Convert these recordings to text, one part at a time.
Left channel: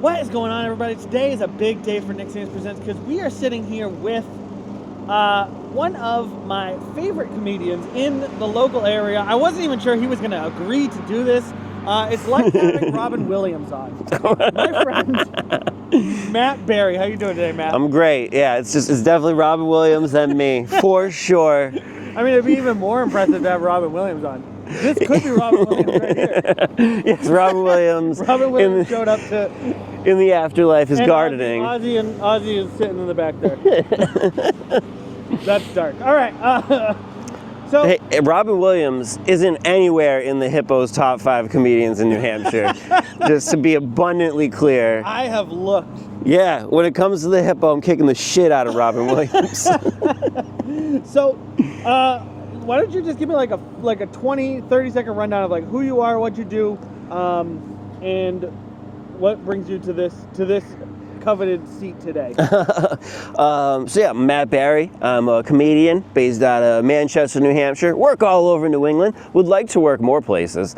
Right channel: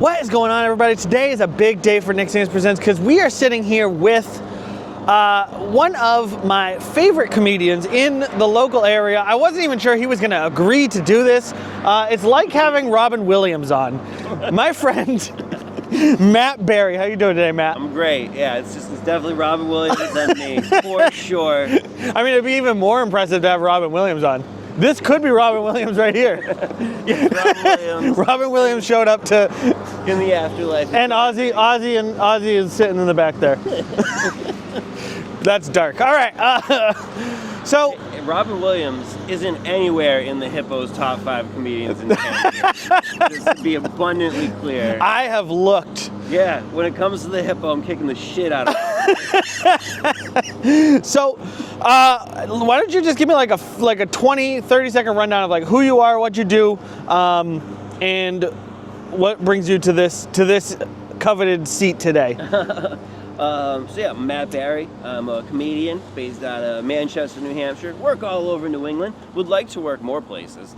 What is going on, everybody? Today is a big day for Nick Sanders Presents because we are sitting here with one of my favorite comedians in the local area. I wasn't even sure he was going to agree to do this. It's like having Robin Williams on. My friend, Matt Berry. How you doing today, Matt? I'm great. Yeah, it's definitely Robin Williams and me, for sure. I mean, it'd be even more impressive to have Robin Williams on. This could be Robin Williams right here. It's Robin Williams. Robin Williams showed up to in the afterlife is and gardening. Ozzy is sitting in the back there. That's dark. All right. So hey, Robin Williams isn't anywhere in the Hippo's top 5 comedians in New Hampshire. Just to be abundantly clear. I have looked. Yeah, when it comes to the Hippo, I'm kicking the shit out of Robin Williams. So, why don't you just give me like a 20, 30-second rundown of like who you are, what you do, and what brings you to this coveted seat today. So yeah, Matt Berry. I'm a comedian based out of Manchester, New Hampshire. Work all over New England. Would like to work more places.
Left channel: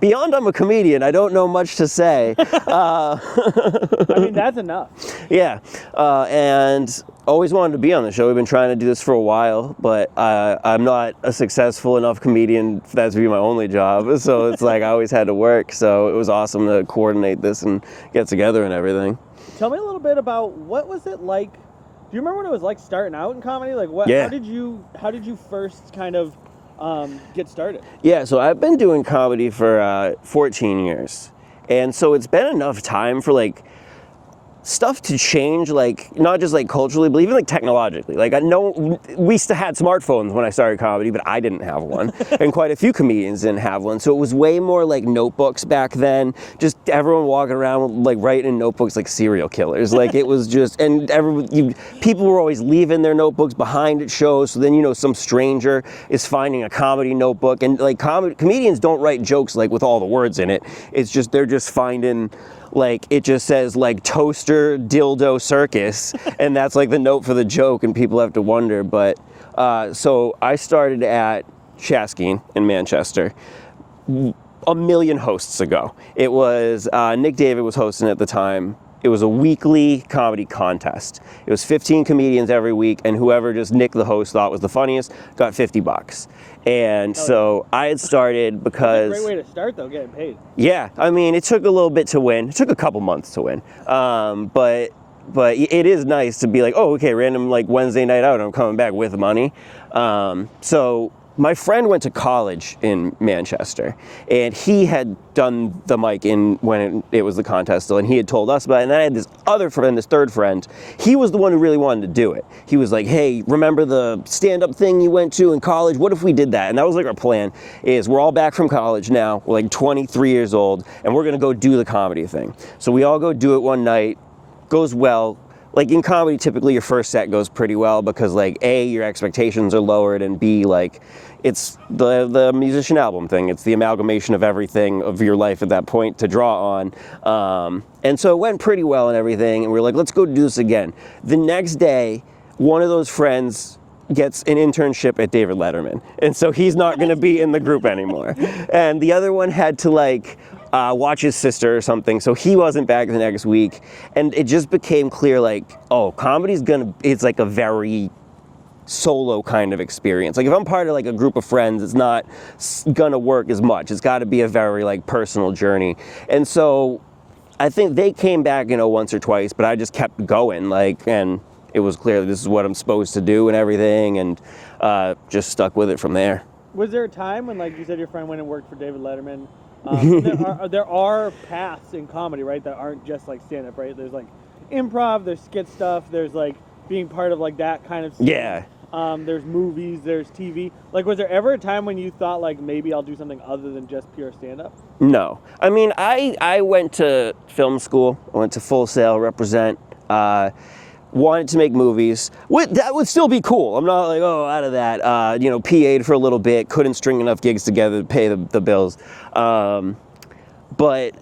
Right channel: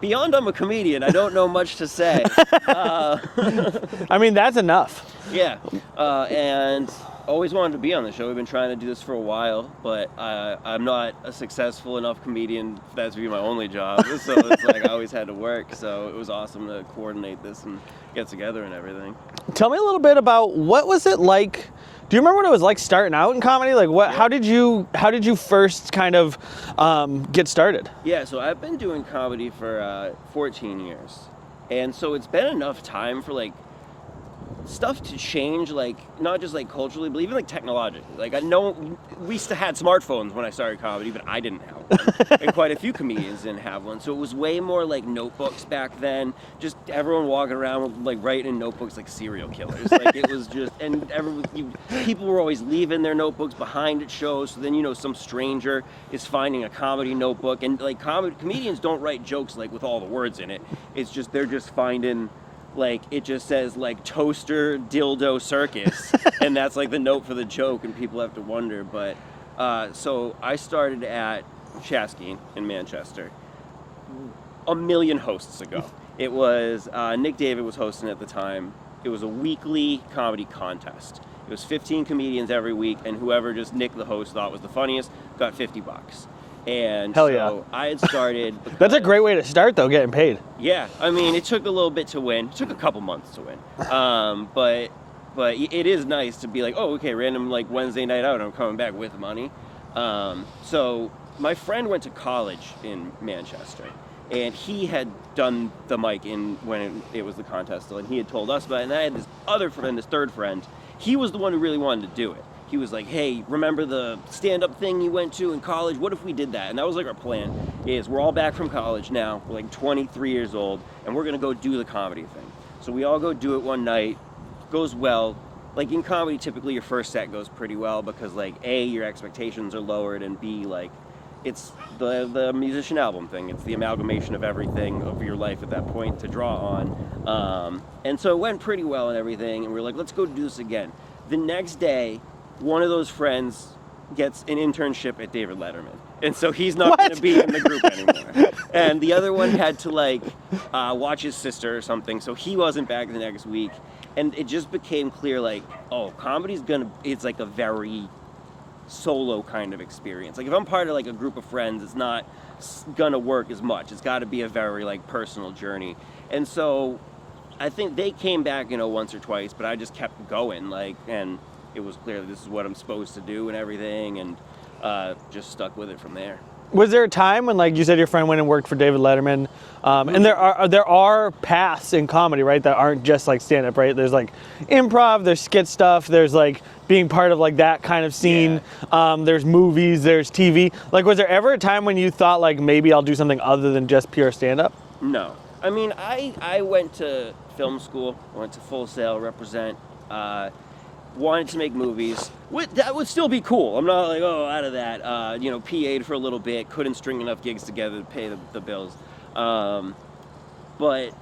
Beyond I'm a comedian, I don't know much to say. I mean, that's enough. Yeah, and always wanted to be on the show. We've been trying to do this for a while, but I'm not a successful enough comedian for that to be my only job. So it's like I always had to work. So it was awesome to coordinate this and get together and everything. Tell me a little bit about what was it like. Do you remember what it was like starting out in comedy? Like, what? Yeah. How did you first kind of get started? Yeah, so I've been doing comedy for 14 years, and so it's been enough time for like stuff to change, like not just like culturally, but even like technologically. Like I know we still had smartphones when I started comedy, but I didn't have one, and quite a few comedians didn't have one. So it was way more like notebooks back then. Just everyone walking around like writing in notebooks like serial killers. Like it was just, and people were always leaving their notebooks behind at shows. So then some stranger is finding a comedy notebook, and like comedians don't write jokes like with all the words in it. It's just they're just finding. Like it just says like toaster dildo circus and that's like the note for the joke and people have to wonder. But so I started at Shaskeen in Manchester a million hosts ago. It was Nick David was hosting at the time. It was a weekly comedy contest. It was 15 comedians every week, and whoever just Nick the host thought was the funniest got $50. And Hell so yeah. I had started because... That's a great way to start, though, getting paid. Yeah, I mean, it took a little bit to win. It took a couple months to win. But it is nice to be like, oh, okay, random like Wednesday night out, I'm coming back with money. So my friend went to college in Manchester, and he had done the mic when it was the contest still, and he had told us about it. And then I had this other friend, this third friend. He was the one who really wanted to do it. He was like, hey, remember the stand-up thing you went to in college? What if we did that? And that was like our plan, is we're all back from college now. We're like 23 years old, and we're going to go do the comedy thing. So we all go do it one night. Goes well. Like in comedy, typically your first set goes pretty well because like A, your expectations are lowered, and B, like it's the musician album thing. It's the amalgamation of everything of your life at that point to draw on. And so it went pretty well and everything, and we were like, let's go do this again. The next day, one of those friends gets an internship at David Letterman, and so he's not going to be in the group anymore. And the other one had to like watch his sister or something, so he wasn't back the next week. And it just became clear, like, oh, comedy's it's like a very solo kind of experience. Like if I'm part of like a group of friends, it's not gonna work as much. It's got to be a very like personal journey. And so I think they came back, once or twice, but I just kept going, like, and it was clear that this is what I'm supposed to do and everything, and just stuck with it from there. Was there a time when, like you said, your friend went and worked for David Letterman, and there are paths in comedy, right, that aren't just like stand-up, right? There's like improv, there's skit stuff, there's like being part of like that kind of scene. Yeah. There's movies, there's TV. Like, was there ever a time when you thought like maybe I'll do something other than just pure stand-up? No. I mean, I went to film school. I went to Full Sail, Represent. Wanted to make movies. That would still be cool. I'm not like, oh, out of that. PA'd for a little bit, couldn't string enough gigs together to pay the bills. But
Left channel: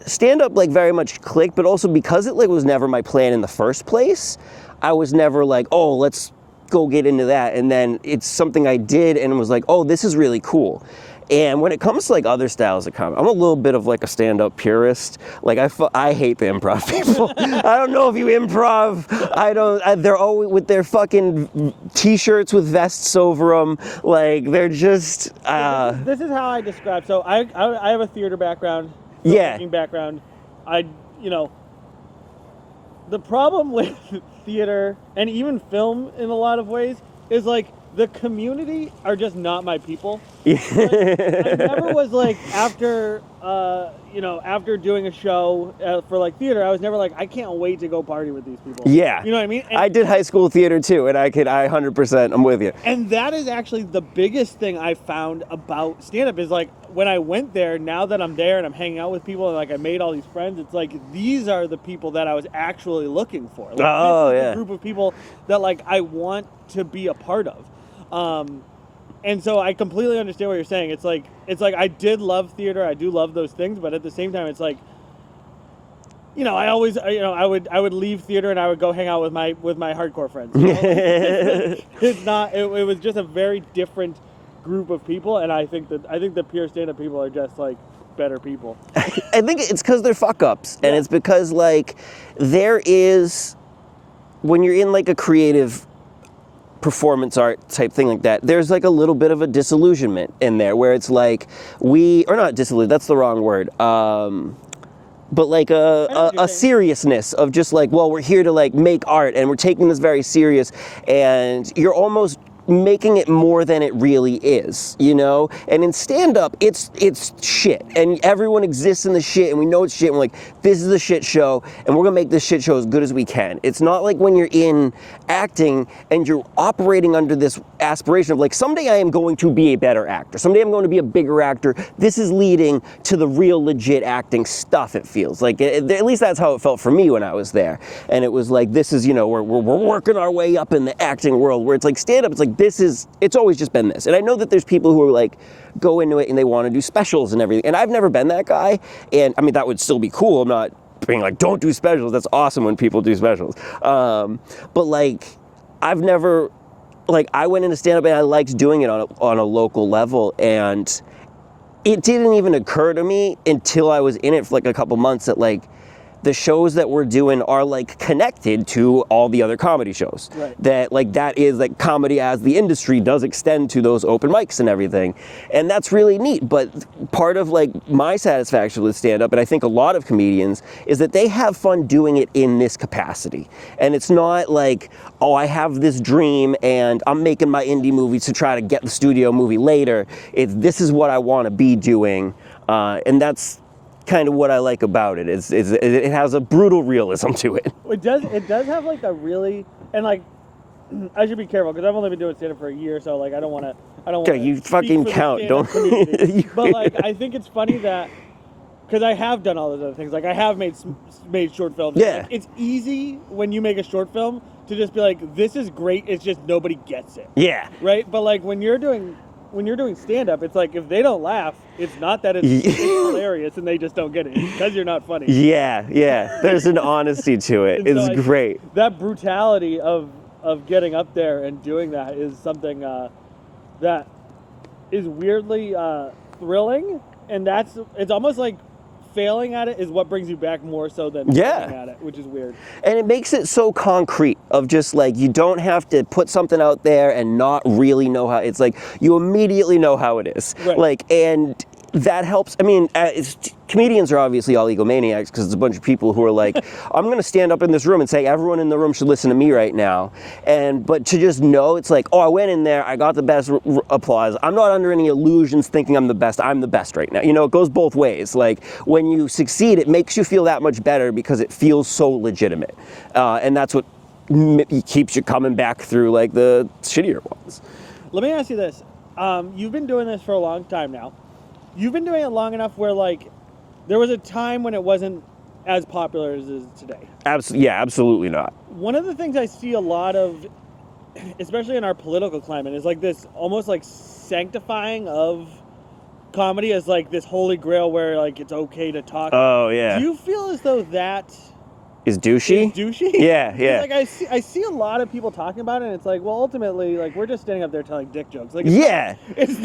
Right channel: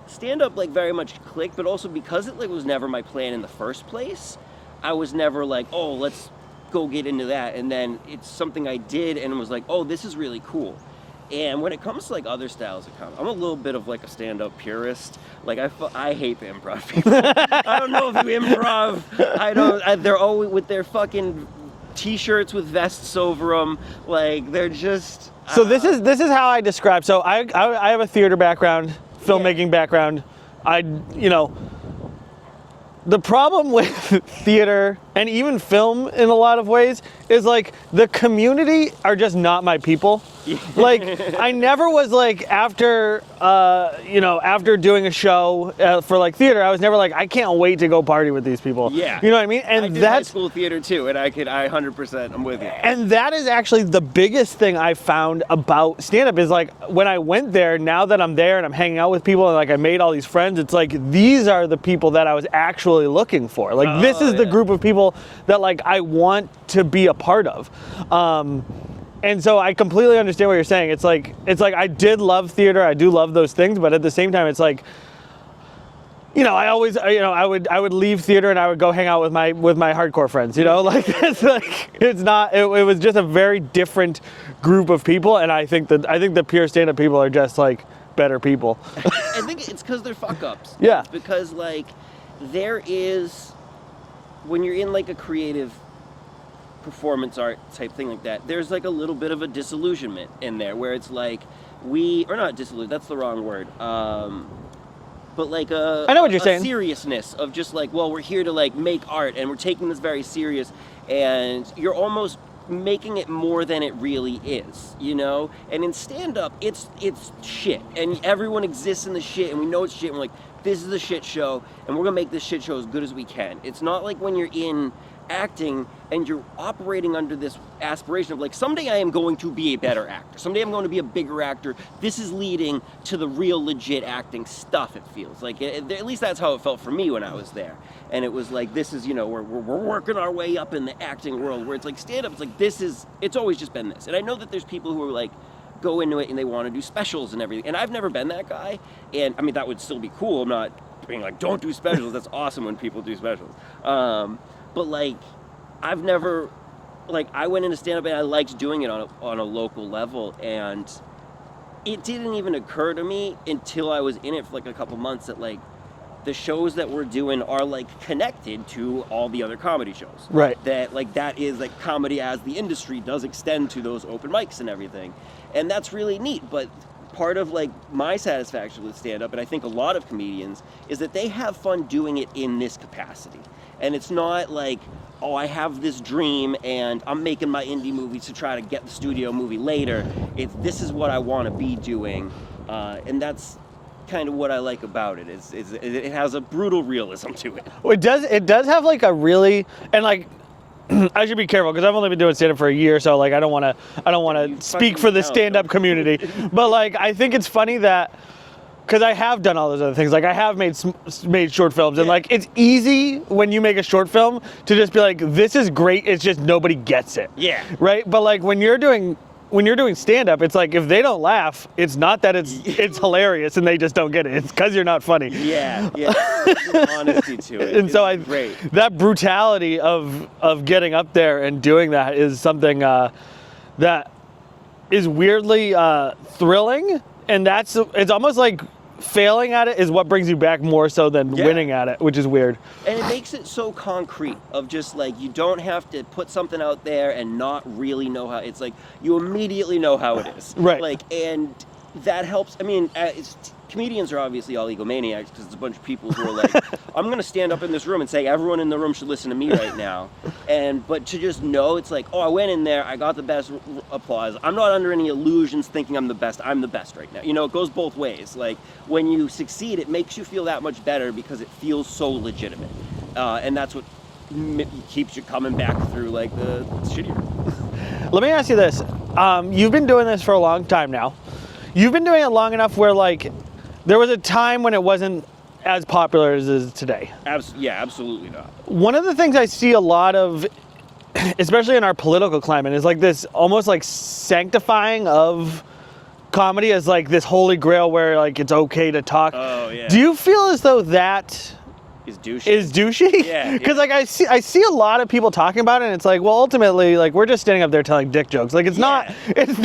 stand-up like very much clicked, but also because it like was never my plan in the first place, I was never like, oh, let's go get into that. And then it's something I did and was like, oh, this is really cool. And when it comes to like other styles of comedy, I'm a little bit of like a stand-up purist. Like I hate the improv people. I don't know if you improv. They're always with their fucking t-shirts with vests over them. Like they're just. So this is how I describe. So I have a theater background, filmmaking background. The problem with theater and even film in a lot of ways is like the community are just not my people. Like I never was like after doing a show for like theater, I was never like I can't wait to go party with these people. Yeah, you know what I mean. And I did high school theater too, and I 100%. I'm with you. And that is actually the biggest thing I found about stand-up is like when I went there. Now that I'm there and I'm hanging out with people and like I made all these friends, it's like these are the people that I was actually looking for. Like this is the group of people that like I want to be a part of. And so I completely understand what you're saying. It's like I did love theater. I do love those things, but at the same time, it's like, I would leave theater and I would go hang out with my hardcore friends. Like it was just a very different group of people, and I think the pure stand-up people are just like better people. I think it's because they're fuck ups, yeah. And it's because like there is when you're in like a creative performance art type thing like that, there's like a little bit of a disillusionment in there where it's like not disillusioned, that's the wrong word, but like a seriousness of just like, well, we're here to like make art and we're taking this very serious, and you're almost making it more than it really is, And in stand-up, it's shit, and everyone exists in the shit, and we know it's shit, and we're like, this is a shit show, and we're gonna make this shit show as good as we can. It's not like when you're in acting and you're operating under this aspiration of like, someday I am going to be a better actor, someday I'm going to be a bigger actor. This is leading to the real legit acting stuff, it feels like. At least that's how it felt for me when I was there. And it was like, this is, we're working our way up in the acting world, where it's like stand-up, it's like, it's always just been this. And I know that there's people who are like, go into it and they want to do specials and everything. And I've never been that guy. And I mean, that would still be cool. I'm not being like, don't do specials. That's awesome when people do specials. But like, I've never, like, I went into stand-up and I liked doing it on a local level. And it didn't even occur to me until I was in it for like a couple months that like, the shows that we're doing are like connected to all the other comedy shows. Right. That is like comedy as the industry does extend to those open mics and everything. And that's really neat. But part of like my satisfaction with stand-up, and I think a lot of comedians, is that they have fun doing it in this capacity. And it's not like, oh, I have this dream and I'm making my indie movies to try to get the studio movie later. This is what I want to be doing. And that's kind of what I like about it. It has a brutal realism to it. Well, it does have like a really, and like I should be careful because I've only been doing stand-up for a year, so like I don't want to speak for the stand-up community. But like I think it's funny that because I have done all those other things. Like I have made short films, and like it's easy when you make a short film to just be like, this is great. It's just nobody gets it. Yeah. Right. But like when you're doing stand-up, it's like if they don't laugh, it's not that it's hilarious and they just don't get it. It's because you're not funny. Yeah. There's an honesty to it. It's great. That brutality of getting up there and doing that is something that is weirdly thrilling, and it's almost like failing at it is what brings you back more so than winning at it, which is weird. And it makes it so concrete of just like, you don't have to put something out there and not really know how. It's like you immediately know how it is. Right. Like, and that helps. I mean, comedians are obviously all egomaniacs because it's a bunch of people who are like, I'm going to stand up in this room and say everyone in the room should listen to me right now. But to just know, it's like, oh, I went in there, I got the best applause. I'm not under any illusions thinking I'm the best right now. It goes both ways. Like when you succeed, it makes you feel that much better because it feels so legitimate. And that's what keeps you coming back through like the shittier ones. Let me ask you this. You've been doing this for a long time now. You've been doing it long enough where, like, there was a time when it wasn't as popular as it is today. Absolutely not. One of the things I see a lot of, especially in our political climate, is like this almost like sanctifying of comedy as like this holy grail where like it's okay to talk. Oh, yeah. Do you feel as though that is douchey. Is douchey? Yeah, Because yeah. like I see a lot of people talking about it, and it's like, well, ultimately, like we're just standing up there telling dick jokes. Like it's Yeah.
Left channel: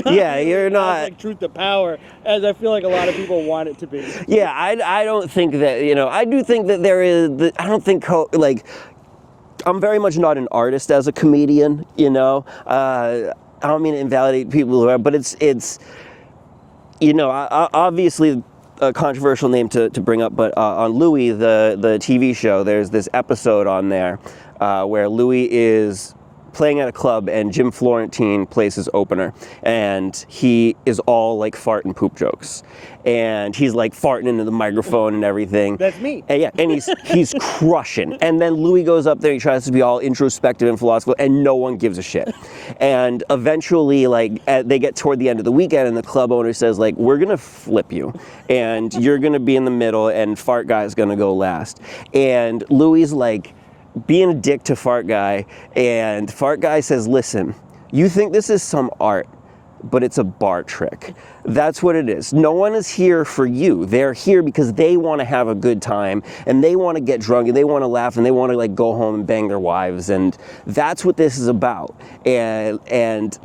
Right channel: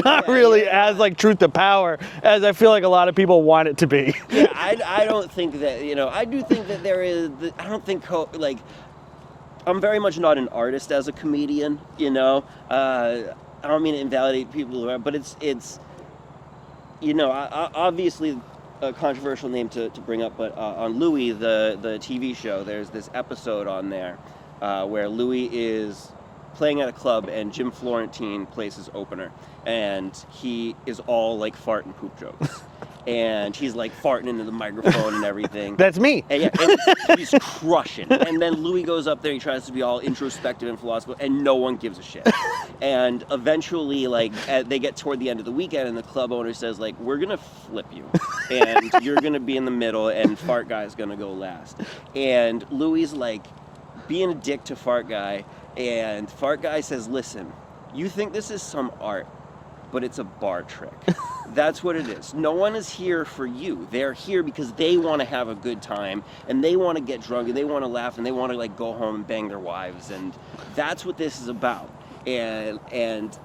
not Yeah, really you're as not- like truth to power as I feel like a lot of people want it to be. Yeah, I don't think that, I do think that there is, I don't think, I'm very much not an artist as a comedian, I don't mean to invalidate people who are, but it's obviously a controversial name to bring up, but on Louis, the TV show, there's this episode on there where Louis is playing at a club and Jim Florentine plays his opener, and he is all like fart and poop jokes. And he's like farting into the microphone and everything. That's me. And, and he's crushing. And then Louis goes up there, he tries to be all introspective and philosophical, and no one gives a shit. And eventually, they get toward the end of the weekend, and the club owner says, we're gonna flip you, and you're gonna be in the middle, and Fart Guy's gonna go last. And Louis is being a dick to Fart Guy, and Fart Guy says, listen, you think this is some art, but it's a bar trick. That's what it is. No one is here for you. They're here because they want to have a good time, and they want to get drunk, and they want to laugh, and they want to go home and bang their wives, and that's what this is about. And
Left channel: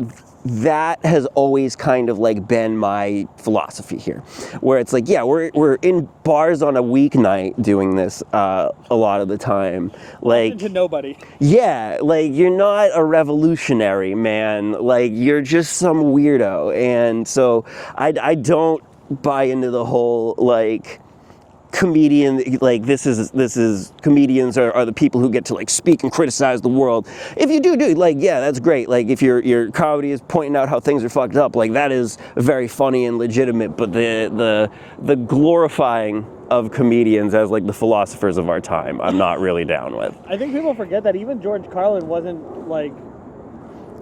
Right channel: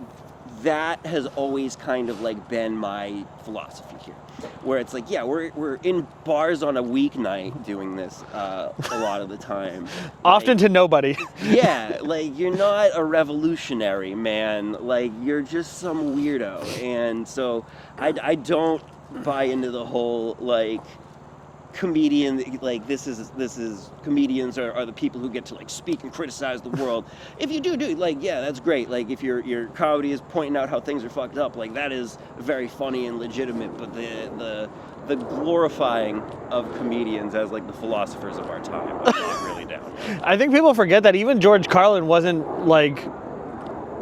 that has always kind of been my philosophy here, where it's we're in bars on a weeknight doing this a lot of the time. Often to nobody. Yeah, you're not a revolutionary, man. You're just some weirdo. And so I don't buy into the whole comedian, this is comedians are the people who get to speak and criticize the world. If you do yeah, that's great. If your comedy is pointing out how things are fucked up, that is very funny and legitimate. But the glorifying of comedians as the philosophers of our time, I'm not really down with. I think people forget that even George Carlin wasn't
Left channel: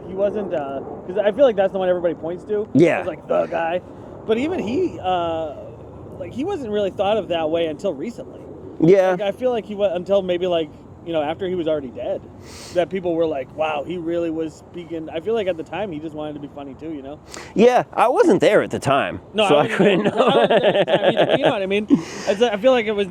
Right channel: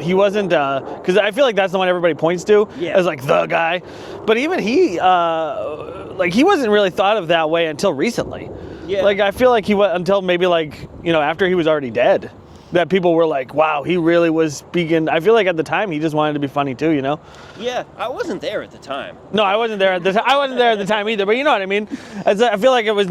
he wasn't because I feel that's the one everybody points to as the guy, but even he he wasn't really thought of that way until recently. Yeah. I feel he was until maybe after he was already dead, that people were wow, he really was speaking. I feel at the time he just wanted to be funny too, Yeah, I wasn't there at the time. No, so I wasn't there at the time. I wasn't there at the time either. But you know what I mean. I feel it was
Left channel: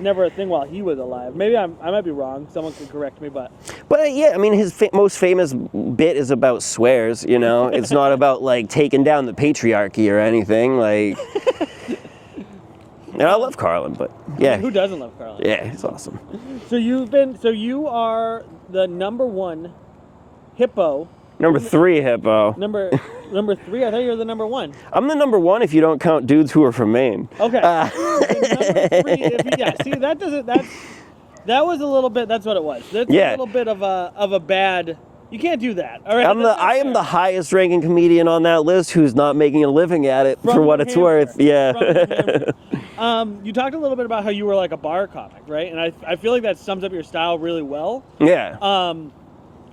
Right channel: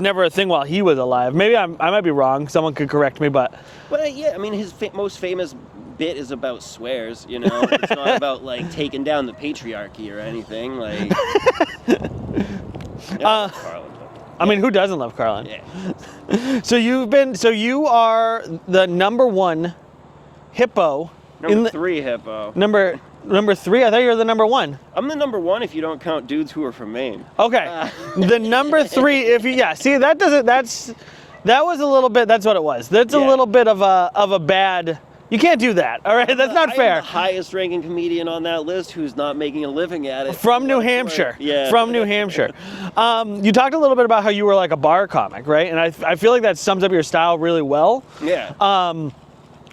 never a thing while he was alive. Maybe I might be wrong. Someone could correct me, but yeah, I mean his most famous bit is about swears. It's not about taking down the patriarchy or anything. I love Carlin, but yeah. I mean, who doesn't love Carlin? Yeah, it's awesome. So you are the number one hippo. Number 3 hippo. Number 3? I thought you were the number 1. I'm the number 1 if you don't count dudes who are from Maine. Okay. The number 3, see, that was a little bit, that's what it was. That's a little bit of a bad. You can't do that, all right? That's not fair. I am the highest ranking comedian on that list who's not making a living at it from New Hampshire. Yeah. From New Hampshire. You talked a little bit about how you were a bar comic, right? And I feel that sums up your style really well. Yeah.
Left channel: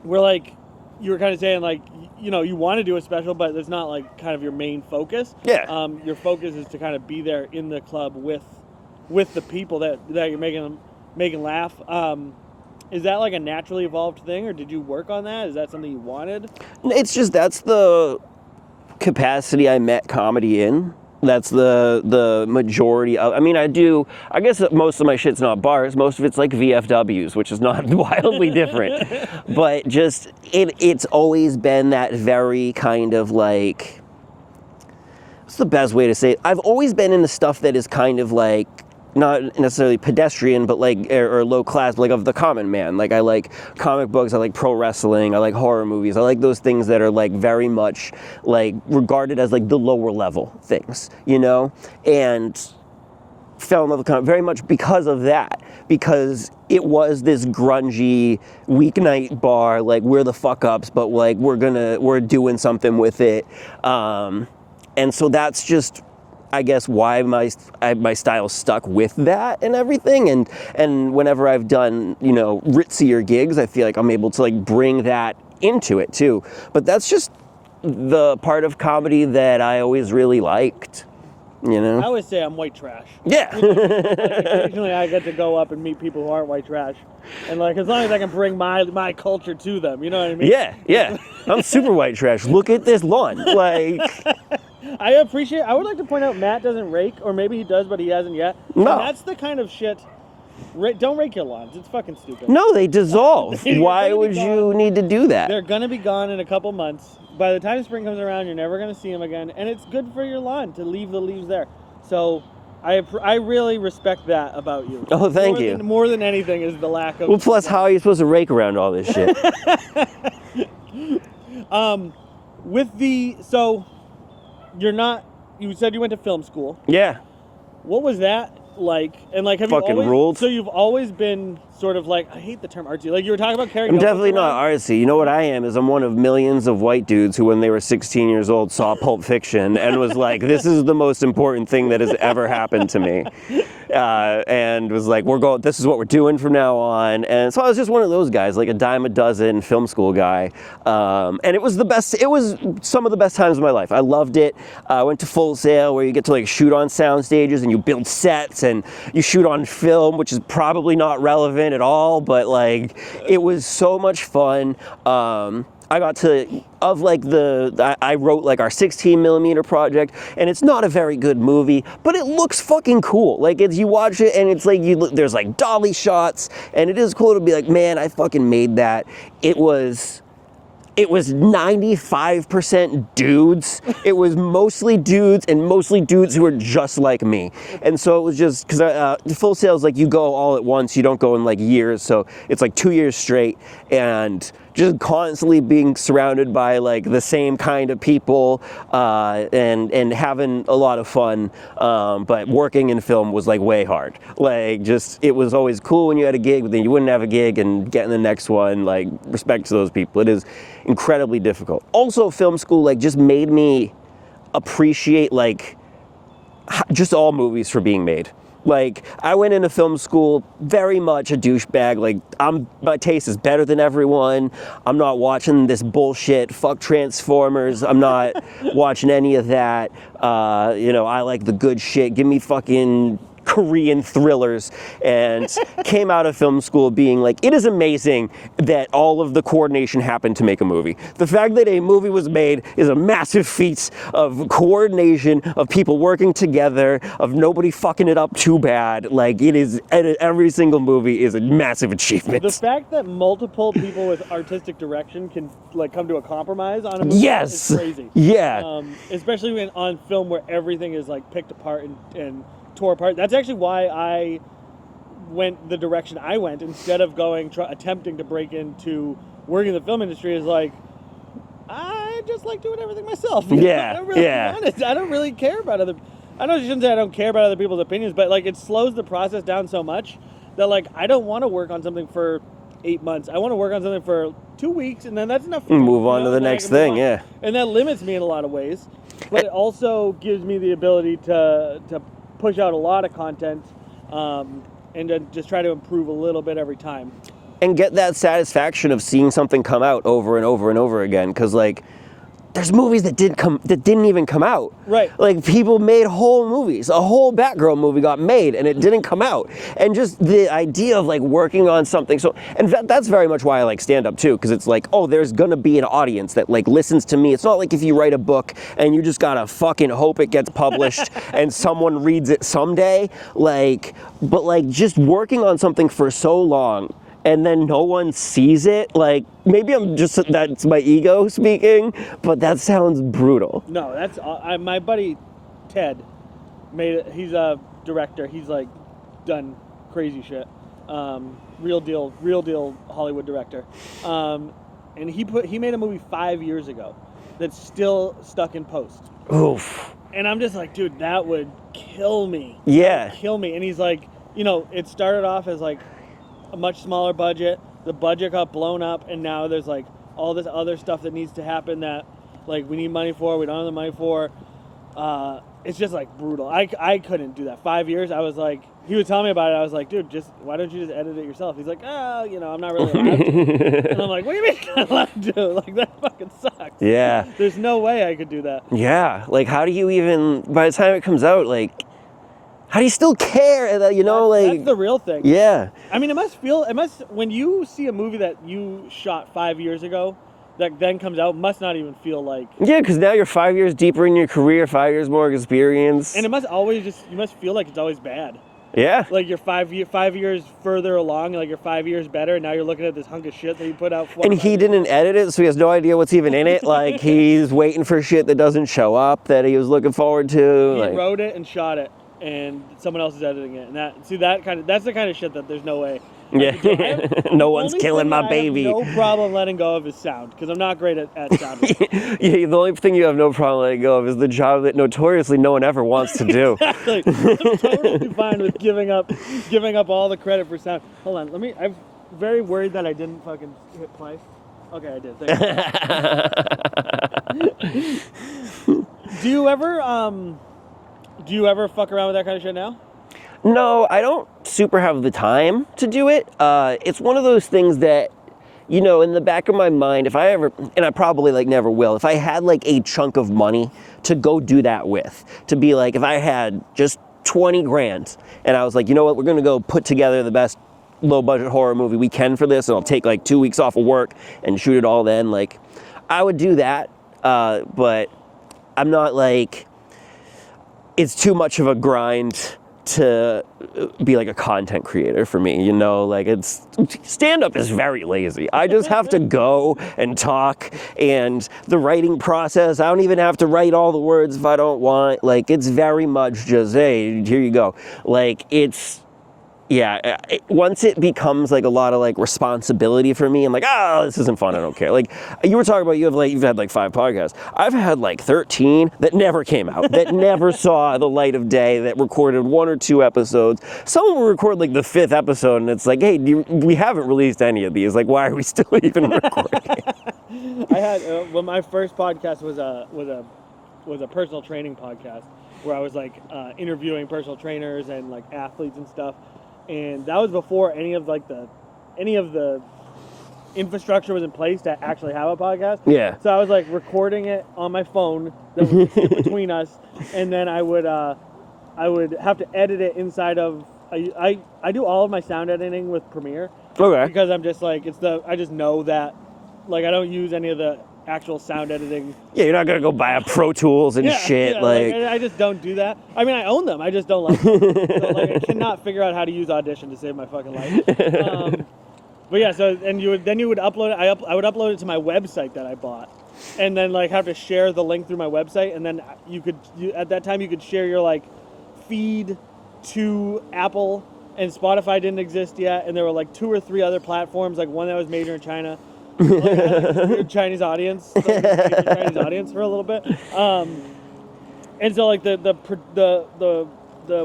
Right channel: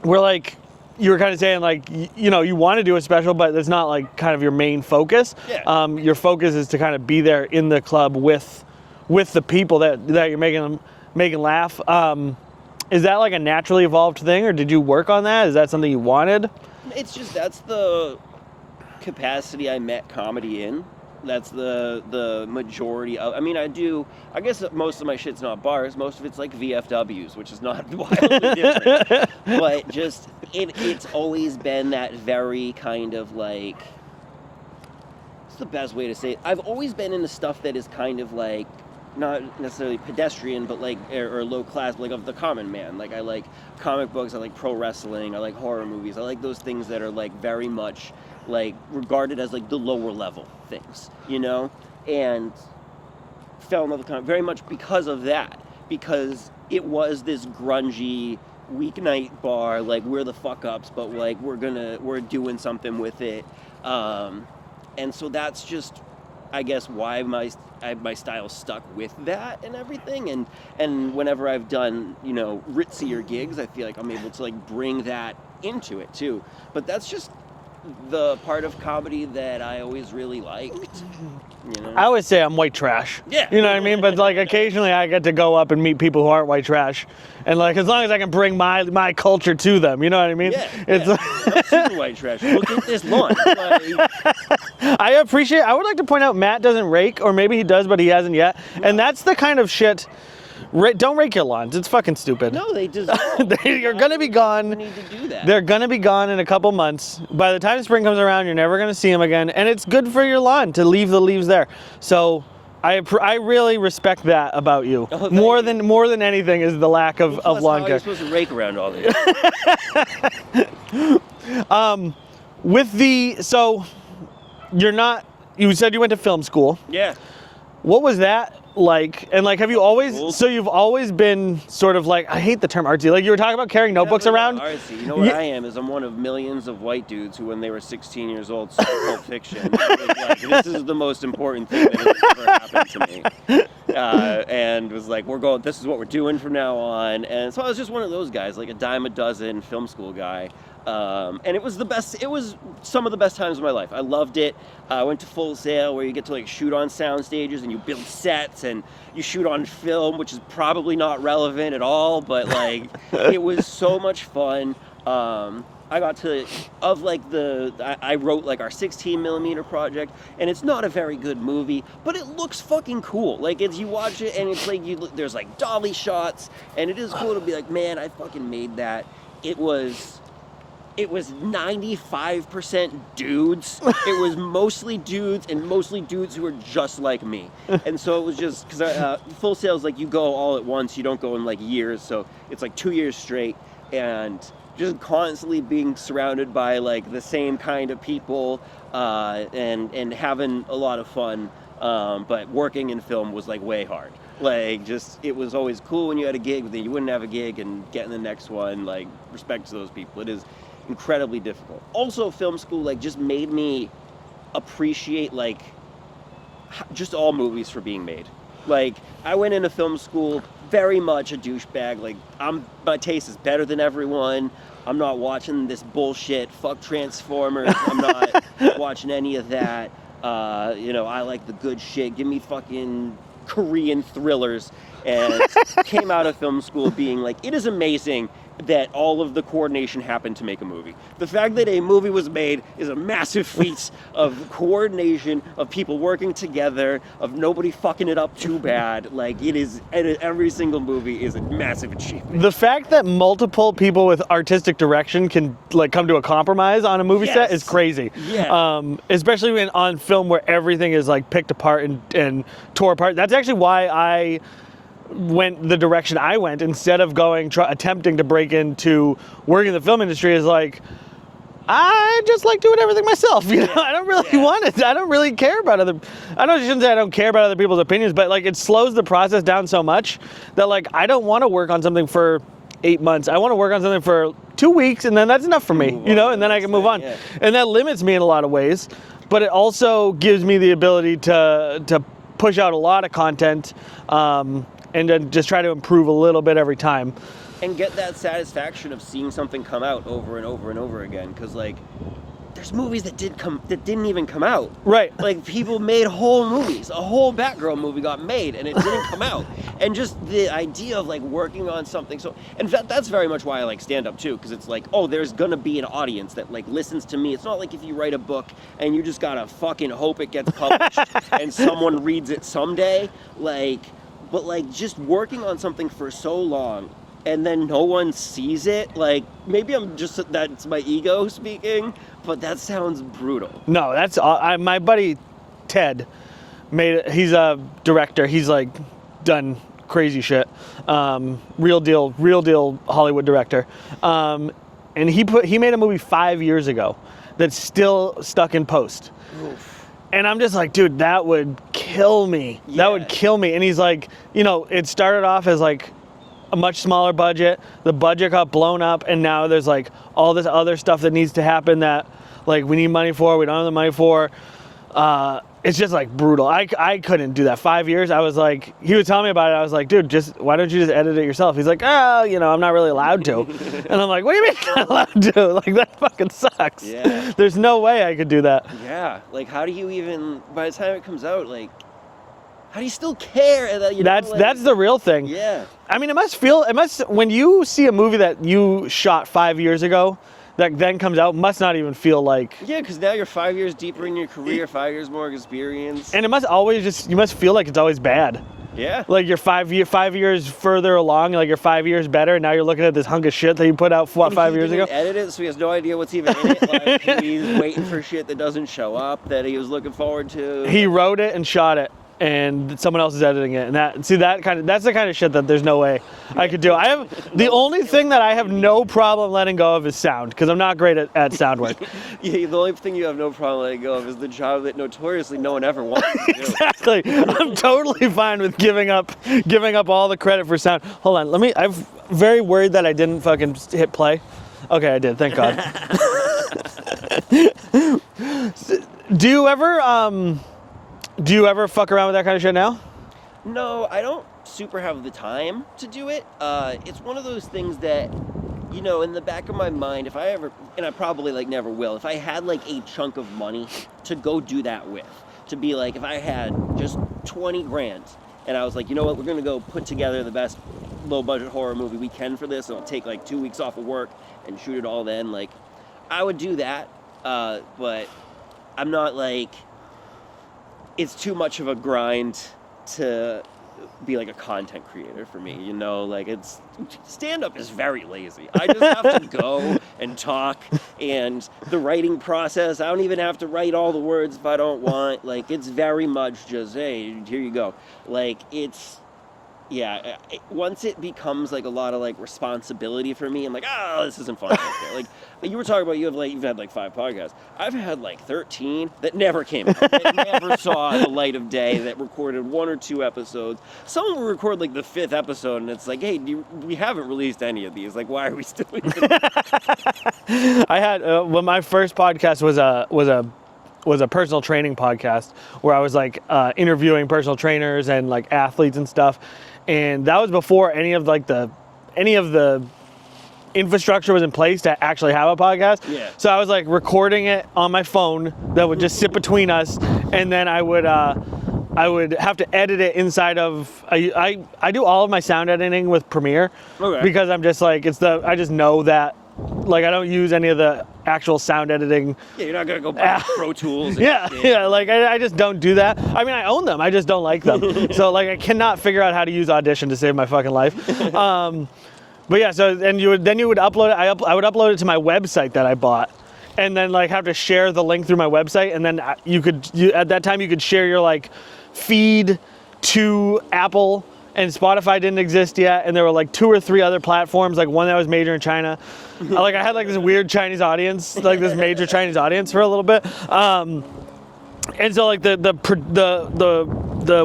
Where you were kind of saying you want to do a special, but it's not kind of your main focus. Yeah. Your focus is to kind of be there in the club with the people that you're making laugh. Is that a naturally evolved thing, or did you work on that? Is that something you wanted? It's just that's the capacity I met comedy in. That's the majority of. I mean, I guess that most of my shit's not bars. Most of it's VFWs, which is not wildly different. But just it's always been that very kind of what's the best way to say it? I've always been into stuff that is kind of not necessarily pedestrian, but or low class, but of the common man. I like comic books, I like pro wrestling, I like horror movies, I like those things that are very much regarded as the lower level things, and fell in love with comic very much because of that, because it was this grungy weeknight bar, we're the fuck ups, but we're doing something with it, and so that's just, I guess, why my style stuck with that and everything, and whenever I've done ritzier gigs, I feel I'm able to bring that into it too. But that's just the part of comedy that I always really liked. I always say I'm white trash. Yeah. You know what I mean? But occasionally I get to go up and meet people who aren't white trash. And as long as I can bring my culture to them, you know what I mean? Yeah. I'm super white trash. Look at this lawn. I would like to point out Matt doesn't rake, or maybe he does, but he hasn't yet. No. And that's the kind of shit Don't rake your lawns. It's fucking stupid. No, they dissolve. You're Why gonna be would gone. you need to do that? They're gonna be gone in a couple months. By the time spring comes around, you're never gonna see them again, and it's good for your lawn to leave the leaves there. So I really respect that about you. Oh, thank you. More than anything is the lack of. Well, plus, of lawn how are care. you supposed to rake around all this shit? So you're not. You said you went to film school. Yeah. What was that like? And like, have you Fucking always? ruled. So you've always been sort of like, I hate the term artsy. Like you were talking about carrying I'm notebooks definitely around. not artsy. You know what Yeah. I am? Is I'm one of millions of white dudes who, when they were 16 years old, saw Pulp Fiction and was like, "This is the most important thing that has ever happened to me," and was like, "This is what we're doing from now on." And so I was just one of those guys, like a dime a dozen film school guy, and it was the best. It was some of the best times of my life. I loved it. I went to Full Sail, where you get to like shoot on sound stages and you build sets and you shoot on film, which is probably not relevant at all, but like it was so much fun. I got to, I wrote like our 16 millimeter project, and it's not a very good movie, but it looks fucking cool. Like you watch it and it's like, there's like dolly shots, and it is cool to be like, man, I fucking made that. It was 95% dudes. It was mostly dudes, and mostly dudes who were just like me. And so it was just, because Full Sail is like you go all at once, you don't go in like years, so it's like 2 years straight, and just constantly being surrounded by like the same kind of people, and having a lot of fun, but working in film was like way hard. Like it was always cool when you had a gig, but then you wouldn't have a gig, and getting the next one, like respect to those people. It is incredibly difficult. Also, film school like just made me appreciate like just all movies for being made. Like, I went into film school very much a douchebag. Like, my taste is better than everyone. I'm not watching this bullshit. Fuck Transformers. I'm not watching any of that. I like the good shit. Give me fucking Korean thrillers. And came out of film school being like, it is amazing that all of the coordination happened to make a movie. The fact that a movie was made is a massive feat of coordination, of people working together, of nobody fucking it up too bad. Like, it is, every single movie is a massive achievement. The fact that multiple people with artistic direction can like come to a compromise on a movie set is crazy. Yeah. Especially when on film where everything is like picked apart and tore apart. That's actually why I went the direction I went instead of attempting to break into working in the film industry. Is like, I just like doing everything myself. You know? I don't really want it. I don't really care about I know I shouldn't say I don't care about other people's opinions, but like it slows the process down so much that like I don't want to work on something for 8 months. I want to work on something for 2 weeks, and then that's enough for me. And then I can move on. Yeah. And that limits me in a lot of ways, but it also gives me the ability to push out a lot of content, and then just try to improve a little bit every time. And get that satisfaction of seeing something come out over and over and over again, because like there's movies that didn't even come out. Right. Like people made whole movies. A whole Batgirl movie got made and it didn't come out. And just the idea of like working on something. So, and that's very much why I like stand up too, because it's like, oh, there's gonna be an audience that like listens to me. It's not like if you write a book and you just gotta fucking hope it gets published and someone reads it someday. Like, but like just working on something for so long and then no one sees it, like, maybe that's my ego speaking, but that sounds brutal. No, that's, my buddy Ted, he's a director, he's like done crazy shit, real deal Hollywood director, and he made a movie 5 years ago that's still stuck in post. Oof. And I'm just like, dude, that would kill me. Yeah. That would kill me. And he's like, it started off as like a much smaller budget. The budget got blown up, and now there's like all this other stuff that needs to happen that like we need money for, we don't have the money for. It's just like brutal. I couldn't do that. 5 years, I was like, he was telling me about it, I was like, dude, why don't you just edit it yourself? He's like, I'm not really allowed to. And I'm like, what do you mean you're not allowed to? Like, that fucking sucks. Yeah. There's no way I could do that. Yeah, like how do you even, by the time it comes out, like, how do you still care? That's the real thing. Yeah. I mean, when you see a movie that you shot 5 years ago, that then comes out, must not even feel like... Yeah, because now you're 5 years deeper in your career, 5 years more experience. And it must always you must feel like it's always bad. Yeah. Like you're 5 years further along, like you're 5 years better, and now you're looking at this hunk of shit that you put out 5 And years he ago. didn't edit it, so he has no idea what's even in it. Like, he's waiting for shit that doesn't show up that he was looking forward to. He like, wrote it and shot it, and someone else is editing it. And that's the kind of shit that there's no way I could do. No the one's only killing thing that my I have baby. no problem letting go of is sound, because I'm not great at sound work. Yeah, the only thing you have no problem letting go of is the job that notoriously no one ever wants to do. Exactly. I'm totally fine with giving up all the credit for sound. Hold on, I'm very worried that I didn't fucking hit play. Okay, I did. Thank God. Do you ever fuck around with that kind of shit now? No, I don't super have the time to do it. It's one of those things that, you know, in the back of my mind, if I ever, and I probably like never will, if I had like a chunk of money to go do that with, to be like, if I had just 20 grand and I was like, you know what, we're gonna go put together the best low budget horror movie we can for this, and I'll take like 2 weeks off of work and shoot it all then, like, I would do that, but I'm not like, it's too much of a grind to be like a content creator for me, you know, like stand-up is very lazy. I just have to go and talk, and the writing process, I don't even have to write all the words if I don't want, like it's very much just, hey, here you go. Like once it becomes like a lot of like responsibility for me, I'm like, this isn't fun, I don't care. Like you were talking about, you've had like 5 podcasts. I've had like 13 that never came out, that never saw the light of day, that recorded 1 or 2 episodes. Some will record like the 5th episode, and it's like, hey, we haven't released any of these. Like, why are we still even recording? I had when my first podcast was a personal training podcast where I was like interviewing personal trainers and like athletes and stuff. And that was before any of the infrastructure was in place to actually have a podcast. Yeah. So I was like recording it on my phone that would just sit between us, and then I would have to edit it inside of I do all of my sound editing with Premiere. Okay. Because I'm just like I just know that, like, I don't use any of the actual sound editing. Yeah, you're not gonna go buy Pro Tools and shit. Yeah, like I just don't do that. I mean, I own them, I just don't like them. So like, I cannot figure out how to use Audition to save my fucking life. But yeah, so then you would upload it. I would upload it to my website that I bought, and then like have to share the link through my website, and then at that time you could share your like feed to Apple. And Spotify didn't exist yet, and there were like 2 or 3 other platforms, like one that was major in China. I had like this weird Chinese audience, like this major Chinese audience for a little bit. And so like the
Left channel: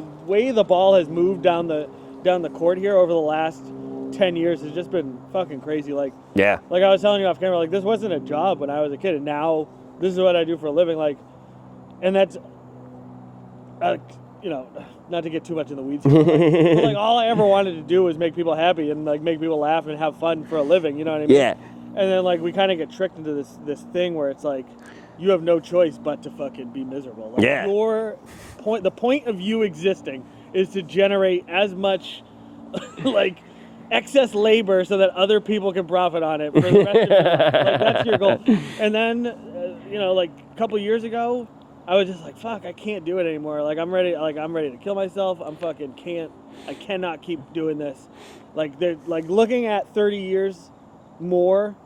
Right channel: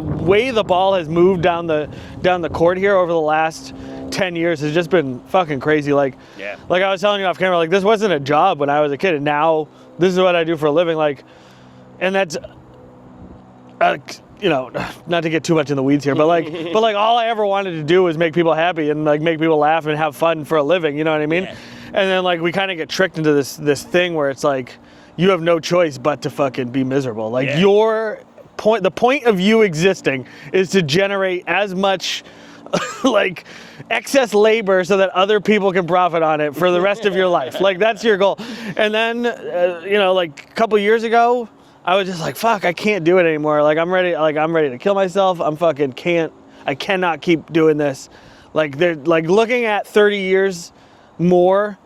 way the ball has moved down the court here over the last 10 years has just been fucking crazy. Like, yeah, like I was telling you off camera, like this wasn't a job when I was a kid, and now this is what I do for a living. Like, and that's. You know, not to get too much in the weeds here, but like all I ever wanted to do was make people happy and like make people laugh and have fun for a living. You know what I mean? Yeah. And then like we kind of get tricked into this thing where it's like you have no choice but to fucking be miserable. Like the point of you existing is to generate as much like excess labor so that other people can profit on it for the rest of your life. Like that's your goal. And then you know, like a couple years ago, I was just like, fuck, I can't do it anymore. Like I'm ready to kill myself. I cannot keep doing this. Like they're like looking at 30 years more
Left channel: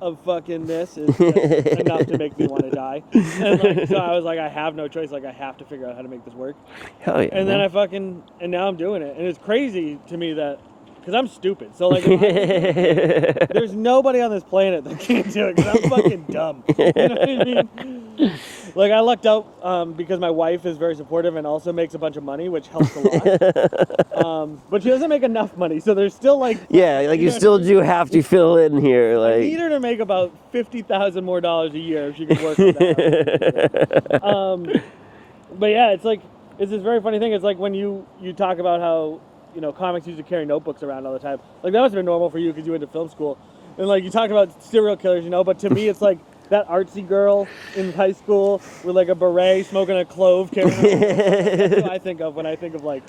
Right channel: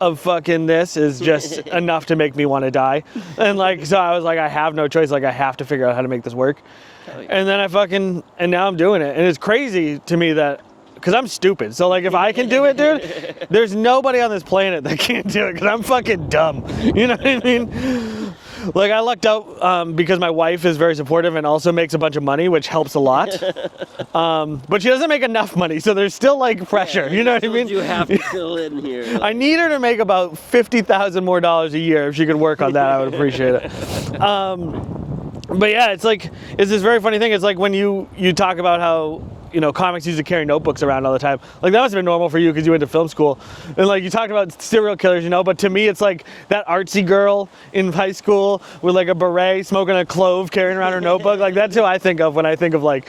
of fucking this is just enough to make me want to die. And like, so I was like, I have no choice. Like I have to figure out how to make this work. Hell yeah, and then and now I'm doing it. And it's crazy to me that, because I'm stupid. So like if I can do it, dude, there's nobody on this planet that can't do it because I'm fucking dumb. You know what I mean? Like I looked up because my wife is very supportive and also makes a bunch of money, which helps a lot. But she doesn't make enough money, so there's still like pressure. Yeah, you know you still what I mean? do have to fill in here. Like... I need her to make about $50,000 more a year. If she can work on that, I would appreciate it. But yeah, it's this very funny thing. It's like when you talk about how, you know, comics used to carry notebooks around all the time. Like that must have been normal for you because you went to film school. And like you talk about serial killers, you know, but to me it's like that artsy girl in high school with like a beret, smoking a clove, carrying around her notebook. Like that's who I think of when I think of like,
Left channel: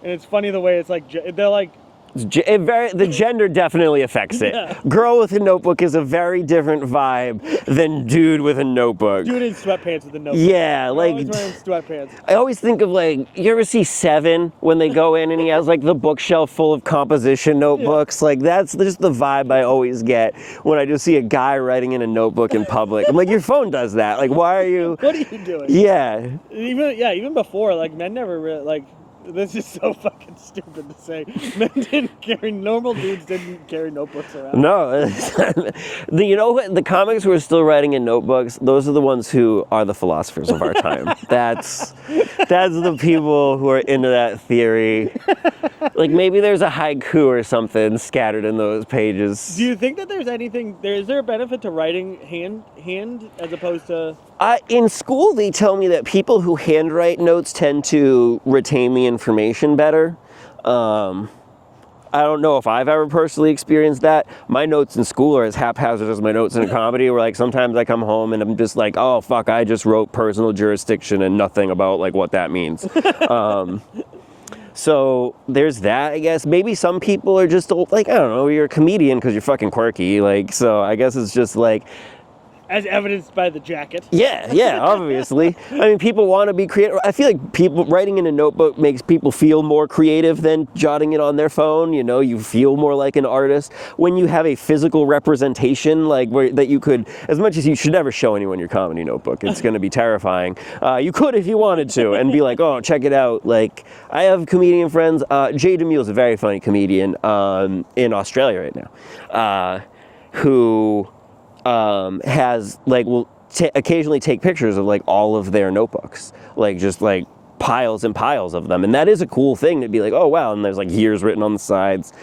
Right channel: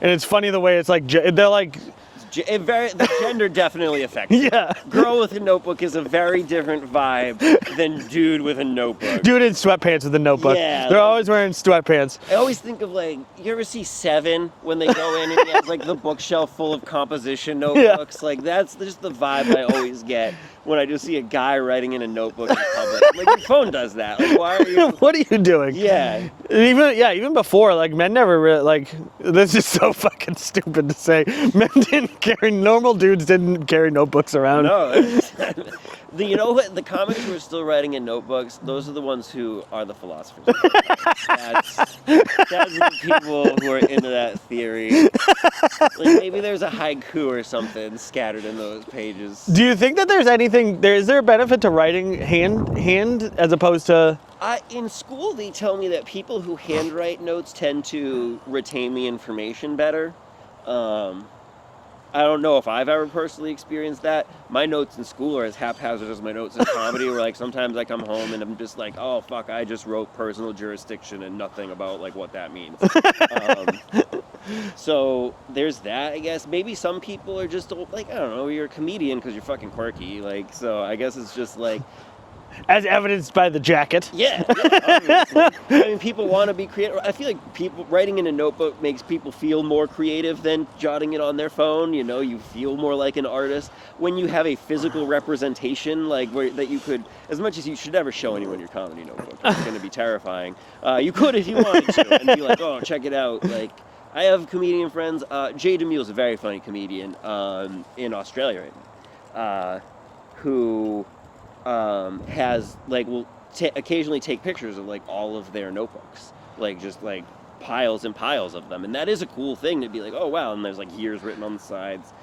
and it's funny the way it's like, they're like, The gender definitely affects it. Yeah. Girl with a notebook is a very different vibe than dude with a notebook. Dude in sweatpants with a notebook. Yeah, They're like- always wearing sweatpants. I always think of like, you ever see Seven when they go in and he has like the bookshelf full of composition notebooks? Like that's just the vibe I always get when I just see a guy writing in a notebook in public. I'm like, your phone does that. Like, why are you? What are you doing? Yeah. Even before, like, men never really, like, this is so fucking stupid to say. Normal dudes didn't carry notebooks around. No. You know what? The comics who are still writing in notebooks, those are the ones who are the philosophers of our time. That's the people who are into that theory. Like maybe there's a haiku or something scattered in those pages. Do you think that there's anything, is there a benefit to writing hand as opposed to? In school, they tell me that people who handwrite notes tend to retain the information better. I don't know if I've ever personally experienced that. My notes in school are as haphazard as my notes in comedy, where like sometimes I come home and I'm just like, oh fuck, I just wrote personal jurisdiction and nothing about like what that means. So there's that, I guess. Maybe some people are just like, I don't know, you're a comedian because you're fucking quirky. Like, so I guess it's just like, As evidenced by the jacket. yeah, obviously. I mean, people want to be creative. I feel like people writing in a notebook makes people feel more creative than jotting it on their phone. You know, you feel more like an artist when you have a physical representation, like that you could, as much as you should never show anyone your comedy notebook. It's going to be terrifying. You could if you wanted to, and be like, oh, check it out. Like, I have comedian friends. Jay DeMille is a very funny comedian in Australia right now, who has like will occasionally take pictures of like all of their notebooks, like just like piles and piles of them, and that is a cool thing to be like, oh wow, and there's like years written on the sides,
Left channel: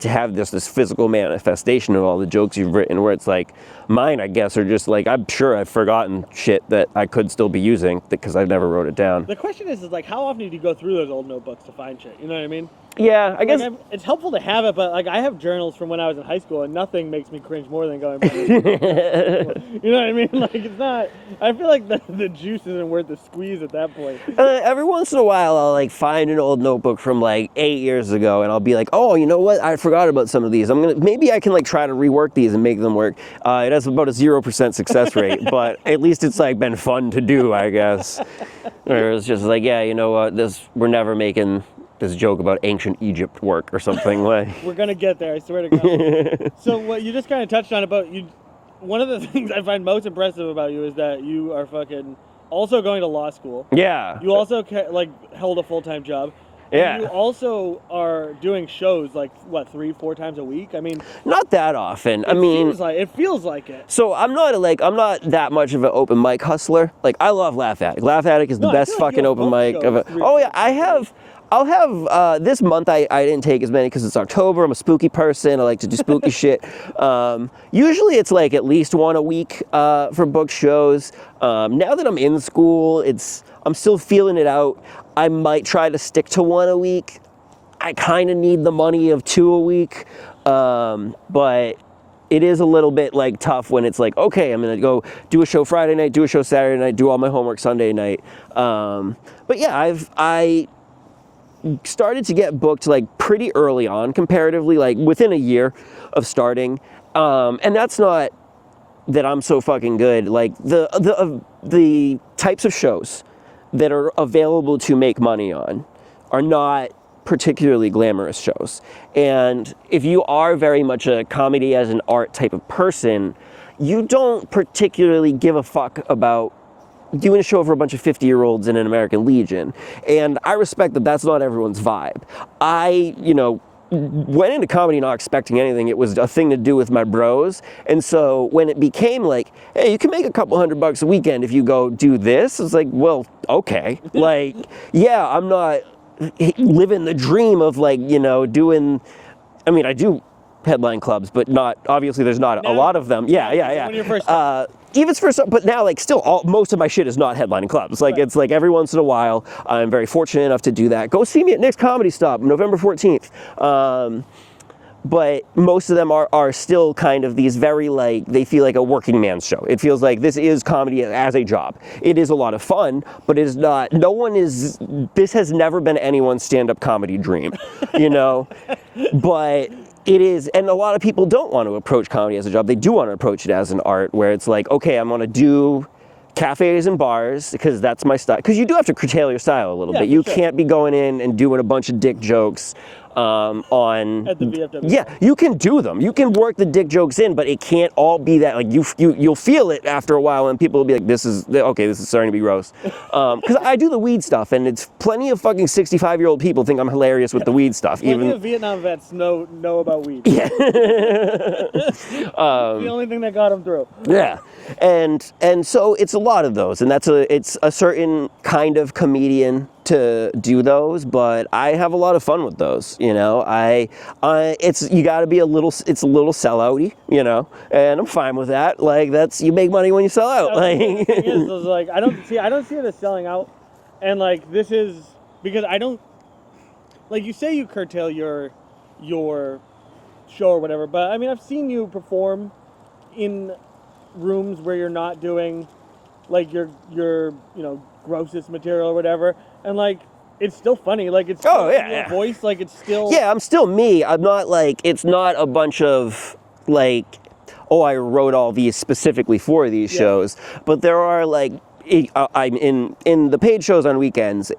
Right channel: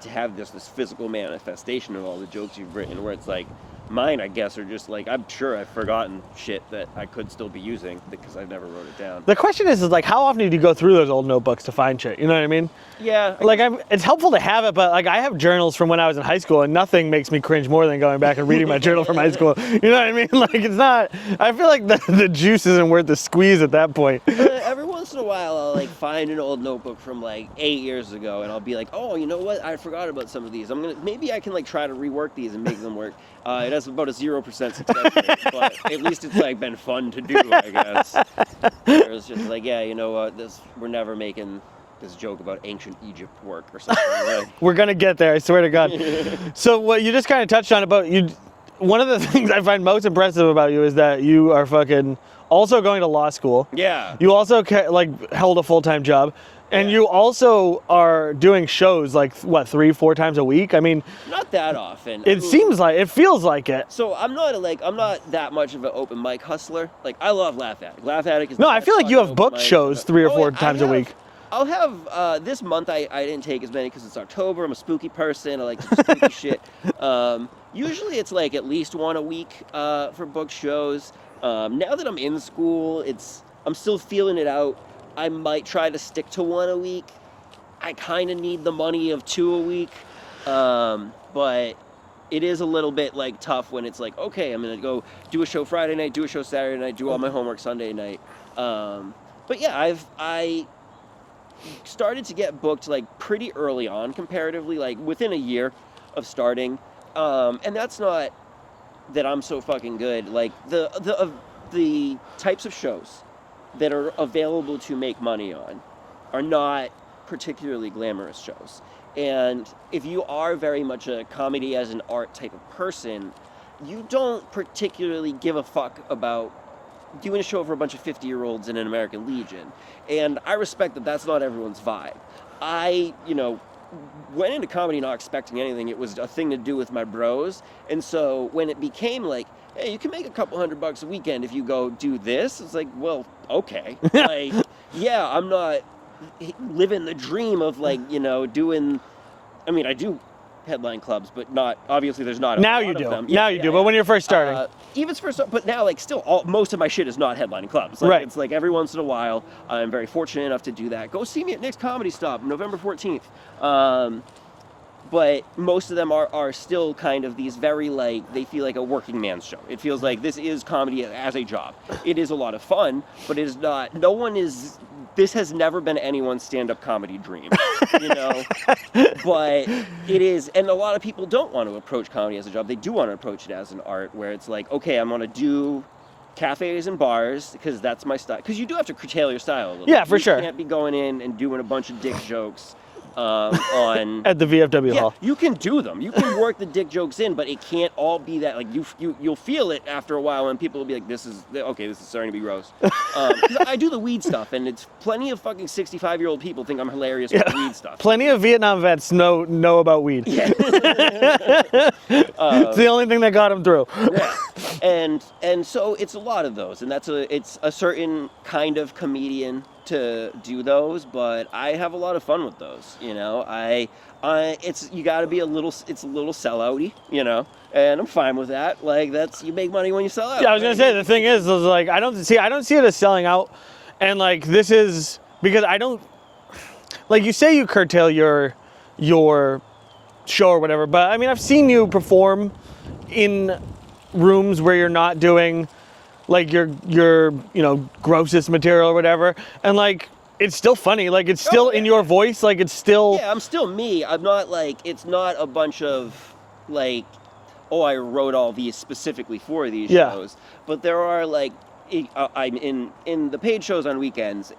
to have this physical manifestation of all the jokes you've written, where it's like mine, I guess, are just like, I'm sure I've forgotten shit that I could still be using because I never wrote it down. The question is like, how often do you go through those old notebooks to find shit? You know what I mean? Yeah, I guess. It's helpful to have it, but like I have journals from when I was in high school, and nothing makes me cringe more than going back and reading my journal from high school. You know what I mean? Like it's not. I feel like the juice isn't worth the squeeze at that point. Every once in a while, I'll like find an old notebook from like 8 years ago, and I'll be like, oh, you know what? I forgot about some of these. Maybe I can like try to rework these and make them work. It has about a 0% success rate, but at least it's like been fun to do, I guess. Where it's just like, yeah, you know what? We're never making this joke about ancient Egypt work or something like. We're gonna get there, I swear to God. So what you just kind of touched on about you, one of the things I find most impressive about you is that you are fucking also going to law school. Yeah. You also like held a full-time job. And Yeah. you also are doing shows like what, 3-4 times a week? I mean, Not that often. it feels like it. So I'm not that much of an open mic hustler. Like I love Laugh Attic. Laugh Attic is the No, I best feel like you fucking have open booked mic. shows 3 or 4 times a week. I'll have this month. I didn't take as many because it's October. I'm a spooky person. I like to do spooky shit. Usually it's like at least one a week for booked shows. Now that I'm in school, I'm still feeling it out. I might try to stick to one a week. I kind of need the money of 2 a week, but it is a little bit like tough when it's like, okay, I'm gonna go do a show Friday night, do a show Saturday night, do all my homework Sunday night. But yeah, I started to get booked like pretty early on, comparatively, like within a year of starting, and that's not that I'm so fucking good. Like the types of shows that are available to make money on are not particularly glamorous shows. And if you are very much a comedy as an art type of person, you don't particularly give a fuck about doing a show for a bunch of 50-year-olds in an American Legion. And I respect that that's not everyone's vibe. I, went into comedy not expecting anything. It was a thing to do with my bros. And so when it became like, hey, you can make a couple $100 a weekend if you go do this, it's like, well, okay. Like, yeah, I'm not living the dream of like, doing, I do headline clubs, but not, obviously there's not Now a lot you of do. them. Now Yeah, you yeah, do. yeah. But when you're first starting. Even for some, but now like still most of my shit is not headlining clubs. Like Right. It's like every once in a while, I'm very fortunate enough to do that. Go see me at Nick's Comedy Stop, November 14th. but most of them are still kind of these very like, they feel like a working man's show. It feels like this is comedy as a job. It is a lot of fun, but it is not, this has never been anyone's stand-up comedy dream, you know? But it is, and a lot of people don't want to approach comedy as a job. They do want to approach it as an art where it's like, okay, I'm going to do cafes and bars because that's my style. Because you do have to curtail your style a little bit. For you sure. can't be going in and doing a bunch of dick jokes on At the VFW hall. you can do them. You can work the dick jokes in, but it can't all be that. Like you'll feel it after a while, and people will be like, "This is starting to be gross." Because I do the weed stuff, and it's plenty of fucking 65-year-old people think I'm hilarious with the weed stuff. Plenty of Vietnam vets know about weed. Yeah. It's the only thing that got them through. Yeah, and so it's a lot of those, and it's a certain kind of comedian to do those, but I have a lot of fun with those. You know, it's you got to be a little sellouty, you know, and I'm fine with that. Like you make money when you sell out. Yeah, I was gonna say, the thing is like I don't see it as selling out, and like this is because I don't like you say you curtail your show or whatever, but I mean I've seen you perform in rooms where you're not doing like your grossest material or whatever, and like it's still funny, like it's still in your voice, like it's still I'm still me. I'm not like, it's not a bunch of like, oh, I wrote all these specifically for these shows, but there are like I'm in the paid shows on weekends,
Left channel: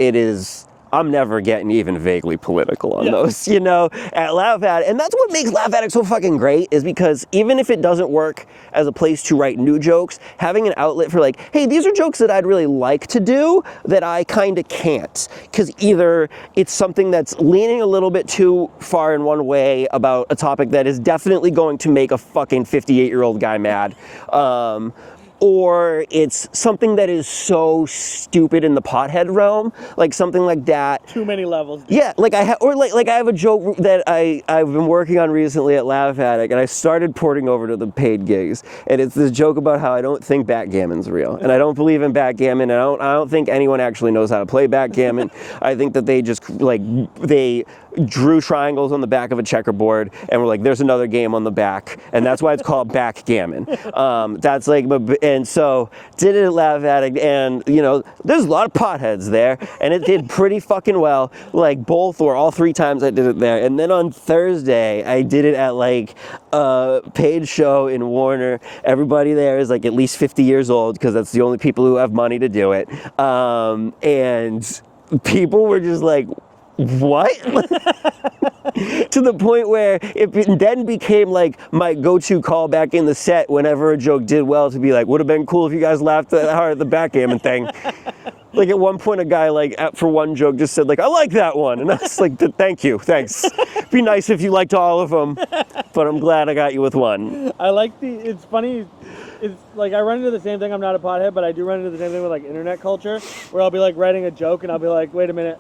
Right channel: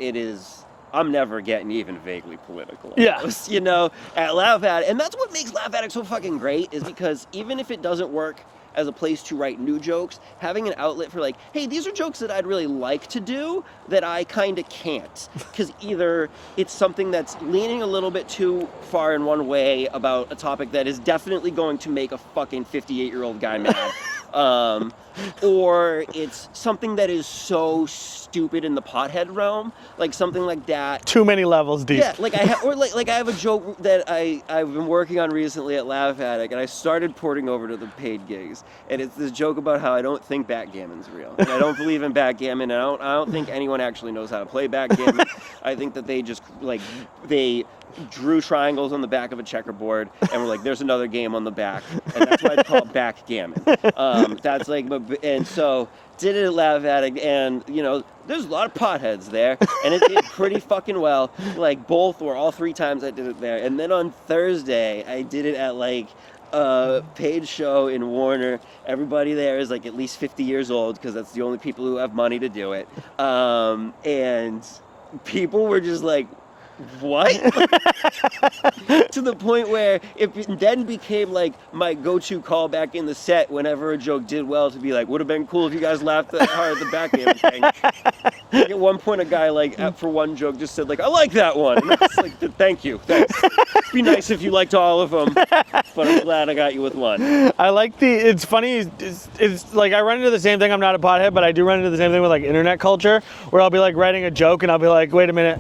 I'm never getting even vaguely political on those, you know, at Laugh Addict. And that's what makes Laugh Addict so fucking great, is because even if it doesn't work as a place to write new jokes, having an outlet for like, hey, these are jokes that I'd really like to do that I kind of can't. Because either it's something that's leaning a little bit too far in one way about a topic that is definitely going to make a fucking 58-year-old guy mad. Or it's something that is so stupid in the pothead realm, like something like that. too many levels deep. Yeah, like I have a joke that I've been working on recently at Laugh Addict, and I started porting over to the paid gigs, and it's this joke about how I don't think backgammon's real, and I don't believe in backgammon, and I don't think anyone actually knows how to play backgammon. I think that they just they drew triangles on the back of a checkerboard and were like, there's another game on the back, and that's why it's called backgammon. That's like, and so did it at Laugh Addict, and you know, there's a lot of potheads there, and it did pretty fucking well, like both or all three times I did it there. And then on Thursday I did it at like a paid show in Warner. Everybody there is like at least 50 years old, because that's the only people who have money to do it, and people were just like, what? To the point where it then became like my go-to callback in the set whenever a joke did well, to be like, would have been cool if you guys laughed that hard at the backgammon thing. Like at one point a guy like for one joke just said like, I like that one, and I was like, thank you, thanks. Be nice if you liked all of them, but I'm glad I got you with one. I like it's funny, it's like I run into the same thing. I'm not a pothead, but I do run into the same thing with like internet culture, where I'll be like writing a joke and I'll be like, wait a minute,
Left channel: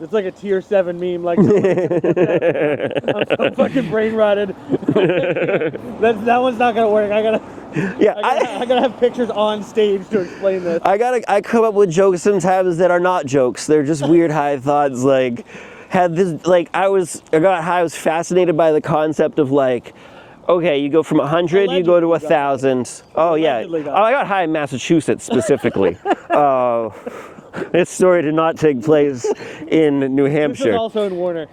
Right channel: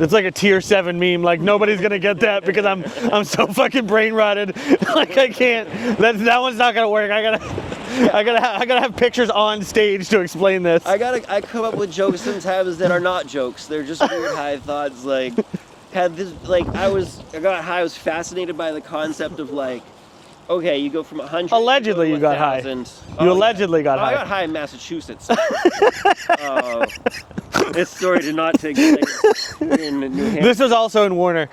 it's like a tier 7 meme. Like nobody's gonna get that because I'm so fucking brain rotted. Like I can't. That one's not gonna work. I gotta have pictures on stage to explain this. I come up with jokes sometimes that are not jokes. They're just weird high thoughts. Like had this like I got high. I was fascinated by the concept of like, okay, you go from 100, you go to 1,000. You allegedly got high. I got high in Massachusetts specifically. This story did not take place in New Hampshire. This is also in Warner.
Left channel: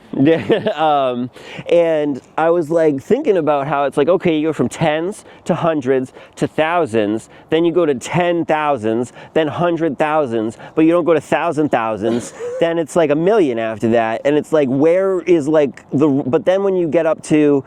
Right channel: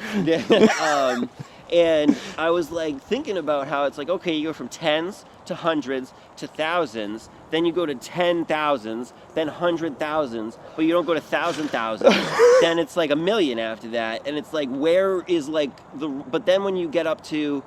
And I was like thinking about how it's like, okay, you go from tens to hundreds to thousands, then you go to 10,000s, then 100,000s, but you don't go to 1,000,000s. Then it's like a million after that, and it's like, where is like but then when you get up to,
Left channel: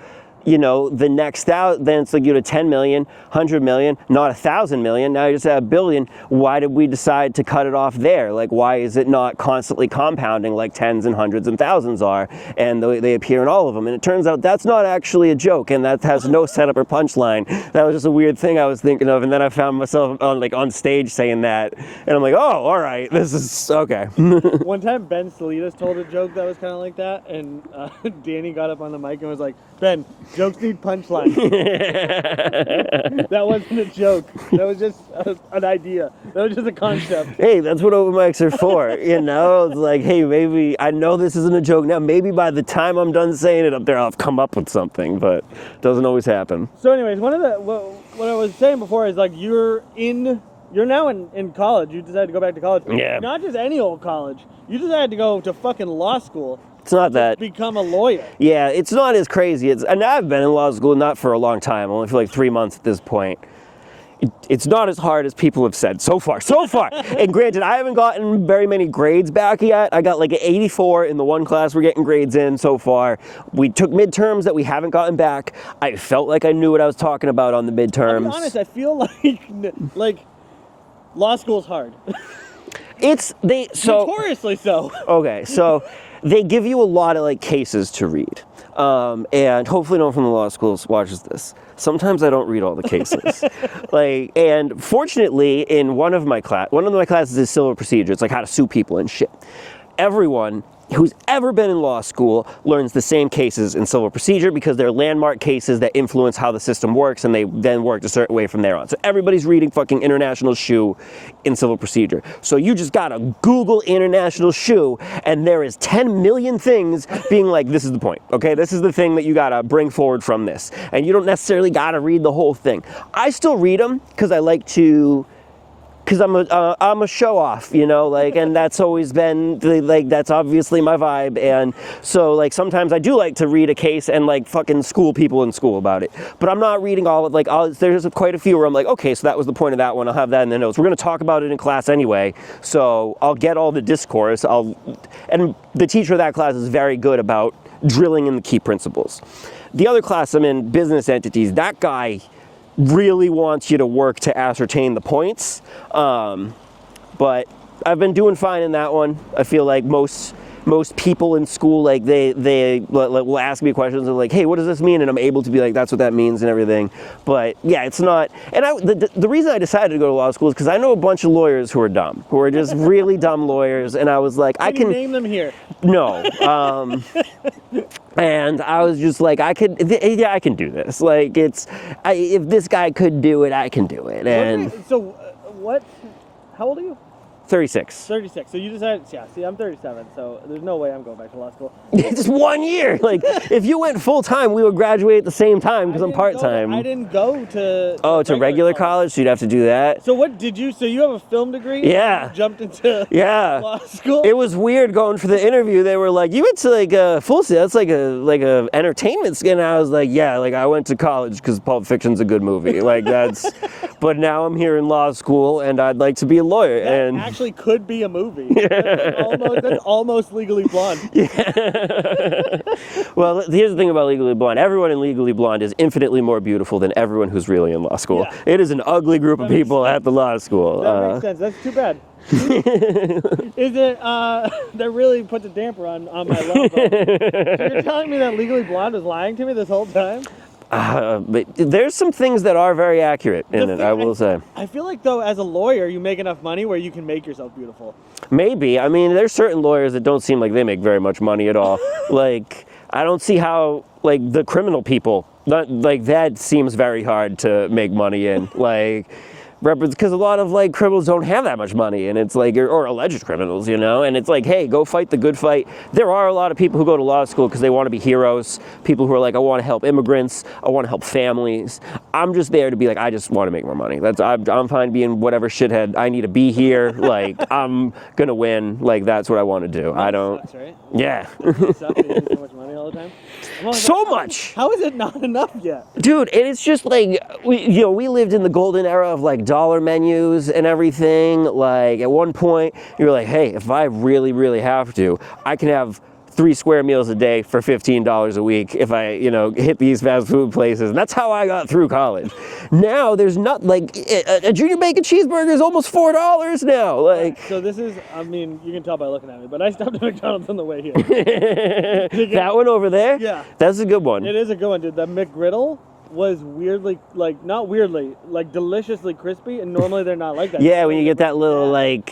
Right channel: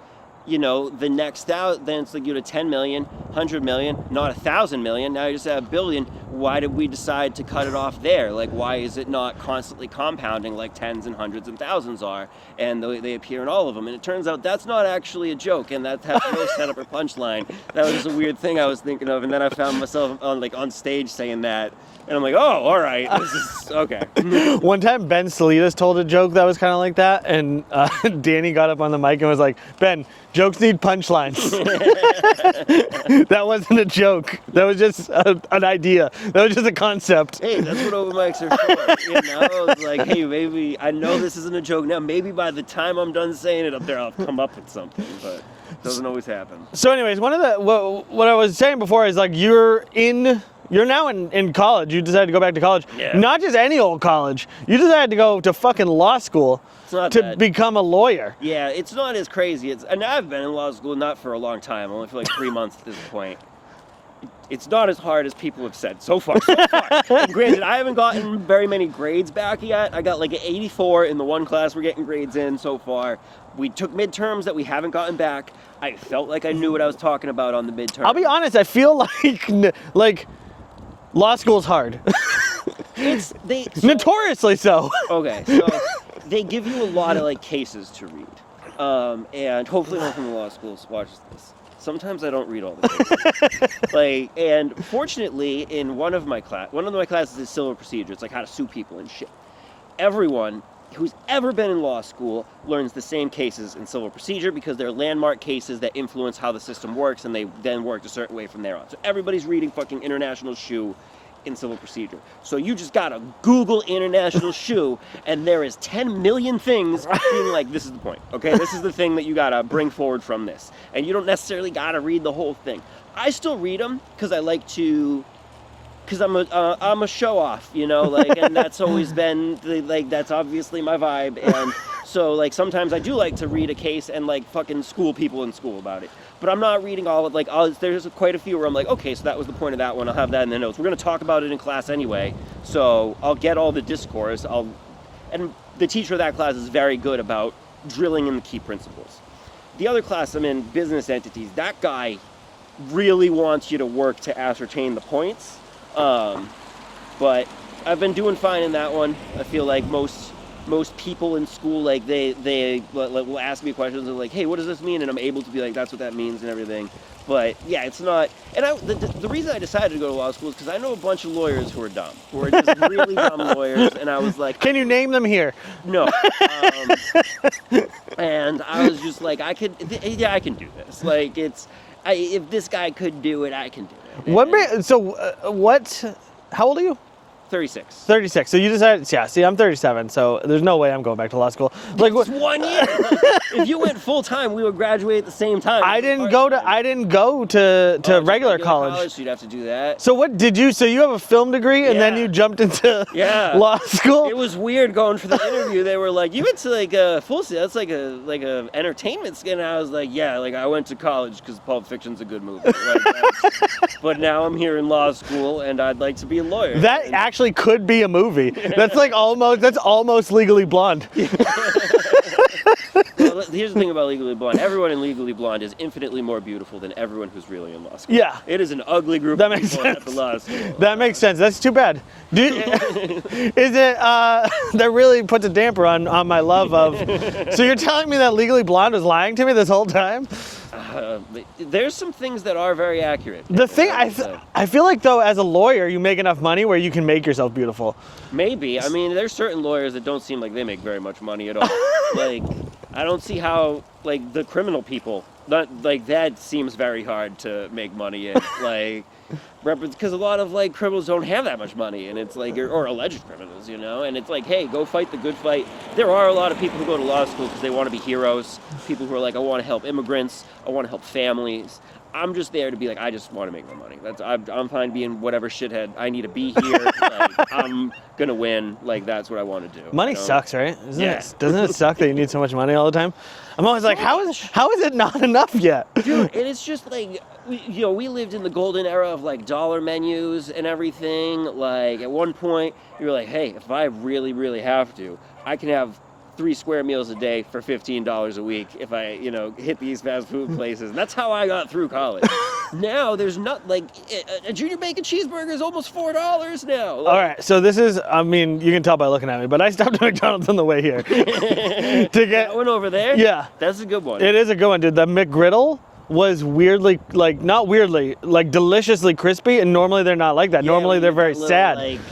you know, the next thousand, then it's like you to 10 million, 100 million, not 1,000 million. Now you just have a billion. Why did we decide to cut it off there? Like, why is it not constantly compounding like tens and hundreds and thousands are? And they appear in all of them. And it turns out that's not actually a joke, and that has no setup or punchline. That was just a weird thing I was thinking of, and then I found myself on stage saying that, and I'm like, oh, all right, this is okay. One time, Ben Salinas told a joke that was kind of like that, and Danny got up on the mic and was like, Ben, Jokes need punchlines. That wasn't a joke. That was just an idea. That was just a concept. Hey, that's what open mics are for, you know? It's like, hey, maybe, I know this isn't a joke now. Maybe by the time I'm done saying it up there, I'll have come up with something, but it doesn't always happen. So anyways, one of the, what I was saying before is like, you're now in college. You decided to go back to college. Yeah. Not just any old college. You decided to go to fucking law school. It's not to that. become a lawyer. Yeah, it's not as crazy. And I've been in law school not for a long time, only for like 3 months at this point. It's not as hard as people have said so far. And granted, I haven't gotten very many grades back yet. I got like an 84 in the one class we're getting grades in so far. We took midterms that we haven't gotten back. I felt like I knew what I was talking about on the midterms. I'll be honest, I feel like law school's hard. Notoriously so. Okay, so they give you a lot of like cases to read. And hopefully no one from the law schools watches this. Sometimes I don't read all the cases. And fortunately, in one of my classes is civil procedure. It's like how to sue people and shit. Everyone who's ever been in law school learns the same cases in civil procedure because they're landmark cases that influence how the system works, and they then work a certain way from there on. So everybody's reading fucking international shoe in civil procedure. So you just gotta Google international shoe, and there is 10 million things being like, this is the point, okay? This is the thing that you gotta bring forward from this. And you don't necessarily gotta read the whole thing. I still read them because I like to, because I'm a show off, you know, like, and that's always been that's obviously my vibe. And so like sometimes I do like to read a case and like fucking school people in school about it, but I'm not reading all of there's quite a few where I'm like, okay, so that was the point of that one, I'll have that in the notes. We're going to talk about it in class anyway, so I'll get all the discourse. And the teacher of that class is very good about drilling in the key principles. The other class I'm in, business entities, that guy really wants you to work to ascertain the points. But I've been doing fine in that one. I feel like most people in school, like they will ask me questions and like, hey, what does this mean? And I'm able to be like, that's what that means and everything. But yeah, it's not. And the reason I decided to go to law school is because I know a bunch of lawyers who are dumb, who are just really dumb lawyers. And I was like, can you name them here? No. And I was just like, I can do this. Like if this guy could do it, I can do it. How old are you? 36. 36. So you decided, yeah, see, I'm 37, so there's no way I'm going back to law school. Like, just 1 year. Like, if you went full time, we would graduate at the same time. I didn't go to regular college, so you'd have to do that. So so you have a film degree and then you jumped into law school? It was weird going for the interview. They were like, you went to like a full set, that's like a entertainment skin. And I was like, yeah, like I went to college because Pulp Fiction's a good movie. Like that's, but now I'm here in law school and I'd like to be a lawyer. That actually could be a movie. That's like almost Legally Blonde. Well, here's the thing about Legally Blonde. Everyone in Legally Blonde is infinitely more beautiful than everyone who's really in law school. Yeah. It is an ugly group of people at the law school. That makes sense. That's too bad. That really puts a damper on my love of. So you're telling me that Legally Blonde was lying to me this whole time? But there's some things that are very accurate. I feel like though, as a lawyer, you make enough money where you can make yourself beautiful. Maybe. I mean, there's certain lawyers that don't seem like they make very much money at all. Like, I don't see how like the criminal people. That seems very hard to make money in. Like, because a lot of like criminals don't have that much money, and it's like, or alleged criminals, you know, and it's like, hey, go fight the good fight. There are a lot of people who go to law school because they want to be heroes. People who are like, I want to help immigrants, I want to help families. I'm just there to be like, I just want to make more money. I'm fine being whatever shithead I need to be here. Like, I'm gonna win. Like, that's what I want to do. Money sucks, right? Doesn't it suck that you need so much money all the time? I'm always so like, much. How is it not enough yet? Dude, and it's just like, we lived in the golden era of like dollar menus and everything. Like at one point, you were like, hey, if I really, really have to, I can have 3 square meals a day for $15 a week if I, hit these fast food places. And that's how I got through college. Now there's not like a junior bacon cheeseburger is almost $4 now. Like, all right, so this is, I mean, you can tell by looking at me, but I stopped at McDonald's on the way here. That one over there? Yeah. That's a good one. It is a good one, dude. The McGriddle was weirdly, like, not weirdly, like deliciously crispy, and normally they're not like that. Yeah, normally they're very little, sad. like,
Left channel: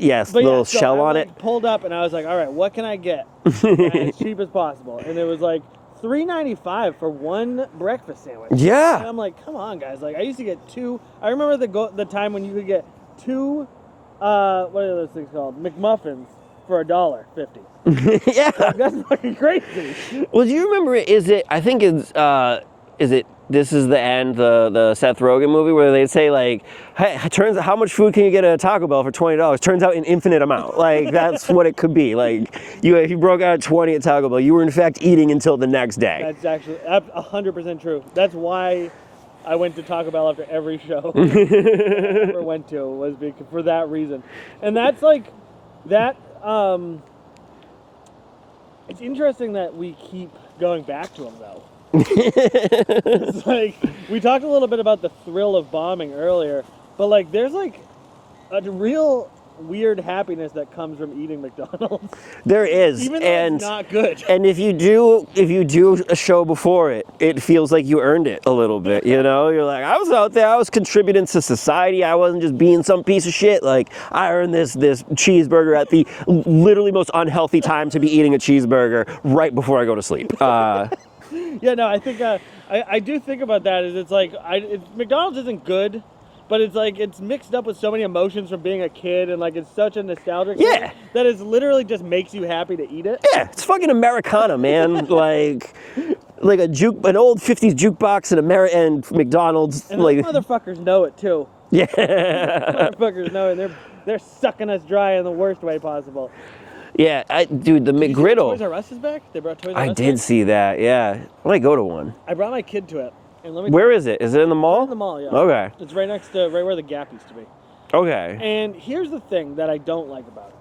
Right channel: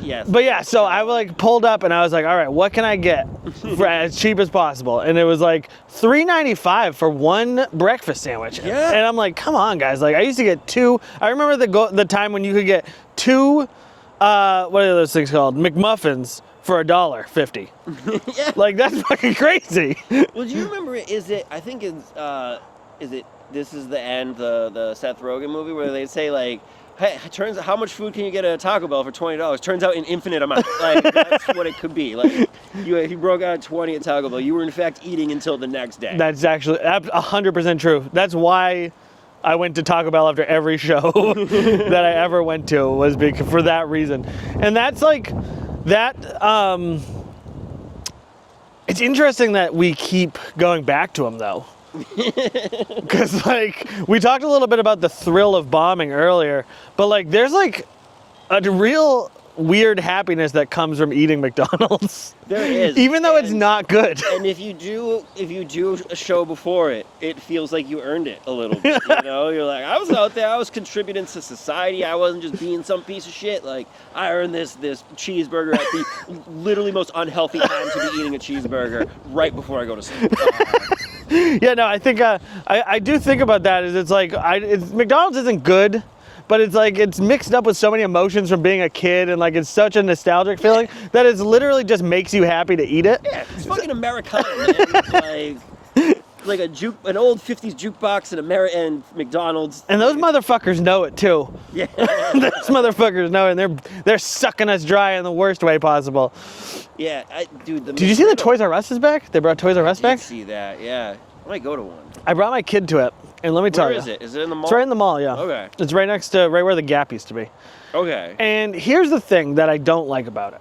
Yes. But little yeah, so shell I on like it. pulled up and I was like, all right, what can I get for as cheap as possible? And it was like $3.95 for one breakfast sandwich. Yeah. And I'm like, come on, guys. Like I used to get two. I remember the time when you could get two, what are those things called? McMuffins for $1.50. Yeah. Like that's fucking crazy. Well, do you remember? I think it's is it This Is the End, the Seth Rogen movie where they say like, hey, how much food can you get at a Taco Bell for $20? Turns out an infinite amount. Like that's what it could be. Like if you broke out 20 at Taco Bell, you were in fact eating until the next day. That's actually 100% true. That's why I went to Taco Bell after every show that I ever went to was for that reason. And that's like that. It's interesting that we keep going back to them though. Because like we talked a little bit about the thrill of bombing earlier, but like there's like a real weird happiness that comes from eating McDonald's. There is, even though it's not good. And if you do a show before it, it feels like you earned it a little bit. You know, you're like, I was out there, I was contributing to society. I wasn't just being some piece of shit. Like I earned this cheeseburger at the literally most unhealthy time to be eating a cheeseburger right before I go to sleep. Yeah, no, I think I do think about that. Is it's like McDonald's isn't good, but it's like it's mixed up with so many emotions from being a kid, and like it's such a nostalgic feeling that it literally just makes you happy to eat it. Yeah, it's fucking Americana, man. like an old 50s jukebox and McDonald's. And those motherfuckers know it too. Yeah. Those motherfuckers know it, and they're sucking us dry in the worst way possible. Yeah, dude, the Did you see the Toys R Us is back? They brought Toys R Us back? I did see that, yeah. I might go to one. I brought my kid to it, and let me tell you. Where is it? Is it in the mall? It's right in the mall, yeah. Okay. It's right next to, right where the Gap used to be. Okay. And here's the thing that I don't like about it,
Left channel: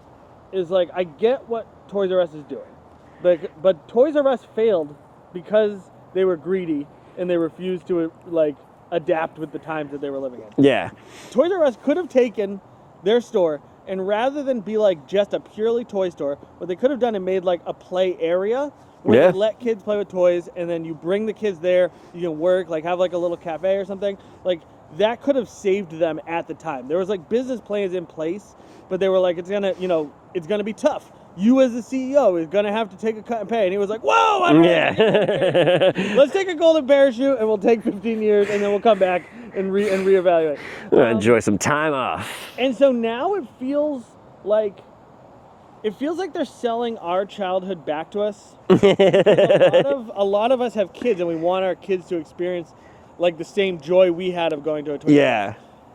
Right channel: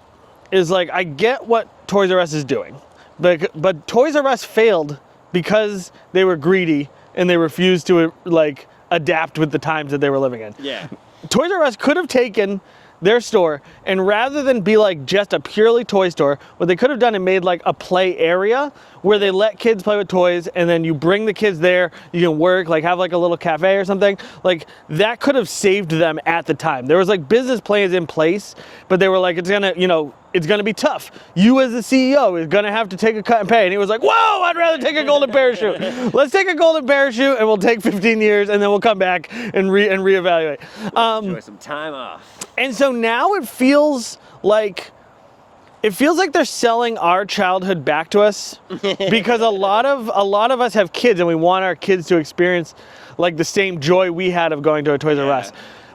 is like, I get what Toys R Us is doing, but Toys R Us failed because they were greedy and they refused to, like, adapt with the times that they were living in. Yeah. Toys R Us could have taken their store, and rather than be like just a purely toy store, what they could have done and made like a play area where they let kids play with toys, and then you bring the kids there, you can work, like have like a little cafe or something. Like that could have saved them at the time. There was like business plans in place, but they were like, it's gonna be tough. You as the CEO is gonna have to take a cut and pay. And he was like, whoa, I'd rather take a golden parachute. Let's take a golden parachute and we'll take 15 years and then we'll come back and reevaluate. Enjoy some time off. And so now it feels like they're selling our childhood back to us because a lot of us have kids and we want our kids to experience like the same joy we had of going to a Toys R Us.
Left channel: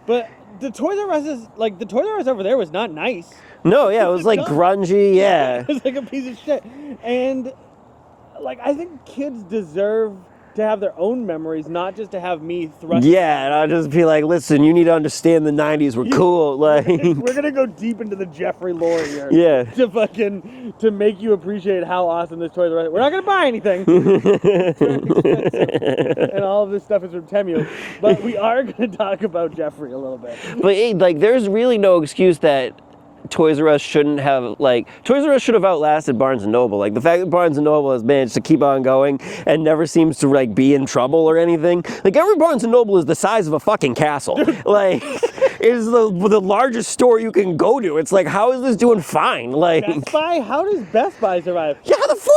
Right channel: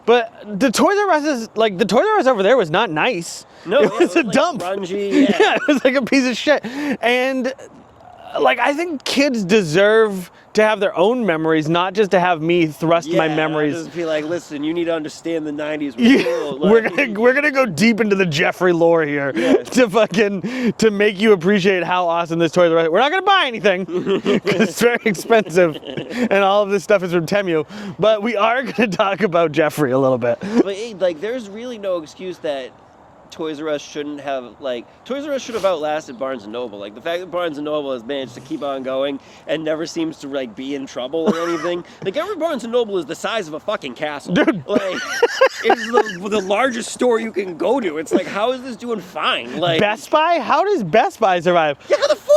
But the Toys R Us over there was not nice. No, it was like dump. Grungy, yeah. It was like a piece of shit. And like I think kids deserve to have their own memories, not just to have me thrust my memories. Yeah, just be like, listen, you need to understand the 90s were cool. Like, we're gonna go deep into the Jeffrey lore here to make you appreciate how awesome this Toys R Us. We're not gonna buy anything because it's very expensive, and all of this stuff is from Temu. But we are gonna talk about Jeffrey a little bit. But hey, like, there's really no excuse that Toys R Us shouldn't have, like, Toys R Us should have outlasted Barnes & Noble. Like, the fact that Barnes & Noble has managed to keep on going and never seems to, like, be in trouble or anything. Like, every Barnes & Noble is the size of a fucking castle. Dude. Like, it's the largest store you can go to. It's like, how is this doing fine? Like, Best Buy? How does Best Buy survive? Yeah, how the fuck?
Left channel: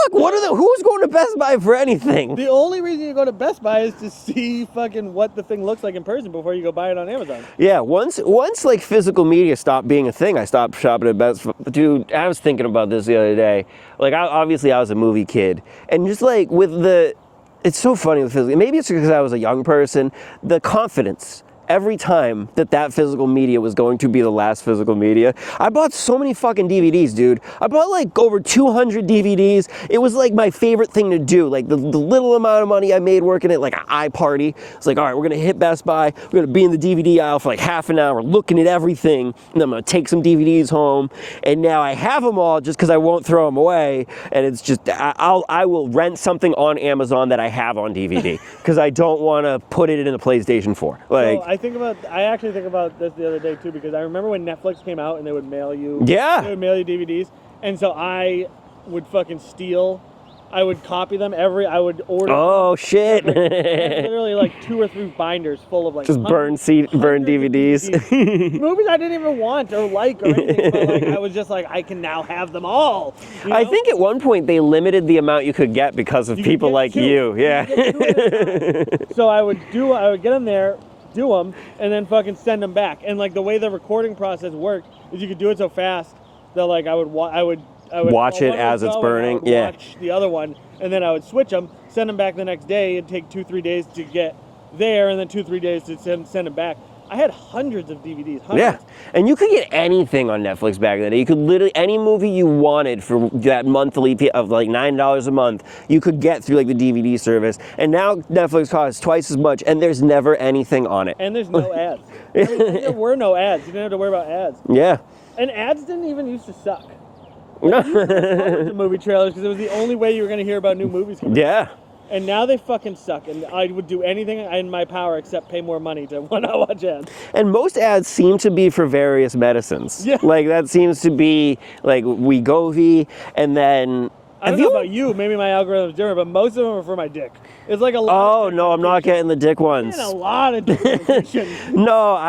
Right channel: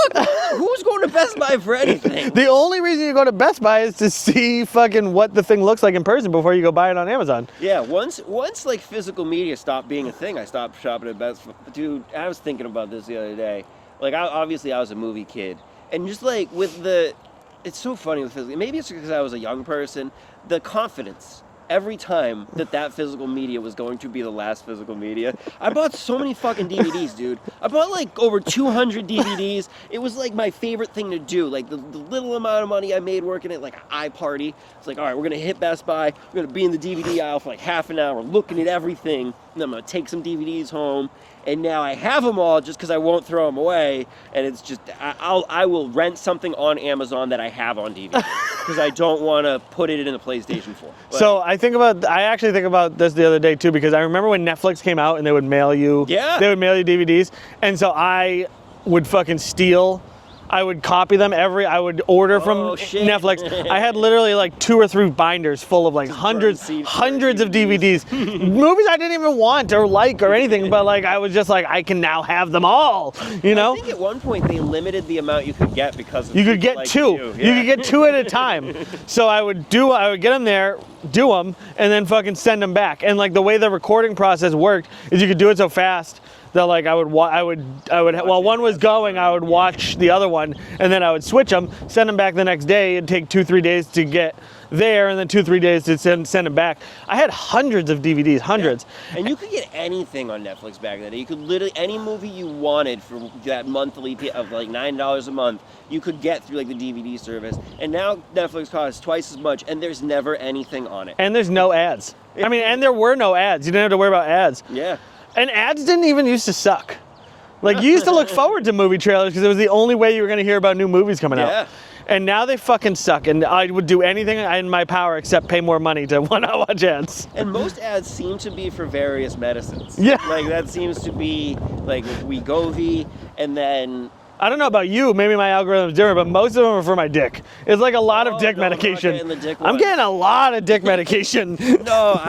Who's going to Best Buy for anything? The only reason you go to Best Buy is to see fucking what the thing looks like in person before you go buy it on Amazon. Yeah, once like physical media stopped being a thing, I stopped shopping at Best Buy. Dude, I was thinking about this the other day. Like, obviously I was a movie kid, and just like it's so funny with physical. Maybe it's because I was a young person. The confidence. Every time that physical media was going to be the last physical media, I bought so many fucking DVDs, dude. I bought like over 200 DVDs. It was like my favorite thing to do. Like the little amount of money I made working at like an iParty. It's like, all right, we're gonna hit Best Buy. We're gonna be in the DVD aisle for like half an hour, looking at everything, and I'm gonna take some DVDs home. And now I have them all just because I won't throw them away. And it's just I will rent something on Amazon that I have on DVD because I don't want to put it in the PlayStation 4. Like, so I actually think about this the other day too, because I remember when Netflix came out and they would mail you DVDs, and so I would fucking steal I would copy them I would order from shit. Netflix. I had literally like 2 or 3 binders full of like Just hundreds burn of DVDs. Movies I didn't even want or like or anything, but like I was just like, I can now have them all. You know? I think at one point they limited the amount you could get because of people like 2. you. Yeah. You could get 2 at a time. So I would get them there, do them, and then fucking send them back. And like the way the recording process worked is you could do it so fast that like I would while one was going, I would watch the other one, and then I would switch them, send them back the next day. It'd take 2-3 days to get there, and then 2-3 days to send them back. I had hundreds of DVDs, hundreds. Yeah. And you could get anything on Netflix back then. You could literally, any movie you wanted for that monthly fee of like $9 a month, you could get through like the DVD service. And now Netflix costs twice as much, and there's never anything on it. And there's no ads. I mean, and there were no ads. You didn't have to worry about ads. Yeah. And ads didn't even used to suck. Like, you used to look forward to movie trailers because it was the only way you were going to hear about new movies coming out. Yeah. And now they fucking suck. And I would do anything in my power except pay more money to want to watch ads. And most ads seem to be for various medicines. Yeah. Like, that seems to be, like, Wegovy, and then... I don't know about you, maybe my algorithm's different, but most of them are for my dick. It's like a lot of dick medication. I'm not getting the dick ones. I'm getting a lot of dick medication. No,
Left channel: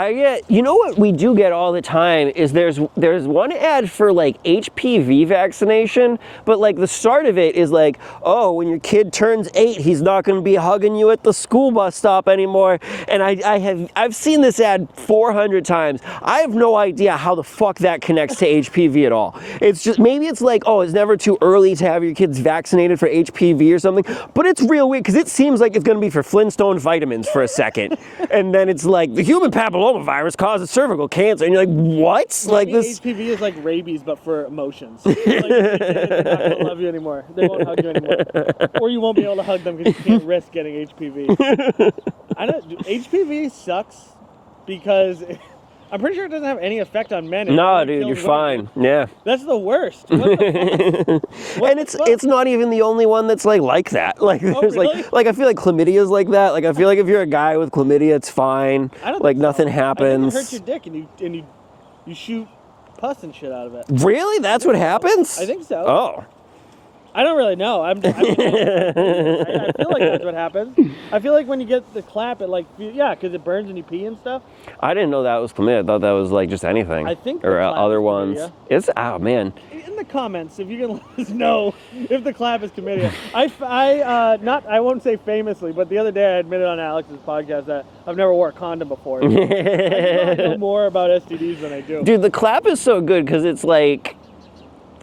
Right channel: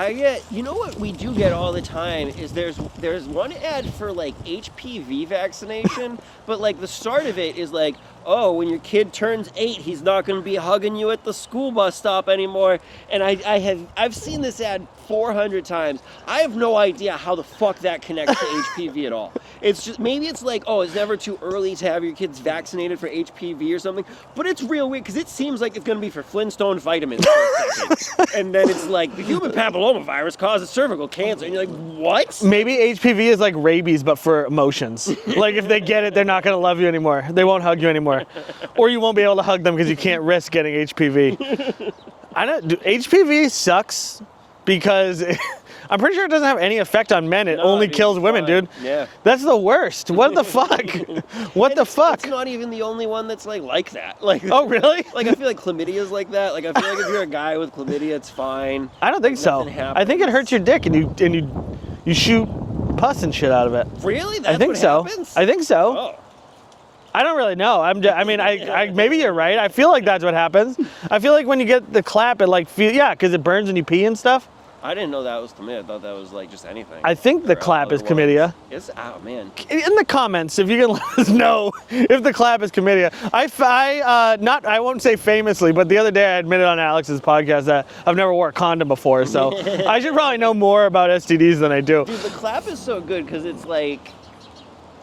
you know what we do get all the time is there's one ad for like HPV vaccination, but like the start of it is like, oh, when your kid turns 8, he's not going to be hugging you at the school bus stop anymore. And I've seen this ad 400 times. I have no idea how the fuck that connects to HPV at all. It's just, maybe it's like, oh, it's never too early to have your kids vaccinated for HPV or something, but it's real weird because it seems like it's going to be for Flintstone vitamins for a second, and then it's like the human papillomavirus causes cervical cancer, and you're like, what? Maybe like HPV is like rabies, but for emotions. Like if they get it, they're not going to love you anymore. They won't hug you anymore, or you won't be able to hug them because you can't risk getting HPV. HPV sucks because. I'm pretty sure it doesn't have any effect on men. It only kills women, dude. Yeah. That's the worst. What the fuck? What the fuck? It's not even the only one that's like that. Like, oh, really? Like I feel like chlamydia is like that. Like I feel like if you're a guy with chlamydia, it's fine. I don't think so. Nothing happens. I think it hurts your dick and you shoot pus and shit out of it. Really? That's what happens? I think so. Oh. I don't really know. Maybe you're right. I feel like that's what happens. I feel like when you get the clap, it like because it burns when you pee and stuff. I didn't know that was chlamydia. I thought that was like just anything. I think the clap is chlamydia. Oh man. In the comments, if you can let us know if the clap is chlamydia. I won't say famously, but the other day I admitted on Alex's podcast that I've never wore a condom before, so I should probably know more about STDs than I do. Dude, the clap is so good because it's like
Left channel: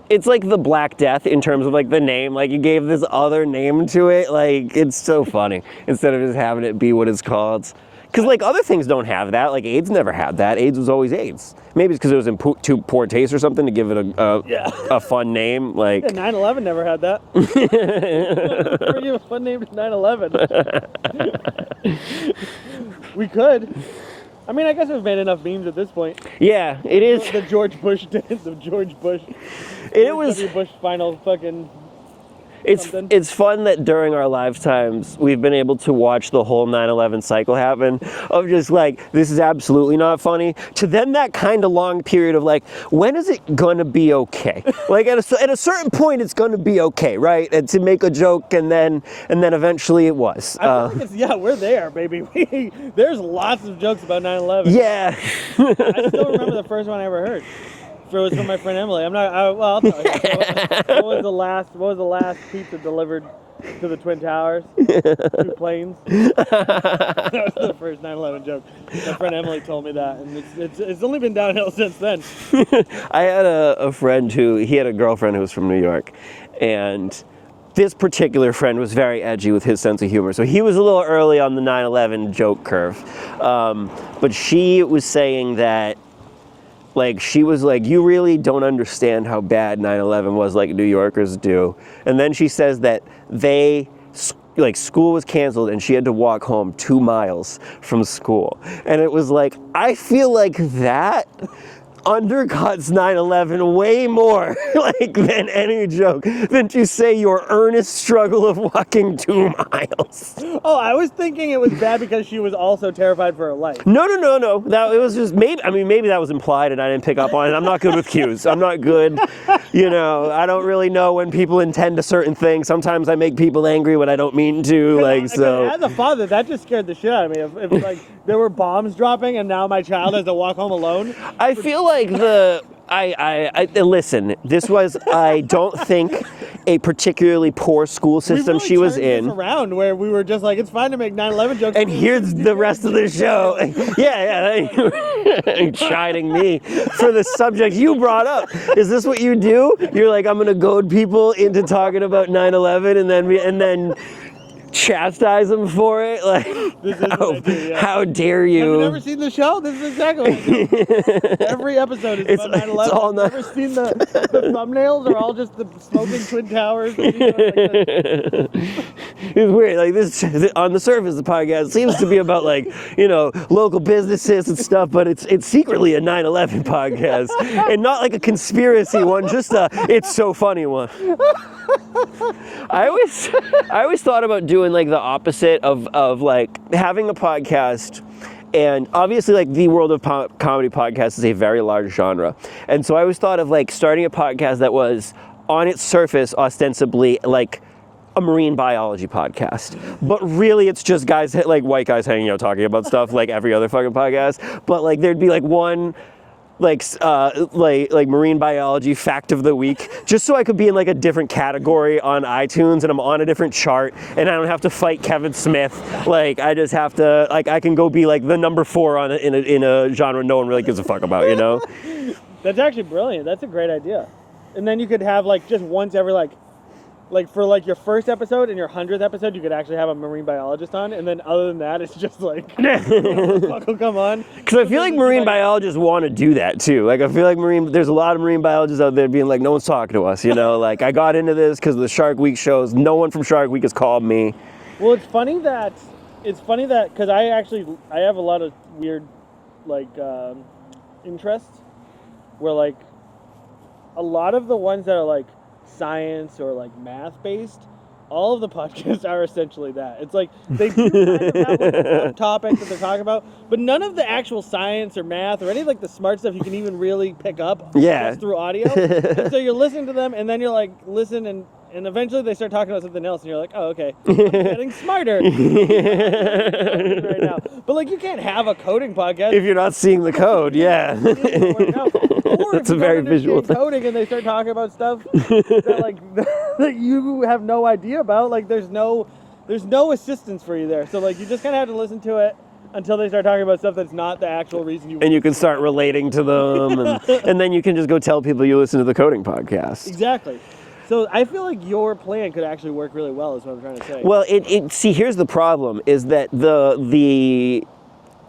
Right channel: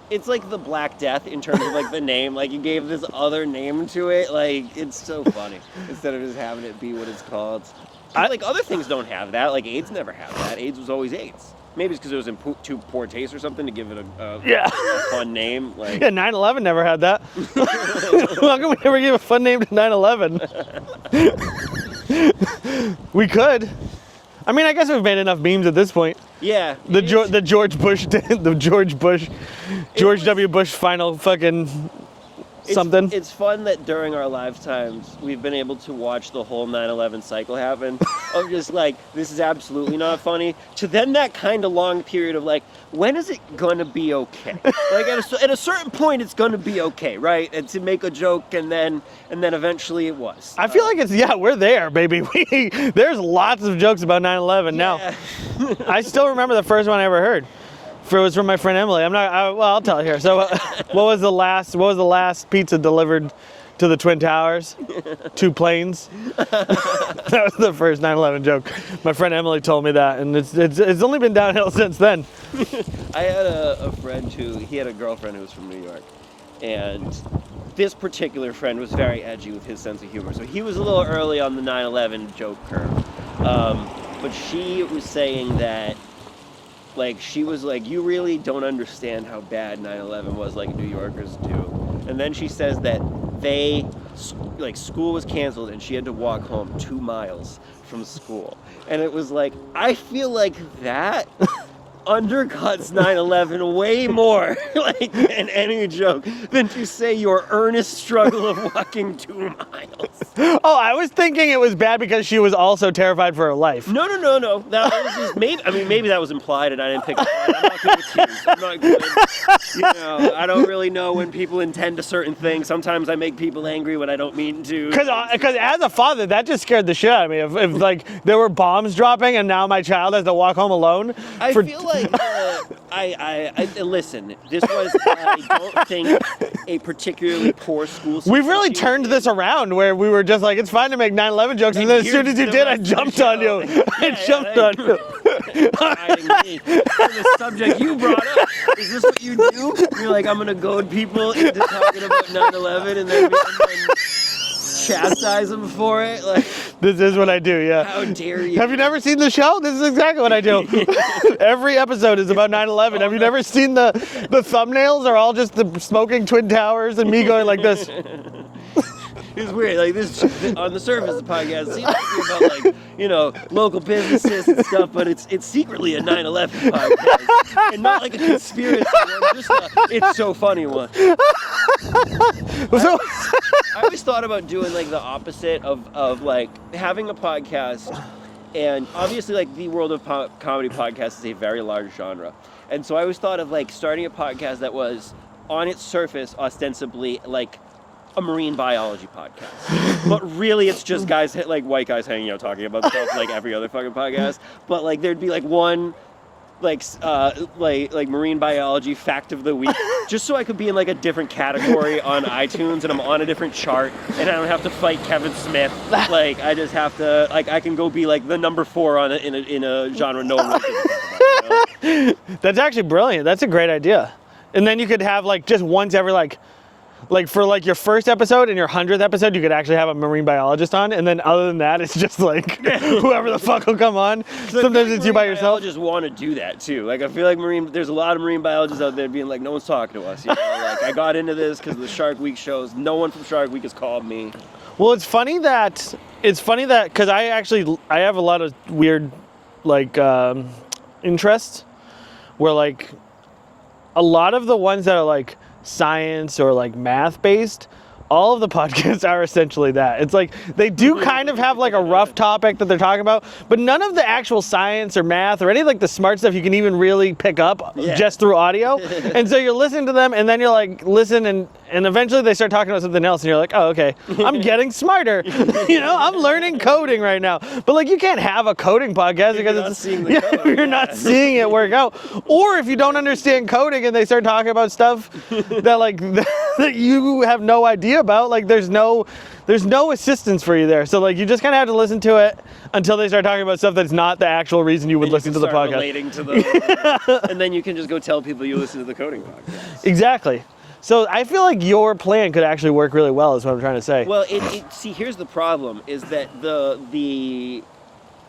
the Black Death in terms of like the name. Like you gave this other name to it. Like it's so funny instead of just having it be what it's called. Because like other things don't have that. Like AIDS never had that. AIDS was always AIDS. Maybe it's because it was in too poor taste or something to give it a fun name. Like 9/11 never had that. How come we never gave a fun name to 9/11? We could. I mean, I guess we've made enough memes at this point. Yeah. The George W. Bush final fucking. It's fun that during our lifetimes we've been able to watch the whole 9/11 cycle happen of just like, this is absolutely not funny, to then that kind of long period of like, when is it gonna be okay? Like at a certain point it's gonna be okay, right? And to make a joke and then eventually it was. I feel like we're there, baby. There's lots of jokes about 9/11 yeah. now. I still remember the first one I ever heard. It was from my friend Emily. I'll tell you here. So, what was the last pizza delivered to the Twin Towers? 2 planes. That was the first 9/11 joke. My friend Emily told me that, and it's only been downhill since then. I had a friend he had a girlfriend who was from New York, and this particular friend was very edgy with his sense of humor. So he was a little early on the 9/11 joke curve, but she was saying that. Like, she was like, you really don't understand how bad 9/11 was like New Yorkers do. And then she says that school was canceled and she had to walk home 2 miles from school. And it was like, I feel like that undercuts 9/11 way more, like, than any joke, than to say your earnest struggle of walking 2 miles. Oh, I was thinking it was bad because she was also terrified for her life. No. That was just maybe that was implied and I didn't pick up on it. I'm not good with cues. I'm not good. I don't really know when people intend a certain thing. Sometimes I make people angry when I don't mean to. Because as a father, that just scared the shit out of me. If like there were bombs dropping and now my child has to walk home alone. I feel like listen, this was, I don't think, a particularly poor school system We really she was turned this in. around where we were just like, it's fine to make 9/11 jokes, and then as soon as you did, I jumped on you. Jumped on you. Chiding me for the subject you brought up. Is this what you do? You're like, I'm gonna goad people into talking about 9/11 and then chastise them for it? Like, this is what I do, yeah. How dare you? Have you never seen the show? This is exactly what I do. Every episode is about 9/11. Have you never seen the thumbnails are all just the smoking Twin Towers and me going like this? It's weird. Like, this, on the surface, the podcast seems to be about, like, local businesses and stuff, but it's secretly a 9/11 podcast, and not like a conspiracy one, just a it's so funny one. I always thought about doing like the opposite of like having a podcast. And obviously, like, the world of comedy podcasts is a very large genre. And so I always thought of, like, starting a podcast that was, on its surface, ostensibly, like, a marine biology podcast. But really, it's just guys, like, white guys hanging out talking about stuff like every other fucking podcast. But, like, there'd be, like, one, like marine biology fact of the week, just so I could be in, like, a different category on iTunes, and I'm on a different chart, and I don't have to fight Kevin Smith. Like, I just have to, like, I can go be, like, the number 4 in a genre no one really gives a fuck about, That's actually brilliant. That's a great idea. And then you could have, like, just once every, like for like your first episode and your 100th episode, you could actually have a marine biologist on, and then other than that, it's just like whoever the fuck will come on. Because I feel like marine biologists want to do that too. Like, I feel like there's a lot of marine biologists out there being like, no one's talking to us, Like, I got into this because of the Shark Week shows. No one from Shark Week has called me. Well, it's funny that because I have a lot of weird like interests where, like, a lot of the ones that are like science or like math based, all of the podcasts are essentially that. It's like they do kind of have like a rough topic that they're talking about, but none of the actual science or math or any of like the smart stuff you can even really pick up just through audio. And so you're listening to them, and then you're like, listen, and eventually they start talking about something else, and you're like, oh, okay, I'm getting smarter. I'm learning coding right now. But like, you can't have a coding podcast if you're not seeing the code. You're not seeing it work out. Or if you don't understand coding and they start talking about stuff that like that you have no idea about, like there's no assistance for you there. So like, you just kind of have to listen to it until they start talking about stuff that's not the actual reason you would listen to the podcast. And you can start relating to them, and then you can just go tell people you listen to the coding podcast. Exactly. So I feel like your plan could actually work really well, is what I'm trying to say. Well, see, here's the problem, is that the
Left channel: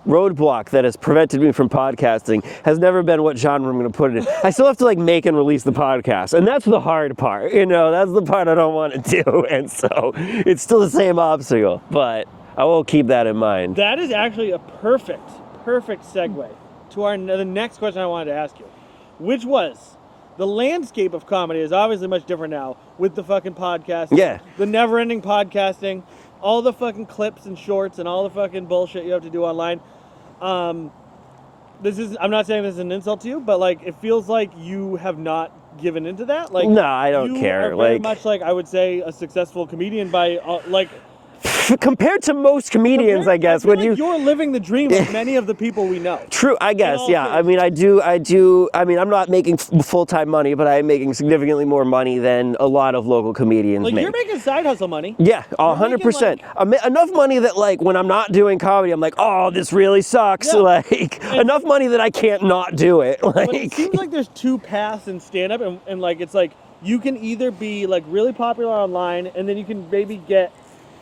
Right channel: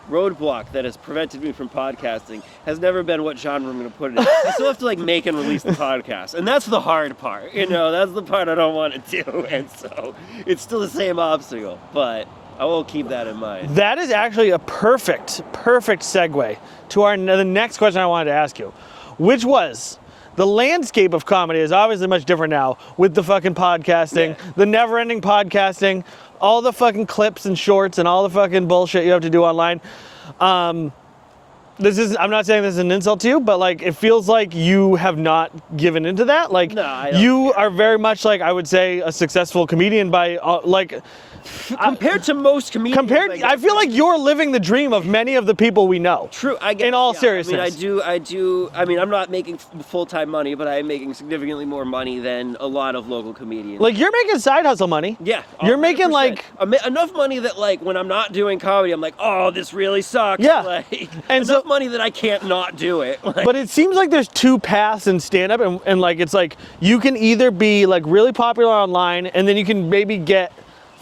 roadblock that has prevented me from podcasting has never been what genre I'm going to put it in. I still have to like make and release the podcast, and that's the hard part. That's the part I don't want to do, and so it's still the same obstacle, but I will keep that in mind. That is actually a perfect segue to the next question I wanted to ask you, which was, the landscape of comedy is obviously much different now with the fucking podcasting, the never-ending podcasting, all the fucking clips and shorts and all the fucking bullshit you have to do online. I'm not saying this is an insult to you, but like, it feels like you have not given into that. Like, no, I don't you care. are very much like, I would say, a successful comedian by like. Compared to most comedians, I guess. I feel like you're living the dream of many of the people we know. True, I guess, in all seriousness. I do. I mean, I'm not making full-time money, but I'm making significantly more money than a lot of local comedians Like, you're making side hustle money. Yeah, 100%. You're making, like... enough money that, like, when I'm not doing comedy, I'm like, oh, this really sucks. Yeah. Like, enough money that I can't not do it. Like, but it seems like there's two paths in stand-up, and like, it's like, you can either be, like, really popular online, and then you can maybe get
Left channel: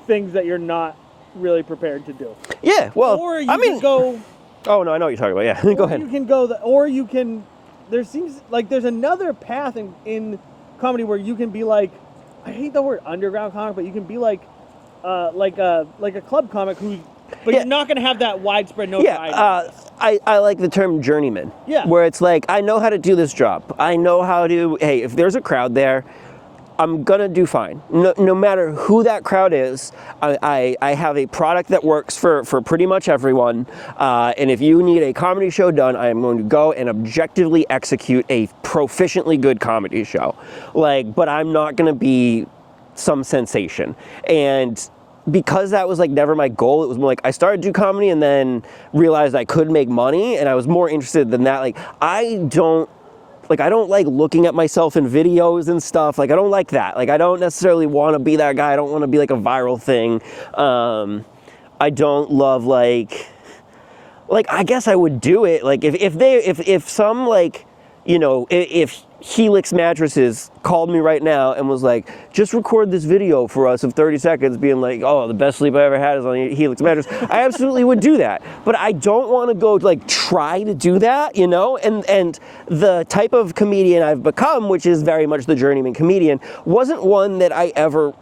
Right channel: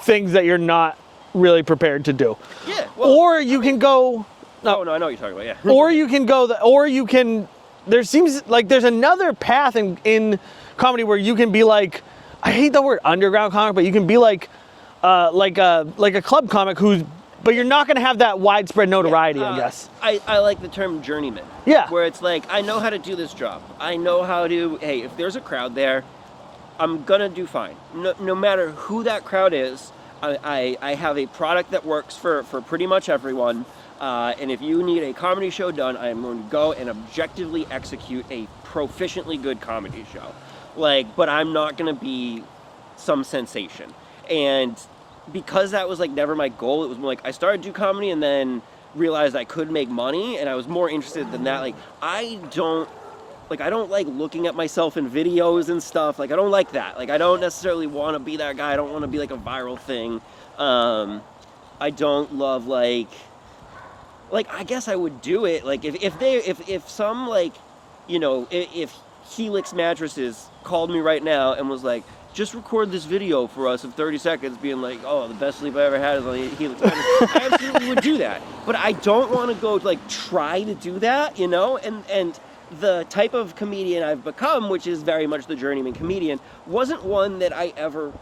things that you're not really prepared to do. Yeah, well, or you can go. Oh no, I know what you're talking about. Yeah. Or you can go. Or you can. There seems like there's another path in comedy where you can be like, I hate the word underground comic, but you can be like a club comic who's but you're not going to have that widespread notoriety, I guess. I like the term journeyman. Yeah. Where it's like, I know how to do this job. I know how to, hey, if there's a crowd there, I'm gonna do fine. No matter who that crowd is, I have a product that works for pretty much everyone. And if you need a comedy show done, I am going to go and objectively execute a proficiently good comedy show. Like, but I'm not gonna be some sensation. And because that was like never my goal, it was more like I started to do comedy and then realized I could make money, and I was more interested than that. Like, I don't like looking at myself in videos and stuff. Like, I don't like that. Like, I don't necessarily want to be that guy. I don't want to be like a viral thing. I don't love like I guess I would do it. Like, if some, like, you know, if Helix Mattresses called me right now and was like, just record this video for us of 30 seconds being like, oh, the best sleep I ever had is on Helix Mattress, I absolutely would do that. But I don't want to go like try to do that, you know? And the type of comedian I've become, which is very much the journeyman comedian, wasn't one that I ever,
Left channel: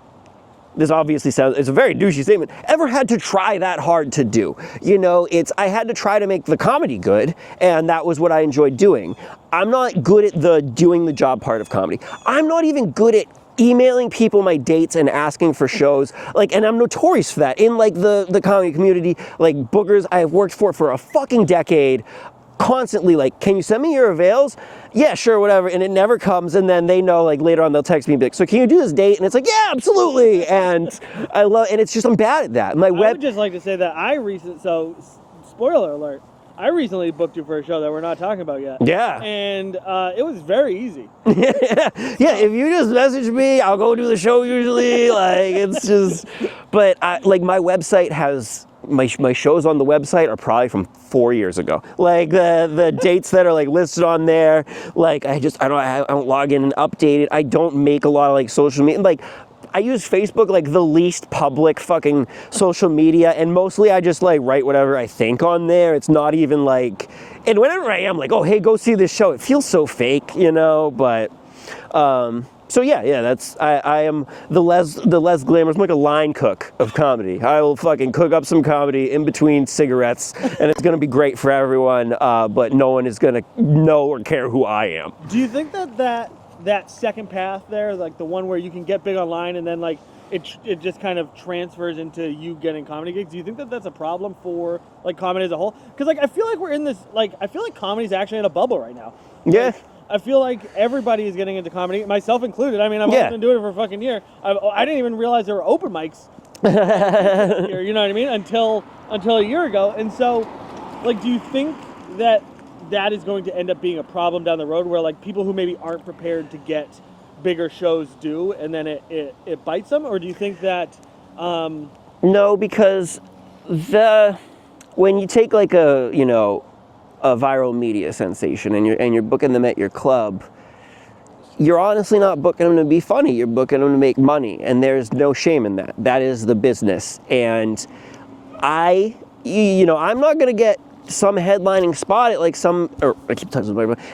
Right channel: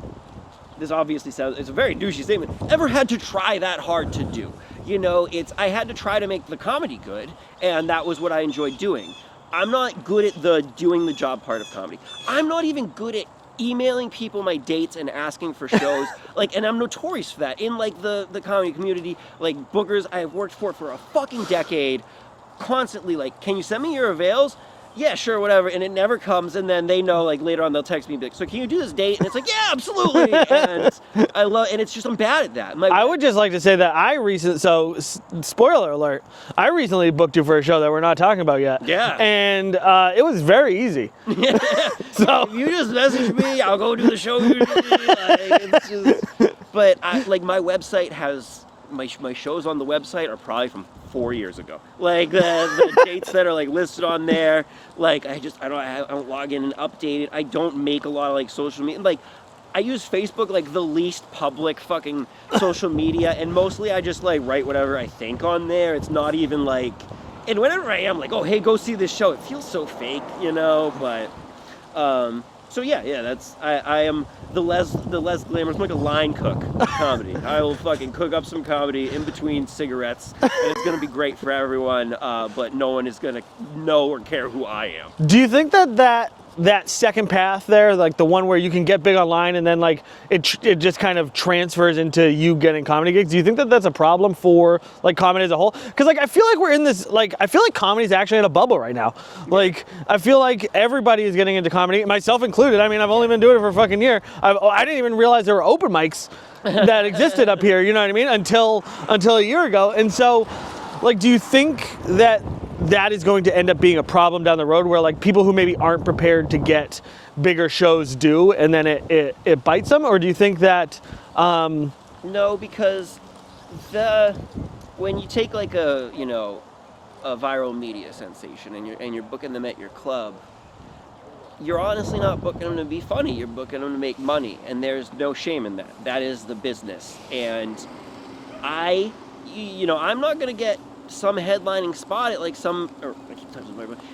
this obviously sounds, it's a very douchey statement, ever had to try that hard to do. You know, I had to try to make the comedy good, and that was what I enjoyed doing. I'm not good at the doing the job part of comedy. I'm not even good at emailing people my dates and asking for shows. Like, and I'm notorious for that in like the comedy community. Like, bookers I've worked for a fucking decade, constantly like, can you send me your avails? Yeah, sure, whatever, and it never comes, and then they know, like, later on they'll text me and be like, so can you do this date? And it's like, yeah, absolutely, and I love, and it's just, I'm bad at that. I would just like to say that spoiler alert, I recently booked you for a show that we're not talking about yet. Yeah. And it was very easy. Yeah, if you just message me, I'll go do the show usually, like, it's just, but, like, my website has, my shows on the website are probably from 4 years ago. Like the dates that are like listed on there, like I don't log in and update it. I don't make a lot of like social media. Like, I use Facebook like the least public fucking social media, and mostly I just like write whatever I think on there. It's not even like, and whenever I am like, oh hey, go see this show, it feels so fake, you know, but so yeah, that's I am the less glamorous. I'm like a line cook of comedy. I will fucking cook up some comedy in between cigarettes, and it's gonna be great for everyone. But no one is gonna know or care who I am. Do you think that second path there, like the one where you can get big online and then like it just kind of transfers into you getting comedy gigs, do you think that that's a problem for like comedy as a whole? Because like I feel like we're in this, like I feel like comedy's actually at a bubble right now. Like I feel like everybody is getting into comedy, myself included. I mean, I've only been doing it for a fucking year. I didn't even realize there were open mics that existed up here, you know what I mean, until a year ago. And so like, do you think that is going to end up being a problem down the road where like people who maybe aren't prepared to get bigger shows do, and then it bites them? Or do you think that no, because when you take like a viral media sensation and you're booking them at your club, you're honestly not booking them to be funny, you're booking them to make money, and there's no shame in that. That is the business. And I'm not gonna get some headlining spot at like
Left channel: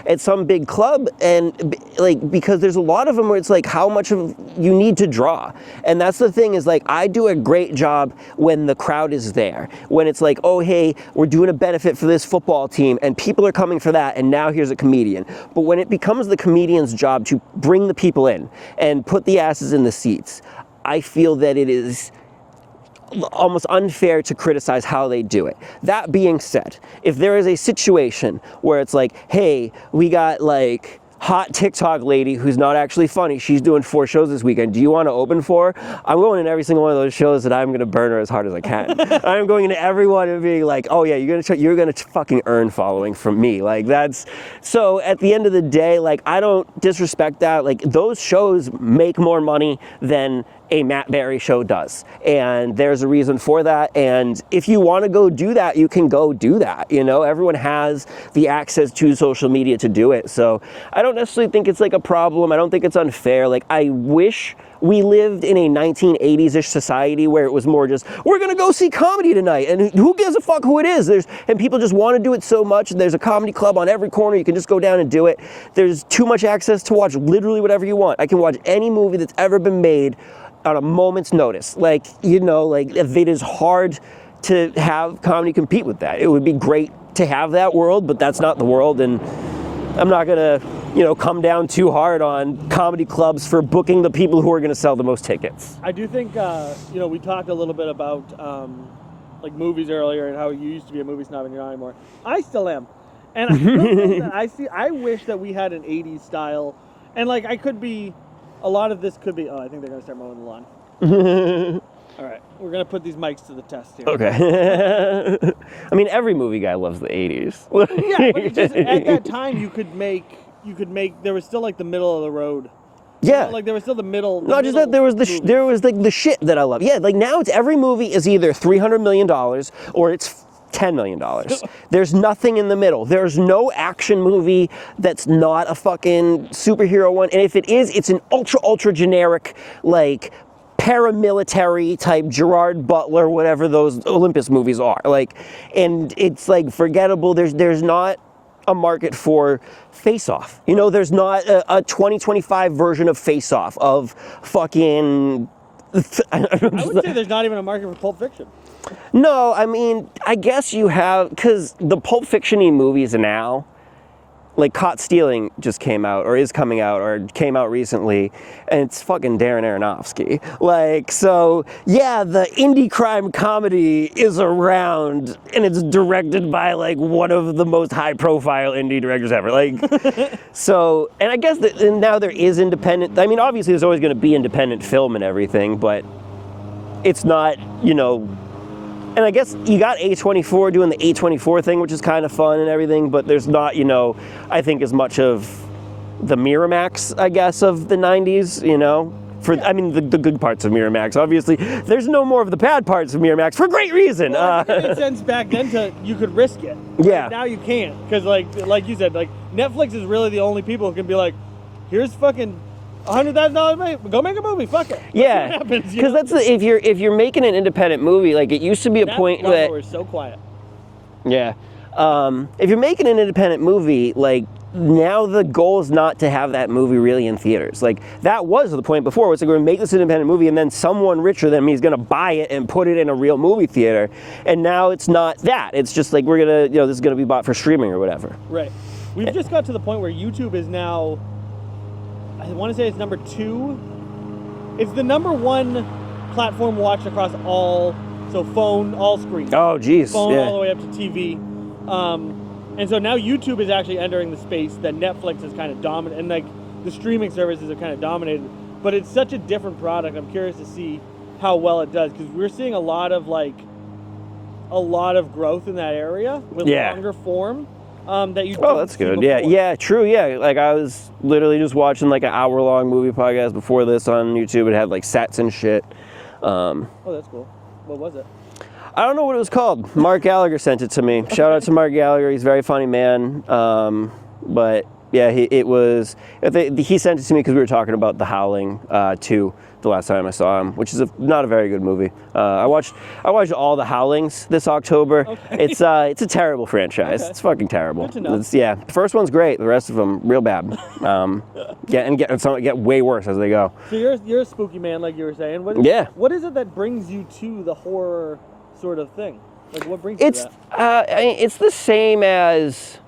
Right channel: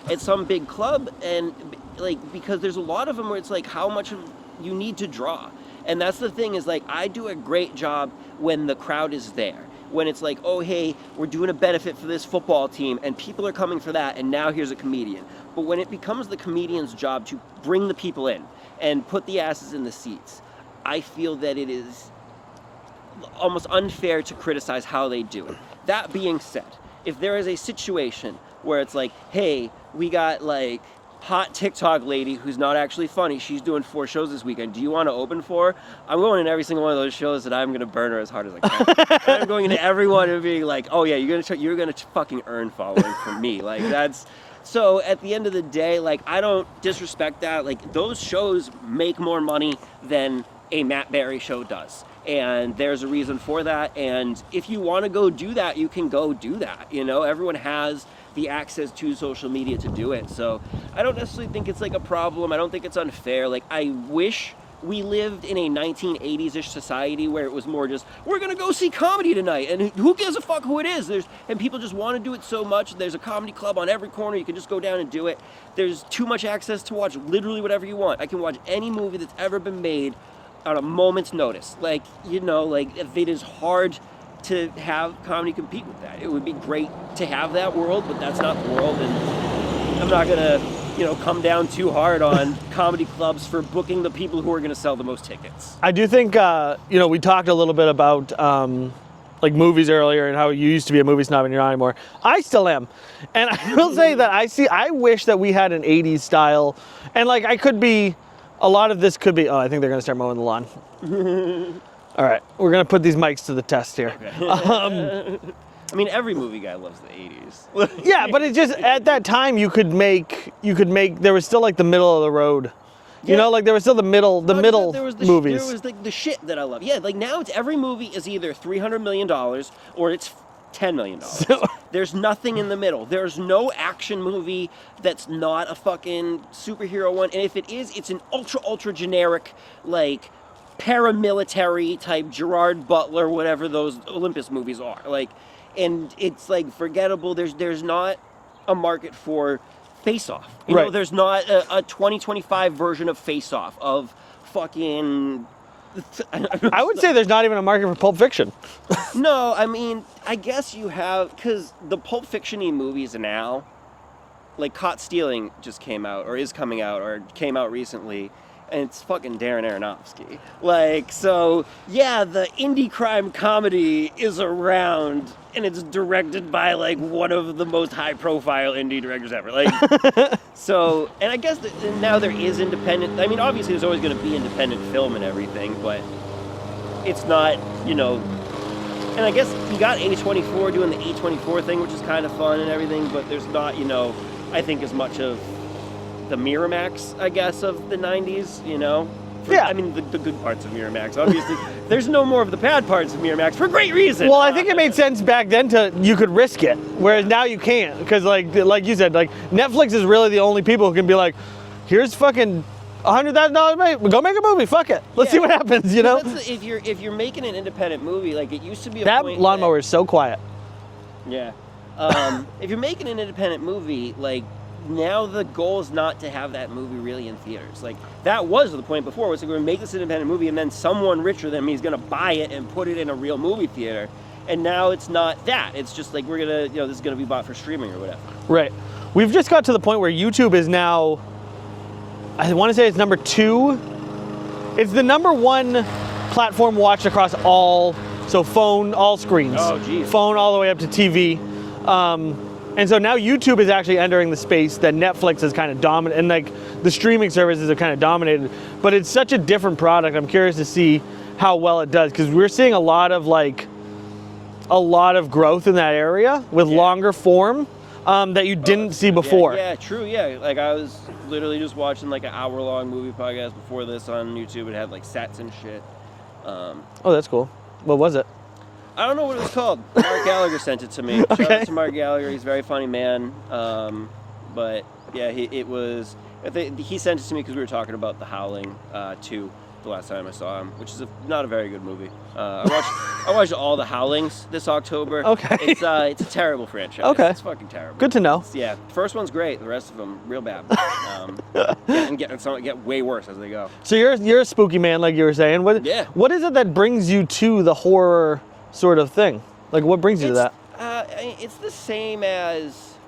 at some big club, and like, because there's a lot of them where it's like how much of you need to draw. And that's the thing, is like I do a great job when the crowd is there, when it's like, oh hey, we're doing a benefit for this football team and people are coming for that, and now here's a comedian. But when it becomes the comedian's job to bring the people in and put the asses in the seats, I feel that it is almost unfair to criticize how they do it. That being said, if there is a situation where it's like, hey, we got like hot TikTok lady who's not actually funny, she's doing 4 shows this weekend, do you want to open for her? I'm going in every single one of those shows, and I'm going to burn her as hard as I can. I'm going into everyone and being like, oh yeah, you're going to fucking earn following from me. Like, that's, so at the end of the day, like, I don't disrespect that. Like, those shows make more money than a Matt Berry show does, and there's a reason for that. And if you want to go do that, you can go do that. You know, everyone has the access to social media to do it. So I don't necessarily think it's like a problem. I don't think it's unfair. Like, I wish we lived in a 1980s-ish society where it was more just, we're gonna go see comedy tonight, and who gives a fuck who it is? And people just want to do it so much, and there's a comedy club on every corner, you can just go down and do it. There's too much access to watch literally whatever you want. I can watch any movie that's ever been made on a moment's notice. Like, you know, like, if it is hard to have comedy compete with that. It would be great to have that world, but that's not the world, and I'm not gonna, come down too hard on comedy clubs for booking the people who are gonna sell the most tickets. I do think, we talked a little bit about like movies earlier and how you used to be a movie snob and you're not anymore. I still am. And I will say that I wish that we had an 80s style, and like a lot of this could be, I think they're gonna start mowing the lawn. All right, we're gonna put these mics to the test here. Okay. I mean, every movie guy loves the 80s. Yeah, but it's just, at that time there was still like the middle of the road. Yeah. Like there was still the middle there was movies. there was like the shit that I love. Yeah, like now it's every movie is either $300 million or it's $10 million. There's nothing in the middle. There's no action movie that's not a fucking superhero one. And if it is, it's an ultra generic, like, paramilitary type Gerard Butler, whatever those Olympus movies are. Like, and it's like forgettable. There's not a market for Face Off. You know, there's not a 2025 version of Face Off of fucking. I would say there's not even a market for Pulp Fiction. No, I mean, I guess you have, because the Pulp Fiction-y movies now, like Caught Stealing just came out, or is coming out, or came out recently, and it's fucking Darren Aronofsky. Like, so, yeah, the indie crime comedy is around, and it's directed by, like, one of the most high-profile indie directors ever. Like, so, and I guess that now there is independent, I mean, obviously there's always going to be independent film and everything, but it's not, and I guess you got A24 doing the A24 thing, which is kind of fun and everything, but there's not, I think as much of the Miramax, I guess, of the 90s, I mean, the good parts of Miramax. Obviously, there's no more of the bad parts of Miramax for great reason. Well, I think it made sense back then you could risk it, whereas now you can't. Because, like you said, like, Netflix is really the only people who can be like, here's fucking $100,000, go make a movie, fuck it. Let's see what happens, That's if you're making an independent movie, like, it used to be a point that lawnmower is so quiet. Yeah. If you're making an independent movie, like, now the goal is not to have that movie really in theaters. Like, that was the point before. It's like, we're going to make this independent movie, and then someone richer than me is going to buy it and put it in a real movie theater. And now it's not that. It's just like, we're going to, this is going to be bought for streaming or whatever. Right. We've just got to the point where YouTube is now, I want to say it's number 2. It's the number 1 platform watched across all phone, all screens. Oh, geez. Phone all the way up to TV. And so now YouTube is actually entering the space that Netflix is kind of dominant, and like the streaming services are kind of dominated. But it's such a different product. I'm curious to see how well it does, because we're seeing a lot of growth in that area with longer form that you didn't see before. Yeah, true. Yeah, like I was literally just watching like an hour-long movie podcast before this on YouTube. It had like sets and shit. Oh, that's cool. What was it? I don't know what it was called. Mark Gallagher sent it to me. Okay. Shout out to Mark Gallagher. He's a very funny man. But yeah, he sent it to me because we were talking about The Howling 2 the last time I saw him, which is not a very good movie. I watched all The Howlings this October. Okay. It's a terrible franchise. Okay. It's fucking terrible. Good to know. The first one's great. The rest of them real bad. Get way worse as they go. So you're a spooky man, like you were saying. What is it that brings you to the horror sort of thing? Like, what brings you to that? It's the same as,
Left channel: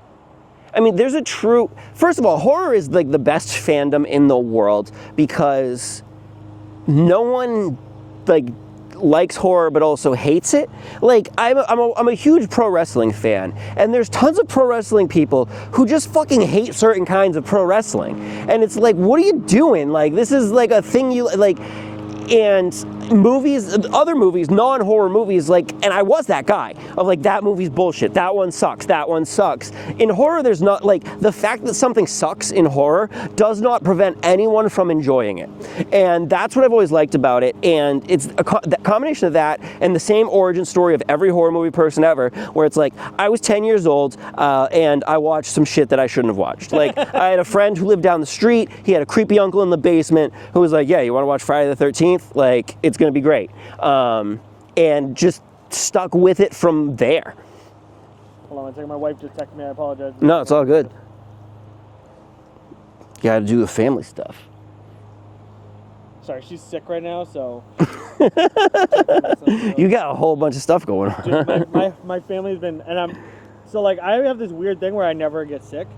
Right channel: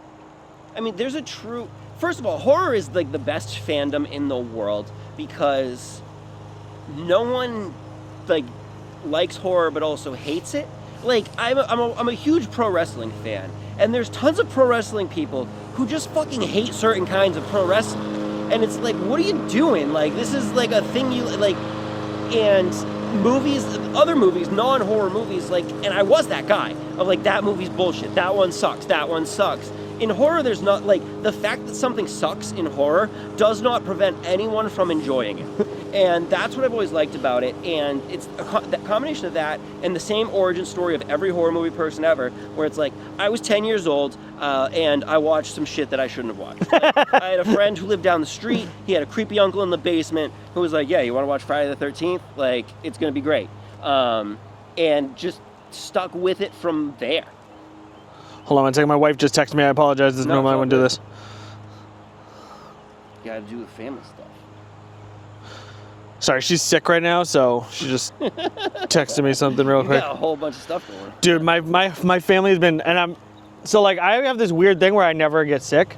there's a true, first of all, horror is like the best fandom in the world, because no one like likes horror but also hates it. Like, I'm a huge pro wrestling fan, and there's tons of pro wrestling people who just fucking hate certain kinds of pro wrestling, and it's like, what are you doing? Like, this is like a thing you like. And other movies, non-horror movies, like, and I was that guy of like, that movie's bullshit, that one sucks. In horror, there's not, like, the fact that something sucks in horror does not prevent anyone from enjoying it. And that's what I've always liked about it. And it's the combination of that and the same origin story of every horror movie person ever, where it's like, I was 10 years old and I watched some shit that I shouldn't have watched. Like, I had a friend who lived down the street. He had a creepy uncle in the basement who was like, yeah, you want to watch Friday the 13th? Like, it's going to be great. And just stuck with it from there. Hold on one second. My wife just texted me. I apologize. This no, it's all good. Do this. You got to do the family stuff. Sorry, she's sick right now, so she just texted me something real You quick. got a whole bunch of stuff going on. Dude, my family's been, and I have this weird thing where I never get sick.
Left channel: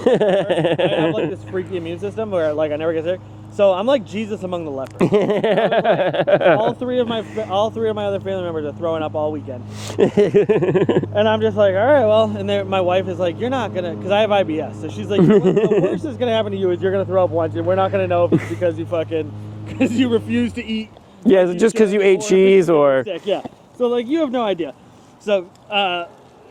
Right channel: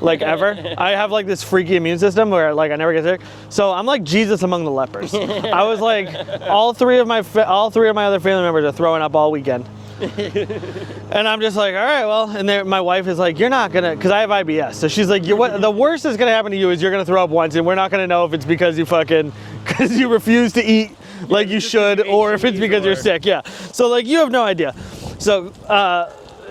Like ever. I have like this freaky immune system where like I never get sick. So I'm like Jesus among the lepers. I was like, all three of my other family members are throwing up all weekend. And I'm just like, all right, well, and my wife is like, you're not gonna, because I have IBS. So she's like, the worst that's gonna happen to you is you're gonna throw up once, and we're not gonna know if it's because you refuse to eat like you should, or if it's because you're sick. Yeah. So like you have no idea. So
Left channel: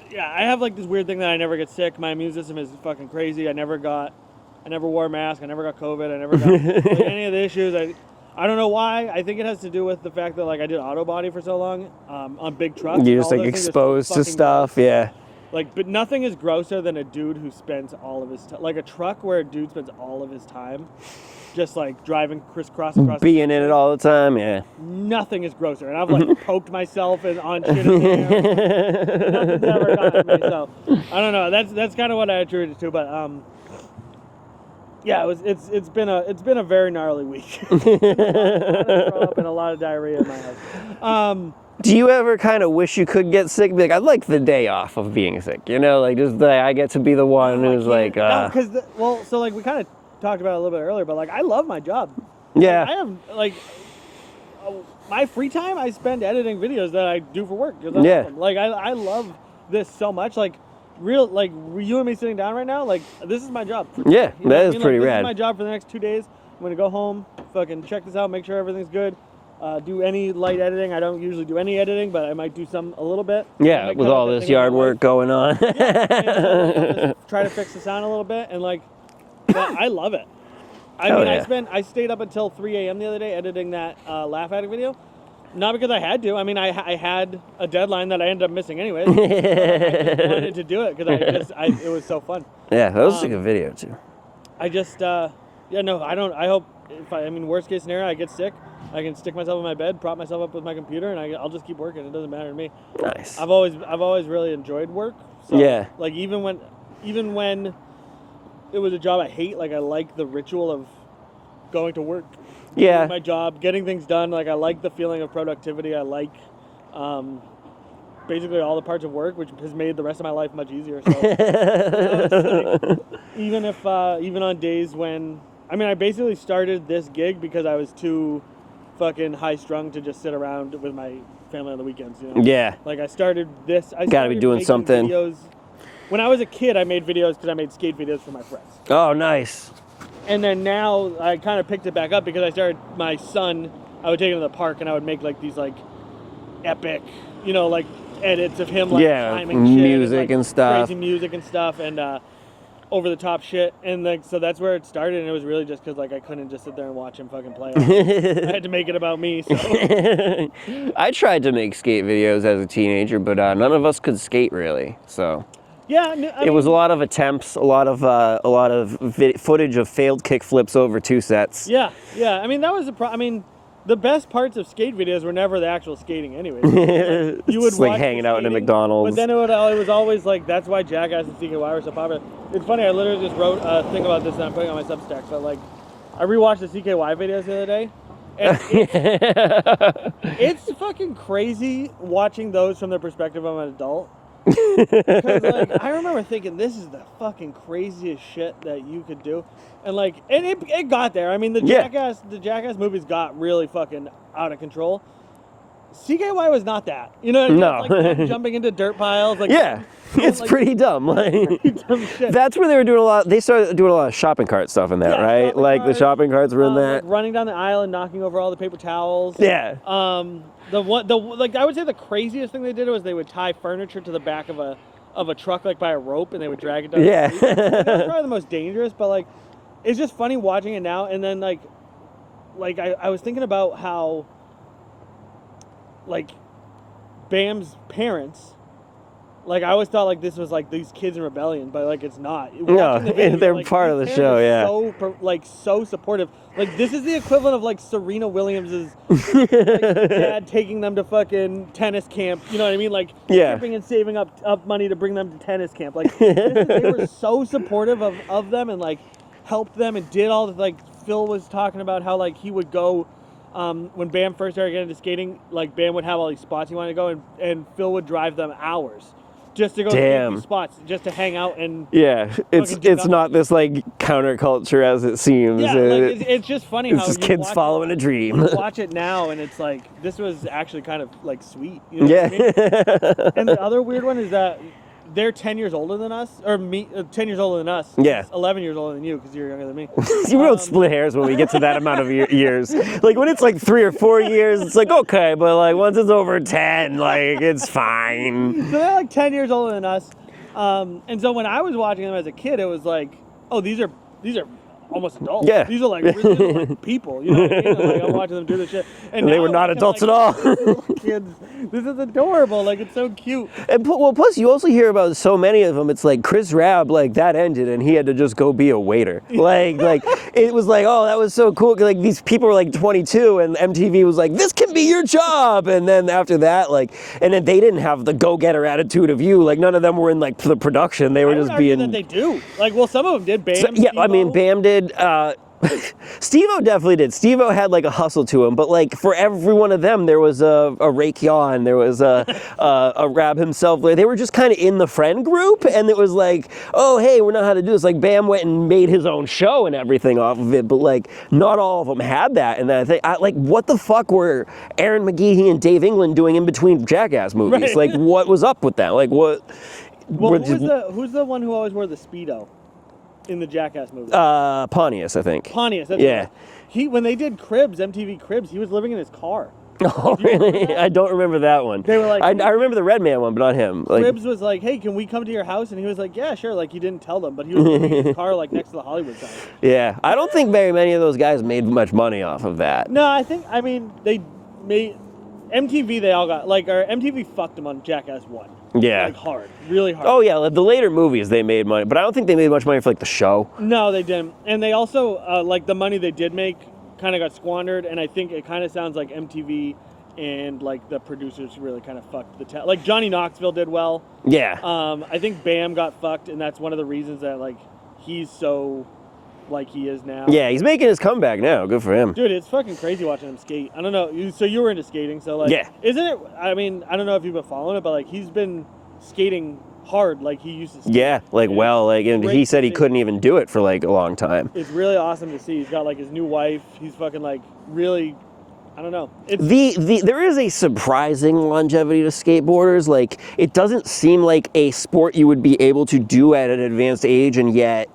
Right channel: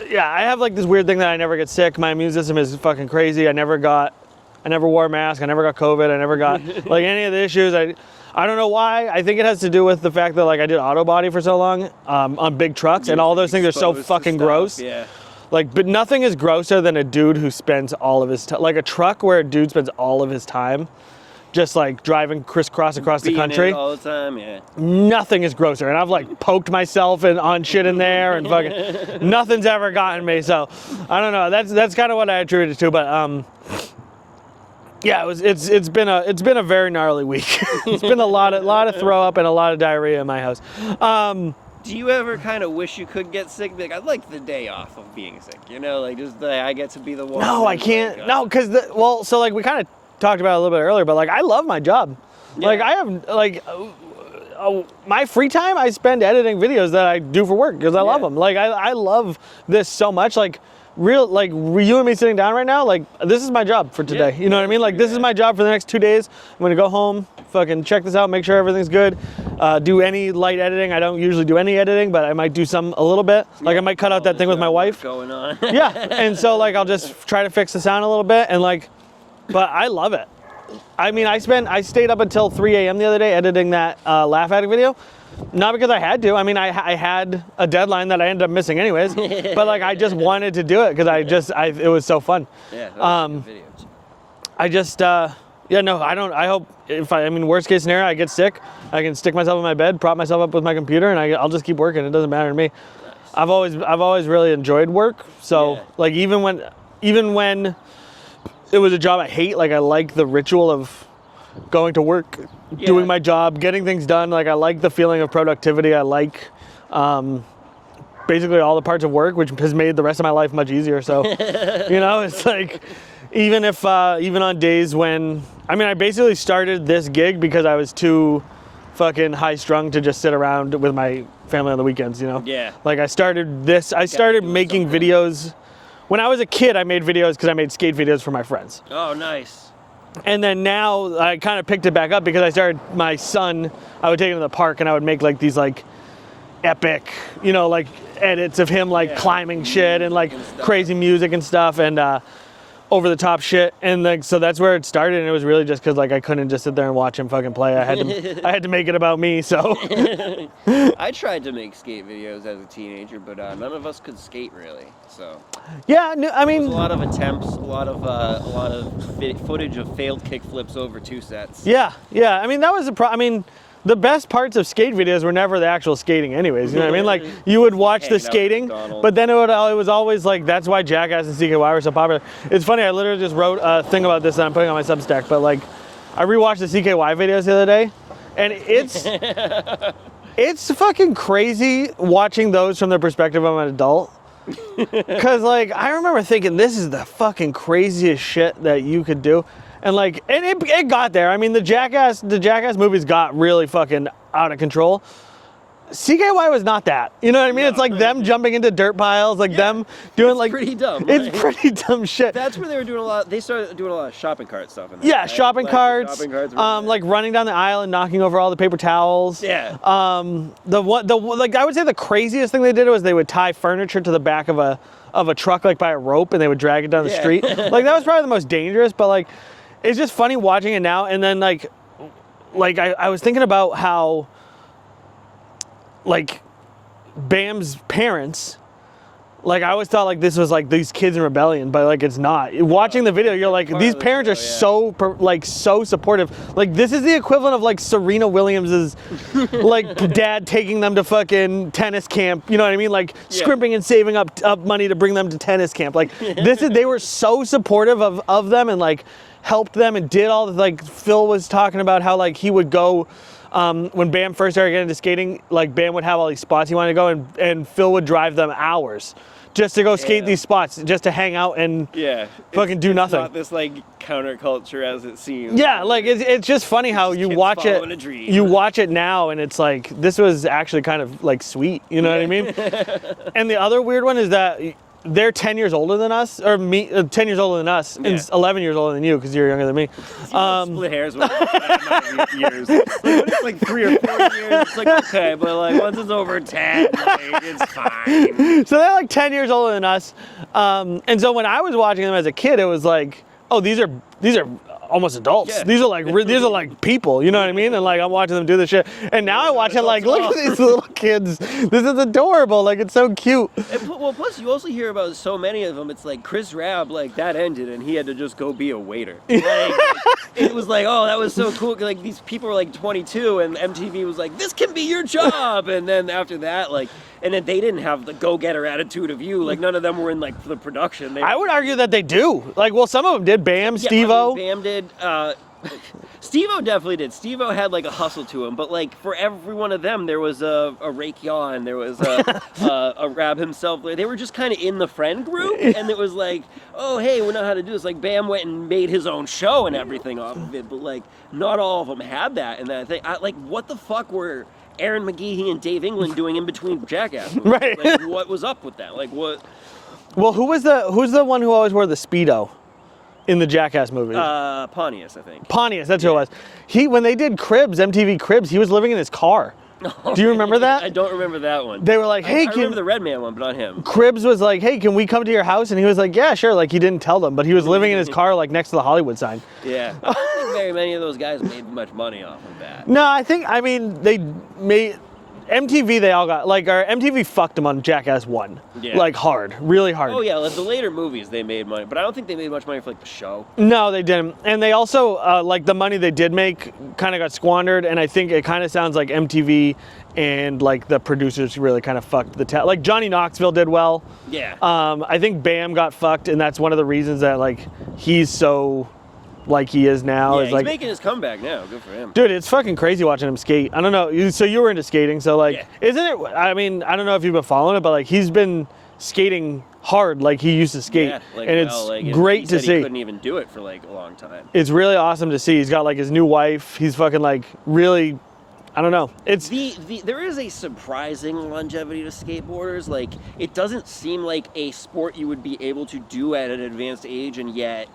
yeah, I have like this weird thing that I never get sick. My immune system is fucking crazy. I never wore a mask. I never got COVID. I never got like any of the issues. I don't know why. I think it has to do with the fact that like I did auto body for so long on big trucks, and all those things are so fucking gross. Yeah. Like, but nothing is grosser than a dude who spends all of his time, like a truck where a dude spends all of his time just like driving crisscross across the country it all the time, yeah. Nothing is grosser, and I've like poked myself on shit in there, and fucking, nothing's ever gotten me. So I don't know. That's kind of what I attribute it to. But yeah, it's been a very gnarly week. It's been a lot of throw up and a lot of diarrhea in my house. Do you ever kind of wish you could get sick? Be like, I'd like the day off of being sick, you know, like just I get to be the one. No, I can't. Like, no, because so like we kind of talked about it a little bit earlier, but like I love my job. Yeah. Like I have like my free time I spend editing videos that I do for work because I love them. Like I love this so much. Like you and me sitting down right now, like this is my job for today. Yeah, you know what I mean? Like this rad. is my job for the next 2 days. I'm gonna go home, fucking check this out, make sure everything's good. Do any light editing. I don't usually do any editing, but I might do some a little bit. Like I might cut out that thing with my wife going on. Yeah, and so like I'll just try to fix the sound a little bit, and like, but I love it. I mean, yeah. I stayed up until 3 a.m. the other day editing that Laugh Addict video. Not because I had to. I mean, I had a deadline that I ended up missing anyways. But like, I just wanted to do it because it was so fun. Yeah, that was a good video too. I just, yeah, no, I don't. I hope I mean, worst case scenario, I get sick. I can stick myself in my bed, prop myself up with my computer, and I'll just keep working. It doesn't matter to me. Nice. I've always really enjoyed work. So like even when it was a job I hate, like I like the ritual of going to work, doing my job, getting things done. Like I like the feeling of productivity. I like basically all the parts of work, which has made the rest of my life much easier. So, you know, it's like, even on days when, I mean, I basically started this gig because I was too fucking high strung to just sit around with my family on the weekends, you know? Yeah. Like I started making videos. When I was a kid, I made videos because I made skate videos for my friends. Oh, nice. And then now I kind of picked it back up because I started, my son, I would take him to the park and I would make like these like epic, you know, like edits of him like climbing shit and like crazy music and stuff and over the top shit. And like, so that's where it started. And it was really just because like I couldn't just sit there and watch him fucking play. I had to make it about me. So I tried to make skate videos as a teenager, but none of us could skate really. So. Yeah, no, I mean, it was a lot of attempts, a lot of footage of failed kick flips over 2 sets. Yeah. I mean, that was I mean, the best parts of skate videos were never the actual skating, anyways. You know what I mean? Like you would watch the skating, but then it was always like that's why Jackass and CKY were so popular. It's funny. I literally just wrote a thing about this that I'm putting on my Substack. But like, I rewatched the CKY videos the other day. And it's fucking crazy watching those from the perspective of an adult. Because like I remember thinking this is the fucking craziest shit that you could do, and like it got there. I mean the Jackass movies got really fucking out of control. CKY was not that. You know what I mean? No. It's like them jumping into dirt piles, like them doing it's pretty dumb. It's pretty dumb shit. That's where they were doing a lot. They started doing a lot of shopping cart stuff in that, right? Yeah, shopping carts. The shopping carts were in there. Like running down the aisle and knocking over all the paper towels. Yeah. Like I would say the craziest thing they did was they would tie furniture to the back of a truck like by a rope and they would drag it down the street. Like that was probably the most dangerous. But like, it's just funny watching it now. And then like I was thinking about how. Like Bam's parents, like I always thought like this was like these kids in rebellion, but like it's not. Watching the video, you're like these parents are so supportive. Like this is the equivalent of like Serena Williams's like dad taking them to fucking tennis camp. You know what I mean? Like scrimping and saving up money to bring them to tennis camp. Like they were so supportive of them and like helped them and did all the, like Phil was talking about how like he would go when Bam first started getting into skating, like Bam would have all these spots he wanted to go, and Phil would drive them hours just to go skate these spots, just to hang out and fucking do nothing. It's not this like counterculture as it seems. Yeah, like it's just funny how you watch it. A dream. You watch it now, and it's like this was actually kind of like sweet. You know what I mean? And the other weird one is that they're 10 years older than us, or 10 years older than us, and 11 years older than you because you're younger than me. We don't split hairs when we get to that amount of years. Like when it's like 3 or 4 years, it's like okay, but like once it's over 10, like it's fine. So they're like 10 years older than us, and so when I was watching them as a kid, it was like, oh, these are almost adults. Yeah. These are like people. You know what I mean? And like I'm watching them do this shit, and now I watch it like, look at these little kids. This is adorable. Like it's so cute. And well, plus you also hear about so many of them. It's like Chris Rabb, like that ended, and he had to just go be a waiter. Like it was like, oh, that was so cool. Like these people were like 22, and MTV was like, this can be your job. And then after that, like, and then they didn't have the go-getter attitude of you. Like none of them were in like the production. They were I would argue that they do. Like, well, some of them did. Bam, yeah, Steve-O. I mean, Bam did. Steve-O definitely did. Steve-O had like a hustle to him, but like for every one of them, there was a Raekwon, there was a Rab himself. Like, they were just kind of in the friend group, and it was like, oh hey, we know how to do this. Like Bam went and made his own show and everything off of it, but like not all of them had that. And then I think, like, what the fuck were Aaron McGeehee and Dave England doing in between Jackass movies? Right. Like, what was up with that? Like, what? Well, who's the one who always wore the Speedo in the Jackass movie? Pontius, I think. Pontius, that's who it was. When they did Cribs, MTV Cribs, he was living in his car. Oh, do you remember that? I don't remember that one. They were like, hey, I remember the Red Man one, but not him. Cribs was like, hey, can we come to your house? And he was like, yeah, sure. Like, he didn't tell them, but he was living in his car, like, next to the Hollywood sign. Yeah. I don't think very many of those guys made much money off of that. No, I mean, they made... MTV, they all got, like, our MTV fucked them on Jackass 1. Yeah. Like, hard. Really hard. Oh, yeah. Like, the later movies, they made money. But I don't think they made much money for, like, the show. No, they didn't. And they also, like, the money they did make kind of got squandered. And I think it kind of sounds like MTV and, like, the producers really kind of fucked the like, Johnny Knoxville did well. Yeah. I think Bam got fucked, and that's one of the reasons that, like, he's so... like he is now. Yeah, he's making his comeback now. Good for him. Dude, it's fucking crazy watching him skate. I don't know. So you were into skating, so like, isn't it? I mean, I don't know if you've been following it, but like he's been skating hard like he used to skate. Yeah, like and he said he couldn't even do it for like a long time. It's really awesome to see. He's got like his new wife. He's fucking like really. I don't know. It's there is a surprising longevity to skateboarders. Like it doesn't seem like a sport you would be able to do at an advanced age, and yet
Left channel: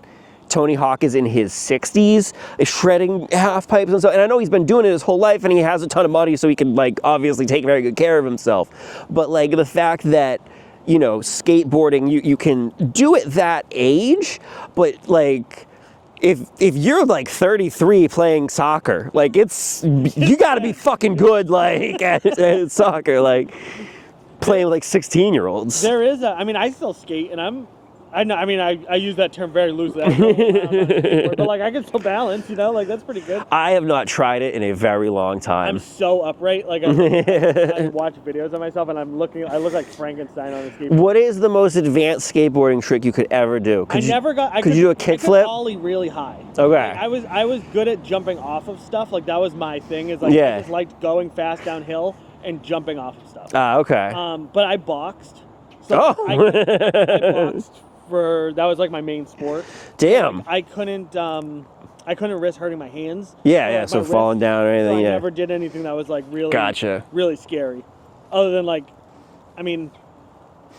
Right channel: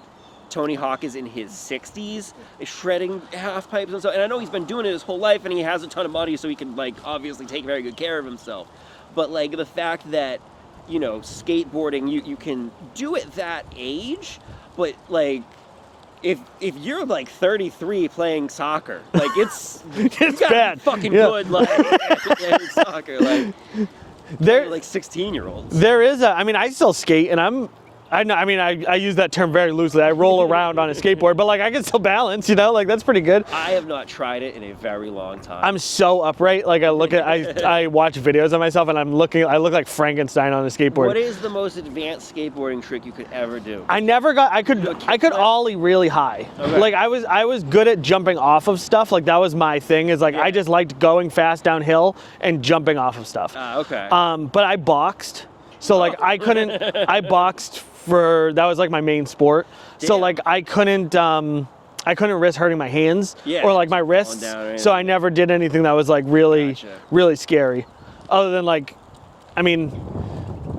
Tony Hawk is in his 60s, is shredding half pipes and stuff. And I know he's been doing it his whole life, and he has a ton of money, so he can like obviously take very good care of himself. But like the fact that, you know, skateboarding, you can do it that age, but like if you're like 33 playing soccer, like it's you gotta be fucking good like at soccer, like playing with like 16-year-olds. There is I mean, I still skate, and I use that term very loosely. I roll around on a skateboard, but like I can still balance, you know, like that's pretty good. I have not tried it in a very long time. I'm so upright. Like I look at, I watch videos of myself, and I look like Frankenstein on a skateboard. What is the most advanced skateboarding trick you could ever do? I could do a kickflip? I could ollie really high. Okay. Like I was good at jumping off of stuff. Like that was my thing. Is like I just liked going fast downhill and jumping off of stuff. Okay. But I boxed, so like I couldn't. I boxed. That was like my main sport. Damn. So like I couldn't risk hurting my hands or like my wrists. Down or anything, so I never did anything that was like really scary. Other than like, I mean,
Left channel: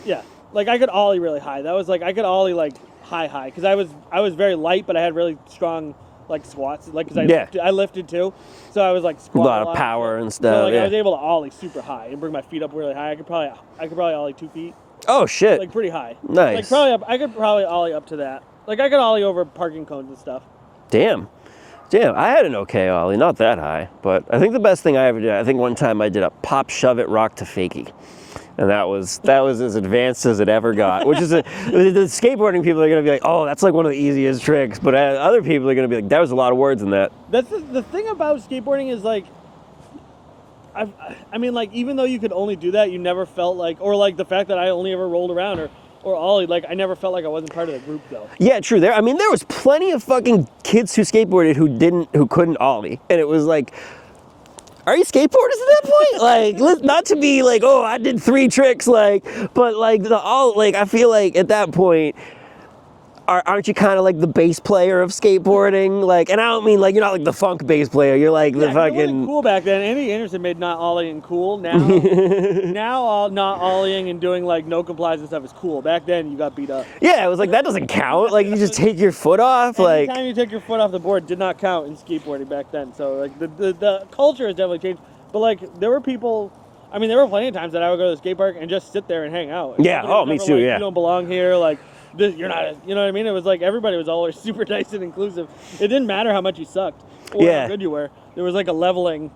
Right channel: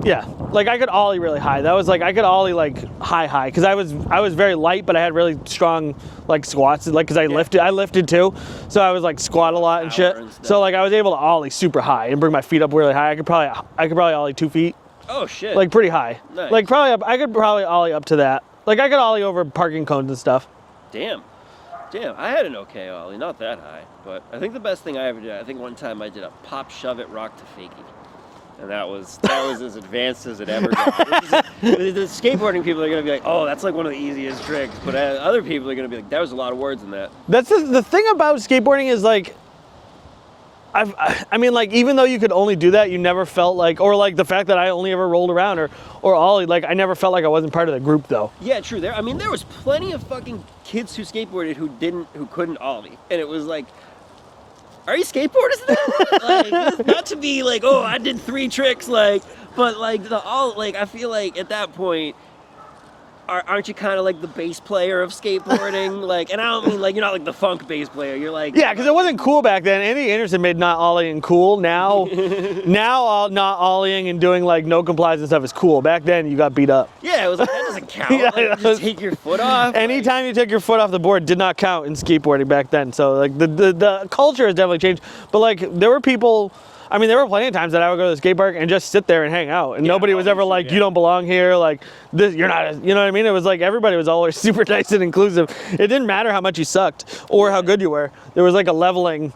yeah, like I could ollie really high. That was like I could ollie like high because I was very light, but I had really strong like squats, like because I lifted too, so I was like squat a lot and shit. And stuff, so like I was able to ollie super high and bring my feet up really high. I could probably ollie 2 feet. Oh shit! Like pretty high. Nice. Like I could probably ollie up to that. Like I could ollie over parking cones and stuff. Damn. I had an okay ollie, not that high, but I think the best thing I ever did. I think one time I did a pop, shove it, rock to fakie, and that was as advanced as it ever got. Which is the skateboarding people are gonna be like, oh, that's like one of the easiest tricks, but other people are gonna be like, that was a lot of words in that. That's the thing about skateboarding is like. I mean, like, even though you could only do that, you never felt like, or like the fact that I only ever rolled around, or ollie. Like I never felt like I wasn't part of the group though. Yeah, true. There was plenty of fucking kids who skateboarded who couldn't ollie, and it was like, are you skateboarders at that point? Like, not to be like, oh, I did 3 tricks, like, but like I feel like at that point, aren't you kind of like the bass player of skateboarding? Like, and I don't mean like you're not like the funk bass player. You're like, yeah, because it wasn't cool back then. Andy Anderson made not ollieing cool. Now, not ollieing and doing like no complies and stuff is cool. Back then, you got beat up. Yeah, it was like that doesn't count. Yeah, like you just take your foot off. Anytime you took your foot off the board did not count in skateboarding back then. So like the culture has definitely changed. But like there were people. I mean, there were plenty of times that I would go to the skate park and just sit there and hang out. And nobody was ever like, you don't belong here. Like, this, you're not, you know what I mean? It was like everybody was always super nice and inclusive. It didn't matter how much you sucked or how good you were. There was like a leveling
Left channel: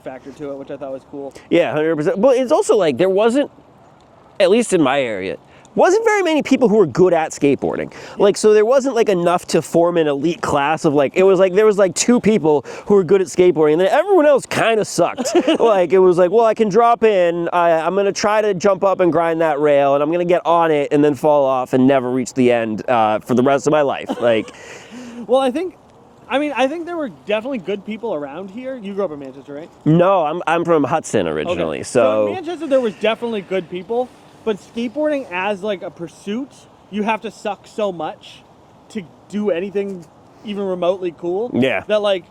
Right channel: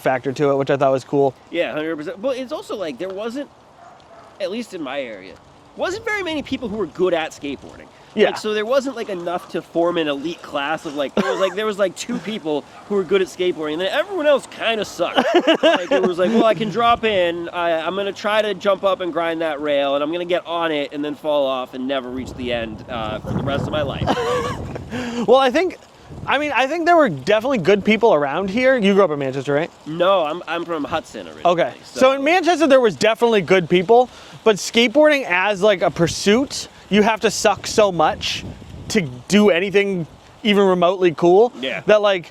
factor to it, which I thought was cool. Yeah, 100%. But it's also like there wasn't, at least in my area, wasn't very many people who were good at skateboarding. Yeah. Like, so there wasn't like enough to form an elite class of like, it was like, there was like 2 people who were good at skateboarding and then everyone else kind of sucked. Like, it was like, well, I can drop in, I'm going to try to jump up and grind that rail and I'm going to get on it and then fall off and never reach the end for the rest of my life. Like, well, I think there were definitely good people around here. You grew up in Manchester, right? No, I'm from Hudson originally. Okay. So in Manchester, there was definitely good people. But skateboarding as like a pursuit, you have to suck so much to do anything even remotely cool. Yeah. That like,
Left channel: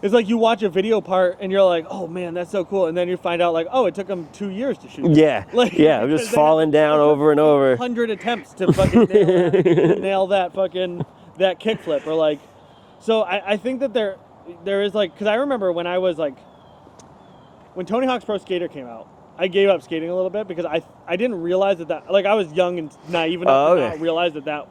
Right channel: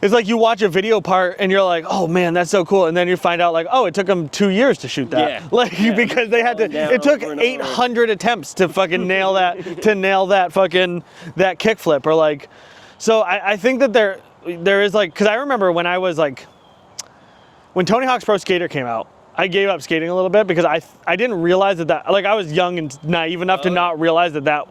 it's like you watch a video part and you're like, oh man, that's so cool. And then you find out like, oh, it took them 2 years to shoot that. Yeah. Like, yeah, because they had to, it took 800 attempts to fucking nail that, that kickflip or like, so I think that there is like, cause I remember when I was like, when Tony Hawk's Pro Skater came out, I gave up skating a little bit because I didn't realize that like I was young and naive enough to not realize that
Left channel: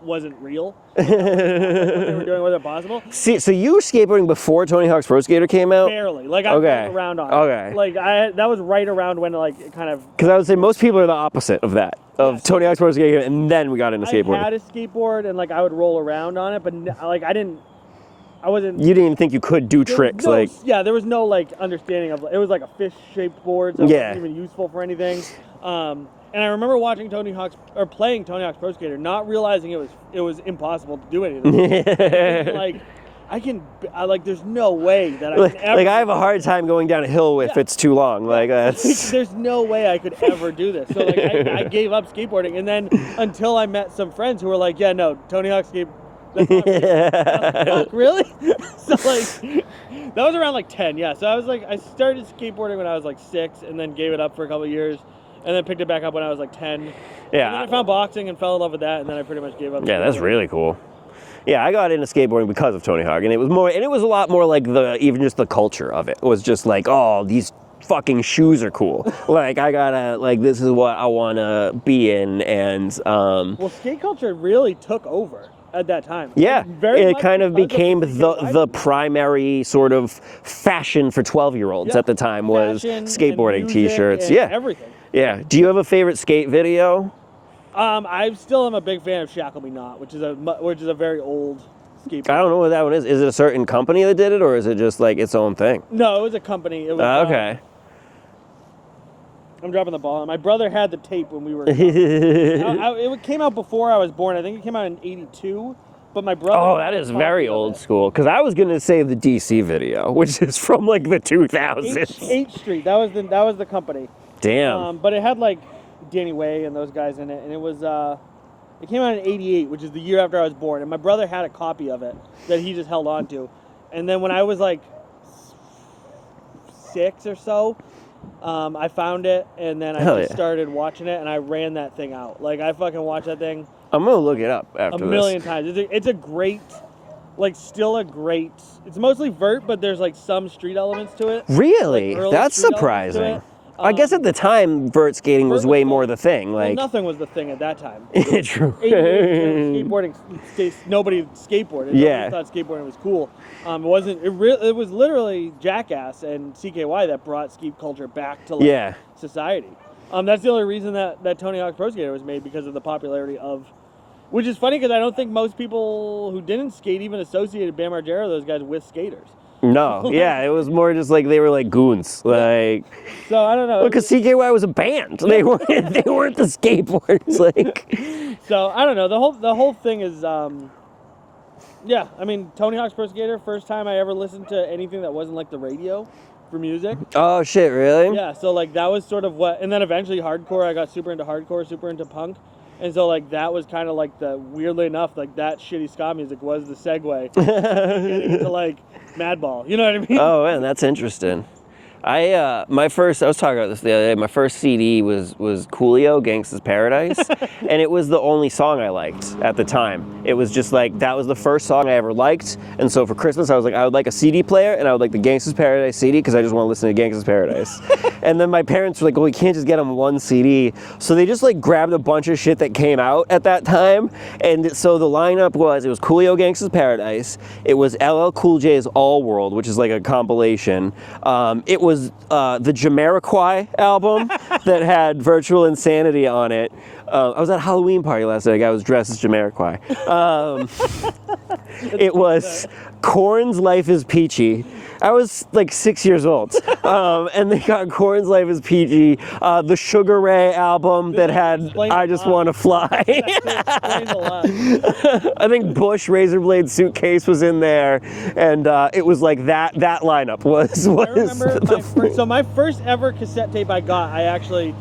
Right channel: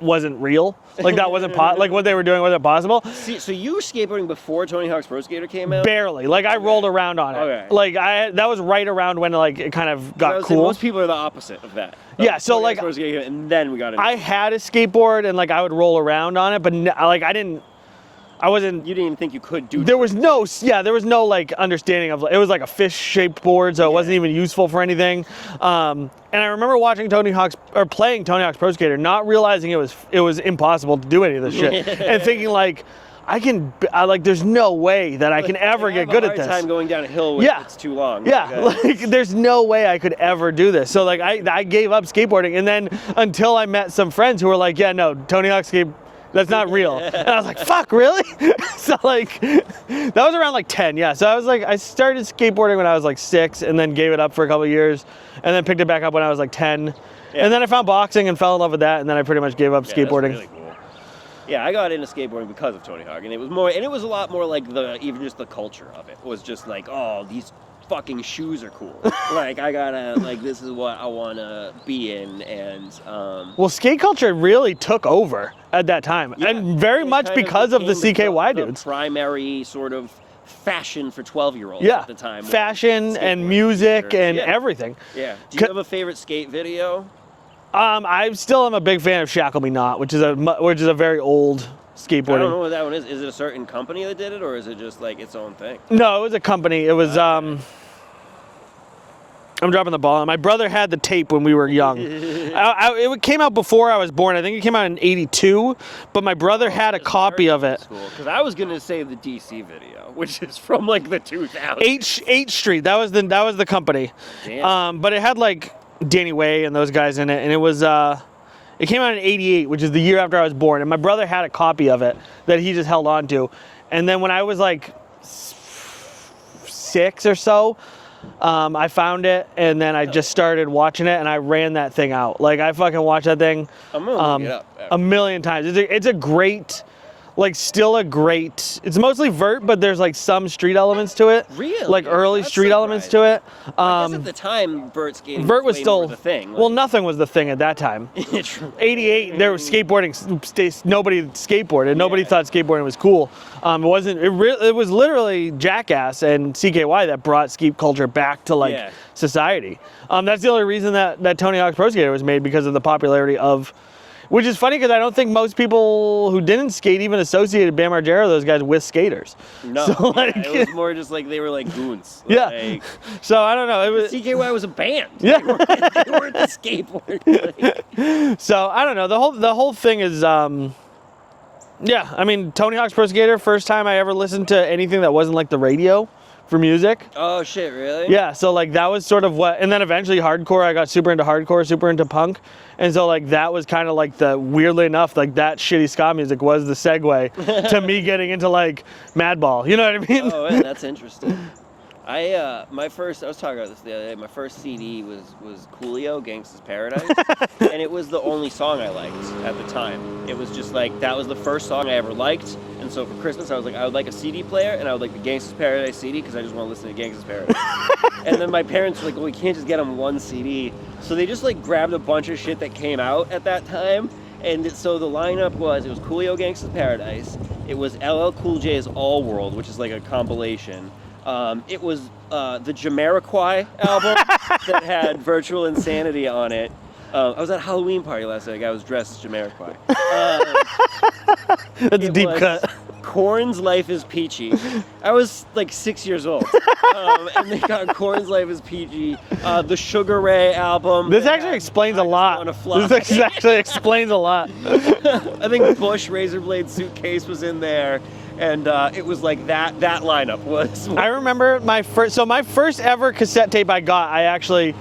wasn't real. Like that wasn't like what they were doing wasn't possible. See, so you were skateboarding before Tony Hawk's Pro Skater came out? Barely. Like I rolled around on it. Like that was right around when like it kind of got Because I would say cool. most people are the opposite of that. Yeah, so Tony like, Hawk's Pro Skater and then we got into skateboarding. I had a skateboard and like I would roll around on it, but like I wasn't. You didn't even think you could do tricks. There was no like understanding of. It was like a fish-shaped board, so it wasn't even useful for anything. And I remember watching playing Tony Hawk's Pro Skater, not realizing it was impossible to do any of this shit, and thinking like, there's no way that I can ever get good at this. I have a hard time going down a hill if it's too long. Yeah, like, there's no way I could ever do this. So like I gave up skateboarding, and then until I met some friends who were like, yeah, no, Tony Hawk's that's not real. And I was like, fuck, really? So like, that was around like 10, yeah. So I was like, I started skateboarding when I was like 6 and then gave it up for a couple of years and then picked it back up when I was like 10. Yeah. And then I found boxing and fell in love with that and then I pretty much gave up skateboarding. That's really cool. Yeah, I got into skateboarding because of Tony Hawk and it was a lot more like even just the culture of it. It was just like, oh, these fucking shoes are cool. Like I gotta this is what I wanna be in and well, skate culture really took over at that time. Yeah, and very much because of the CKY the primary sort of fashion for 12-year-olds at the time was fashion skateboarding, and music t-shirts. and everything. Yeah. Do you have a favorite skate video? I still am a big fan of Shackle Me Not, which is a very old skateboarding. I don't know what that one is. Is it a certain company that did it, or is it just like its own thing? No, it was a company. It was okay. I'm dropping the ball. My brother had the tape when we were young. It came out before I was born. I think it came out in '82, but my brother had a copy of it. School, because I was going to say the DC video, which is from like the 2000s. H Street. That was the company. Damn. But it had like Danny Way and those guys in it, and it was. It came out in '88, which is the year after I was born, and my brother had a copy of it that he just held on to, and then when I was like 6 or so. I found it, and then I just started watching it, and I ran that thing out. Like, I fucking watched that thing. I'm going to look it up after a million times. It's a great, like, still a great, it's mostly vert, but there's, like, some street elements to it. Really? Like, early street elements to it. I guess at the time, vert skating was way more the thing. Well, nothing was the thing at that time. True. 88, there was skateboarding, nobody skateboarded. Nobody thought skateboarding was cool. It was literally Jackass and CKY that brought skate culture back to society. That's the only reason that Tony Hawk's Pro Skater was made, because of the popularity of Which is funny because I don't think most people who didn't skate even associated Bam Margera, those guys, with skaters. No, So, yeah, like, it was more just like they were like goons. Yeah. Like, So I don't know. because CKY was a band. They weren't the skateboards. Like, So I don't know. The whole thing is, yeah. I mean, Tony Hawk's Pro Skater. First time I ever listened to anything that wasn't like the radio for music. oh shit, really? Yeah. So like that was sort of what, and then eventually hardcore. I got super into hardcore, super into punk, and so like that was kind of like the weirdly enough like that shitty ska music was the segue to me getting into like Madball. You know what I mean? Oh, man, that's interesting. I was talking about this the other day. My first CD was Coolio, Gangsta's Paradise, and it was the only song I liked at the time. It was just like, that was the first song I ever liked, and so for Christmas I was like, I would like a CD player, and I would like the Gangsta's Paradise CD, because I just want to listen to Gangsta's Paradise. And then my parents were like, well, we can't just get them one CD, so they just like grabbed a bunch of shit that came out at that time, and so the lineup was, it was Coolio, Gangsta's Paradise, it was LL Cool J's All World, which is like a compilation, it was the Jamiroquai album that had Virtual Insanity on it. I was at a Halloween party last night. I was dressed as Jamiroquai. It deep was cut. Korn's Life is Peachy. I was like 6 years old. And they got Korn's Life is Peachy, the Sugar Ray album. This that actually had explains I a Just lot. Want to Fly. This actually explains a lot. I think Bush Razorblade Suitcase was in there, and it was like that lineup was I remember my first ever cassette tape I got. I actually,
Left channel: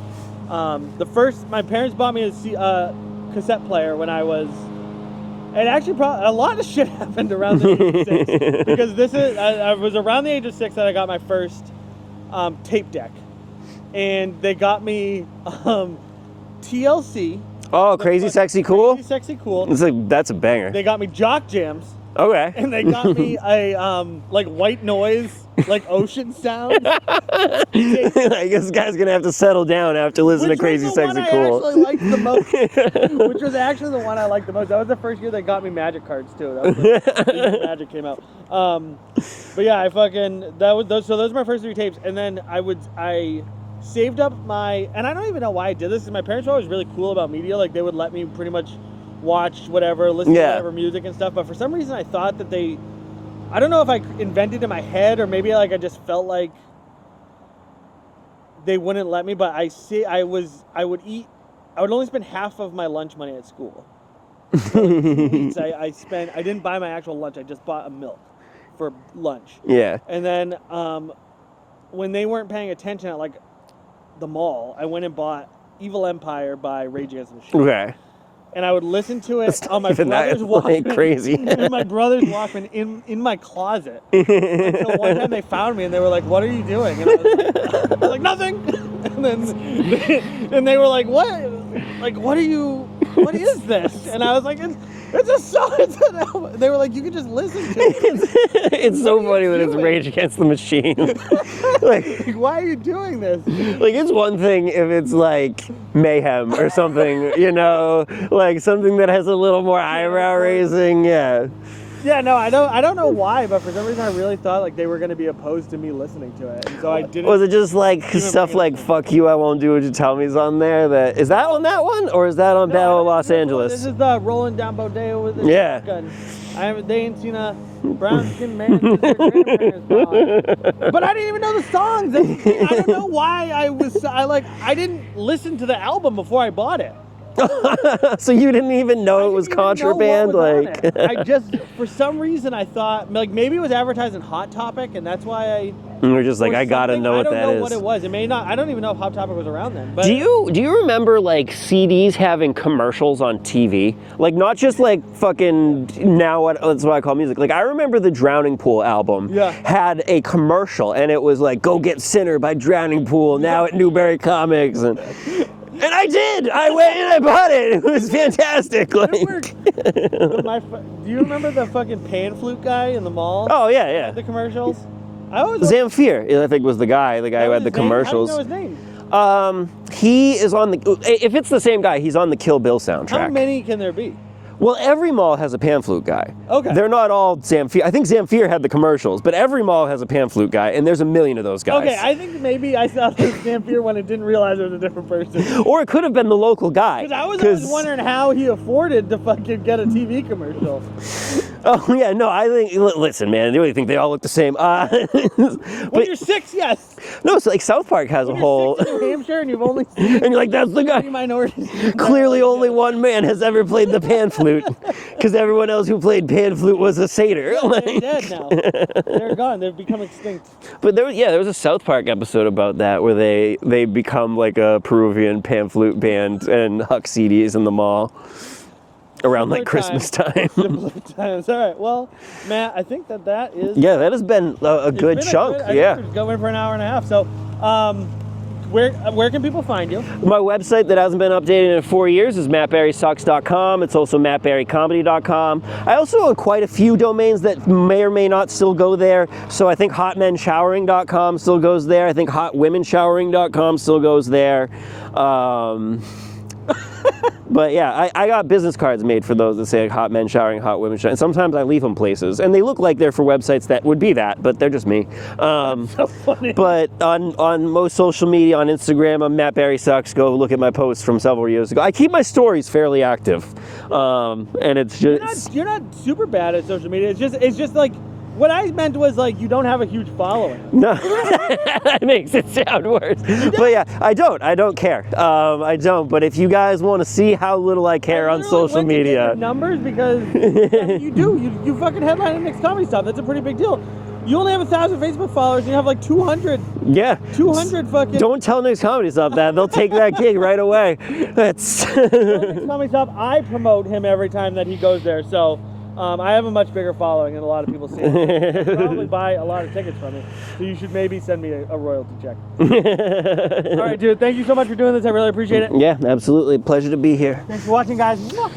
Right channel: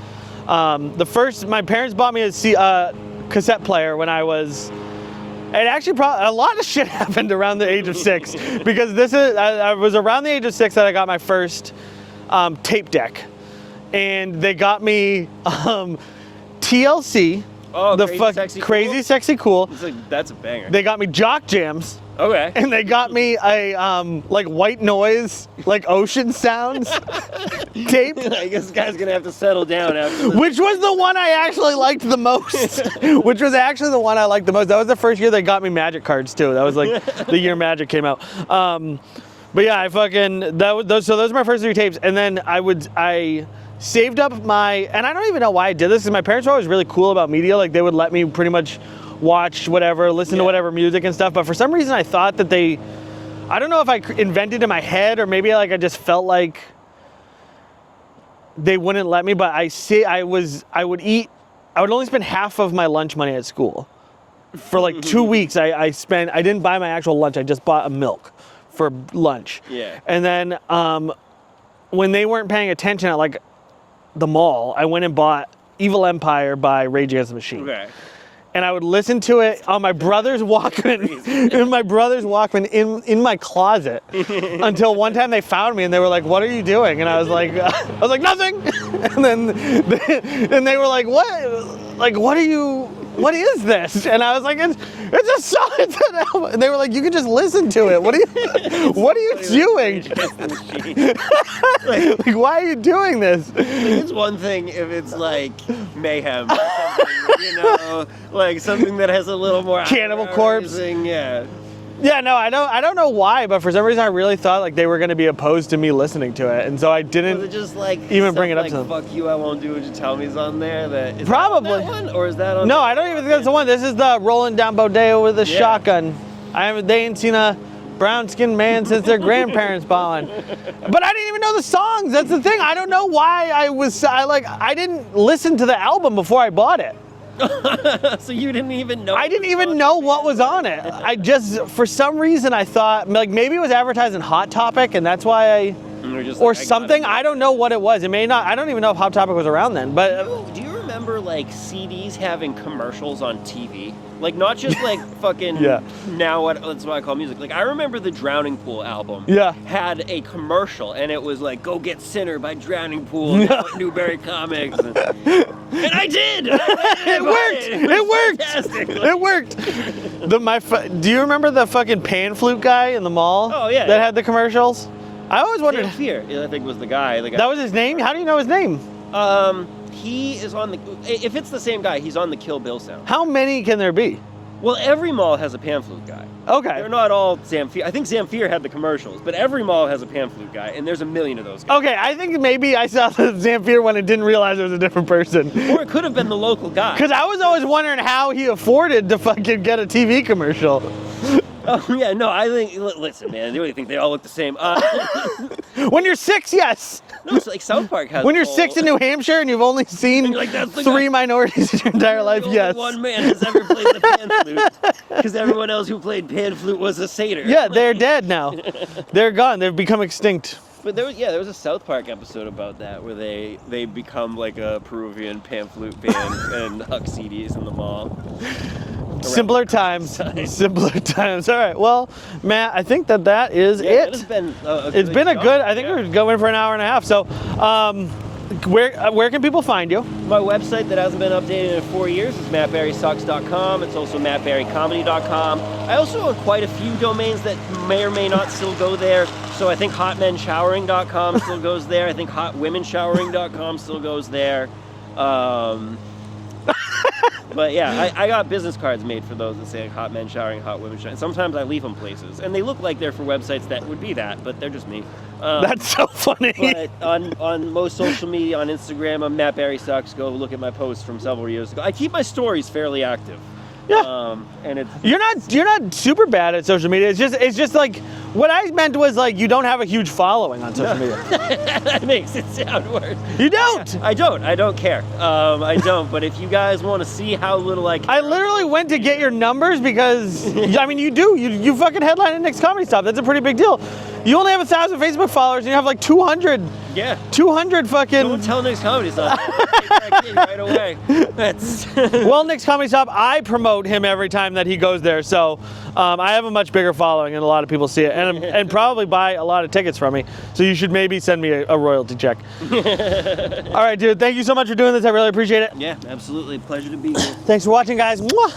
my parents bought me a cassette player when I was. And actually, probably a lot of shit happened around the age of 6 because I was around the age of 6 that I got my first tape deck, and they got me TLC. Oh, Crazy Sexy Cool? Crazy Sexy Cool. That's a banger. They got me Jock Jams. Okay. And they got me a like white noise, like ocean sounds tape. I guess this guy's gonna have to settle down after listening Which to was Crazy the Sexy one I Cool. actually liked the most. Which was actually the one I liked the most. That was the first year they got me Magic cards too. That was like the year Magic came out. But yeah, those are my first 3 tapes, and then I saved up and I don't even know why I did this, because my parents were always really cool about media. Like they would let me pretty much watch whatever, listen to whatever music and stuff. But for some reason I thought that I don't know if I invented in my head, or maybe like I just felt like they wouldn't let me, but I would only spend half of my lunch money at school. For like 2 weeks I didn't buy my actual lunch, I just bought a milk for lunch. Yeah. And then when they weren't paying attention at like the mall, I went and bought Evil Empire by Rage Against the Machine. Okay. And I would listen to it on my even brother's that Walkman. crazy. In my brother's Walkman in my closet. Until one time they found me and they were like, "What are you doing?" And I was like, "Nothing." And they were like, "What? Like, what is this?" And I was like, it's a song, it's an album. And they were like, "You can just listen to it. What are you doing? Rage Against the Machine. Like, why are you doing this?" Like, it's one thing if it's like Mayhem or something, you know, like something that has a little more Cannibal eyebrow Corpse. raising, yeah. Yeah, no, I don't know why, but for some reason I really thought like they were going to be opposed to me listening to it, and so I didn't. Was it just like even stuff bring it up like to them. "Fuck you, I won't do what you tell me's" on there? Is that on that Probably. one, or is that on No, Down I in don't Los think that's the one. Angeles? This is the rolling down Bodeo with a Yeah. shotgun. They ain't seen a brown-skinned man since their grandparents ballin'. But I didn't even know the songs. That's the thing. I don't know why I didn't listen to the album before I bought it. So you didn't even know I it was didn't even know what contraband, was on like- it. I just, for some reason, I thought like maybe it was advertised in Hot Topic, and that's why I. And we're just like, or I gotta something. know I don't that know what is. it was. It may not. I don't even know if Hot Topic was around then. But Do you remember like CDs having commercials on TV? Like not just like fucking Yeah. that's what I call music. Like I remember the Drowning Pool album had a commercial, and it was like "Go Get Sinner" by Drowning Pool now at Newberry Comics. And I did. I went and I bought it. It was worked. fantastic. Like- It worked. Do you remember the fucking pan flute guy in the mall? Oh, yeah, That yeah. had the commercials. I always wondered. Zamfir, I think, was the guy. The guy That who was had his the name. commercials. How do you know his name? He is on the. If it's the same guy, he's on the Kill Bill soundtrack. How many can there be? Well, every mall has a pan flute guy. Okay. They're not all Zamfir. I think Zamfir had the commercials, but every mall has a pan flute guy, and there's a million of those guys. Okay, I think maybe I saw the Zamfir one and didn't realize it was a different person. Or it could have been the local guy. Because I was always wondering how he afforded to fucking get a TV commercial. Oh, yeah, no, I think, listen, man, do you think they all look the same? When you're 6, yes. No, it's like South Park has When a you're whole... 6 in New Hampshire and you've only seen And like, that's the 3 guy. minorities in your entire Clearly life, only yes. one man has ever played the pan flute, because everyone else who played pan flute was a satyr. Yeah, they're dead now. They're gone. They've become extinct. But there was a South Park episode about that where they become like a Peruvian pan flute band and huck CDs in the mall. Around Simpler like Christmas time. Simpler times. All right. Well, Matt, I think that is it. That has been a good It's been chunk. a good. I think we're going for an hour and a half. So, where can people find you? My website that hasn't been updated in 4 years is mattbarrysucks.com. It's also mattbarrycomedy.com. I also own quite a few domains that may or may not still go there. So I think hotmenshowering.com still goes there. I think hotwomenshowering.com still goes there. But yeah, I got business cards made for those that say like, hot men showering, hot women showering. Sometimes I leave them places, and they look like they're for websites that would be that, but they're just me. That's so funny. But on most social media, on Instagram, I'm Matt Barry Sucks. Go look at my posts from several years ago. I keep my stories fairly active. Yeah. And it's just, you're not super bad at social media. It's just like what I meant was like you don't have a huge following on social media. That makes it sound worse. You don't. But yeah, I don't care. I don't. But if you guys want to see how little I care on social media, I literally went to get your numbers because I mean you fucking headline at Nick's Comedy Stop. That's a pretty big deal. You only have 1,000 Facebook followers and you have like 200. Yeah. 200 fucking. Don't tell Nick's Comedy's not that. They'll take that gig right away. That's. Well, Nick's Comedy Stop, I promote him every time that he goes there. So I have a much bigger following and a lot of people see it and probably buy a lot of tickets from me. So you should maybe send me a royalty check. All right, dude. Thank you so much for doing this. I really appreciate it. Yeah, absolutely. Pleasure to be here. Thanks for watching, guys. Mwah.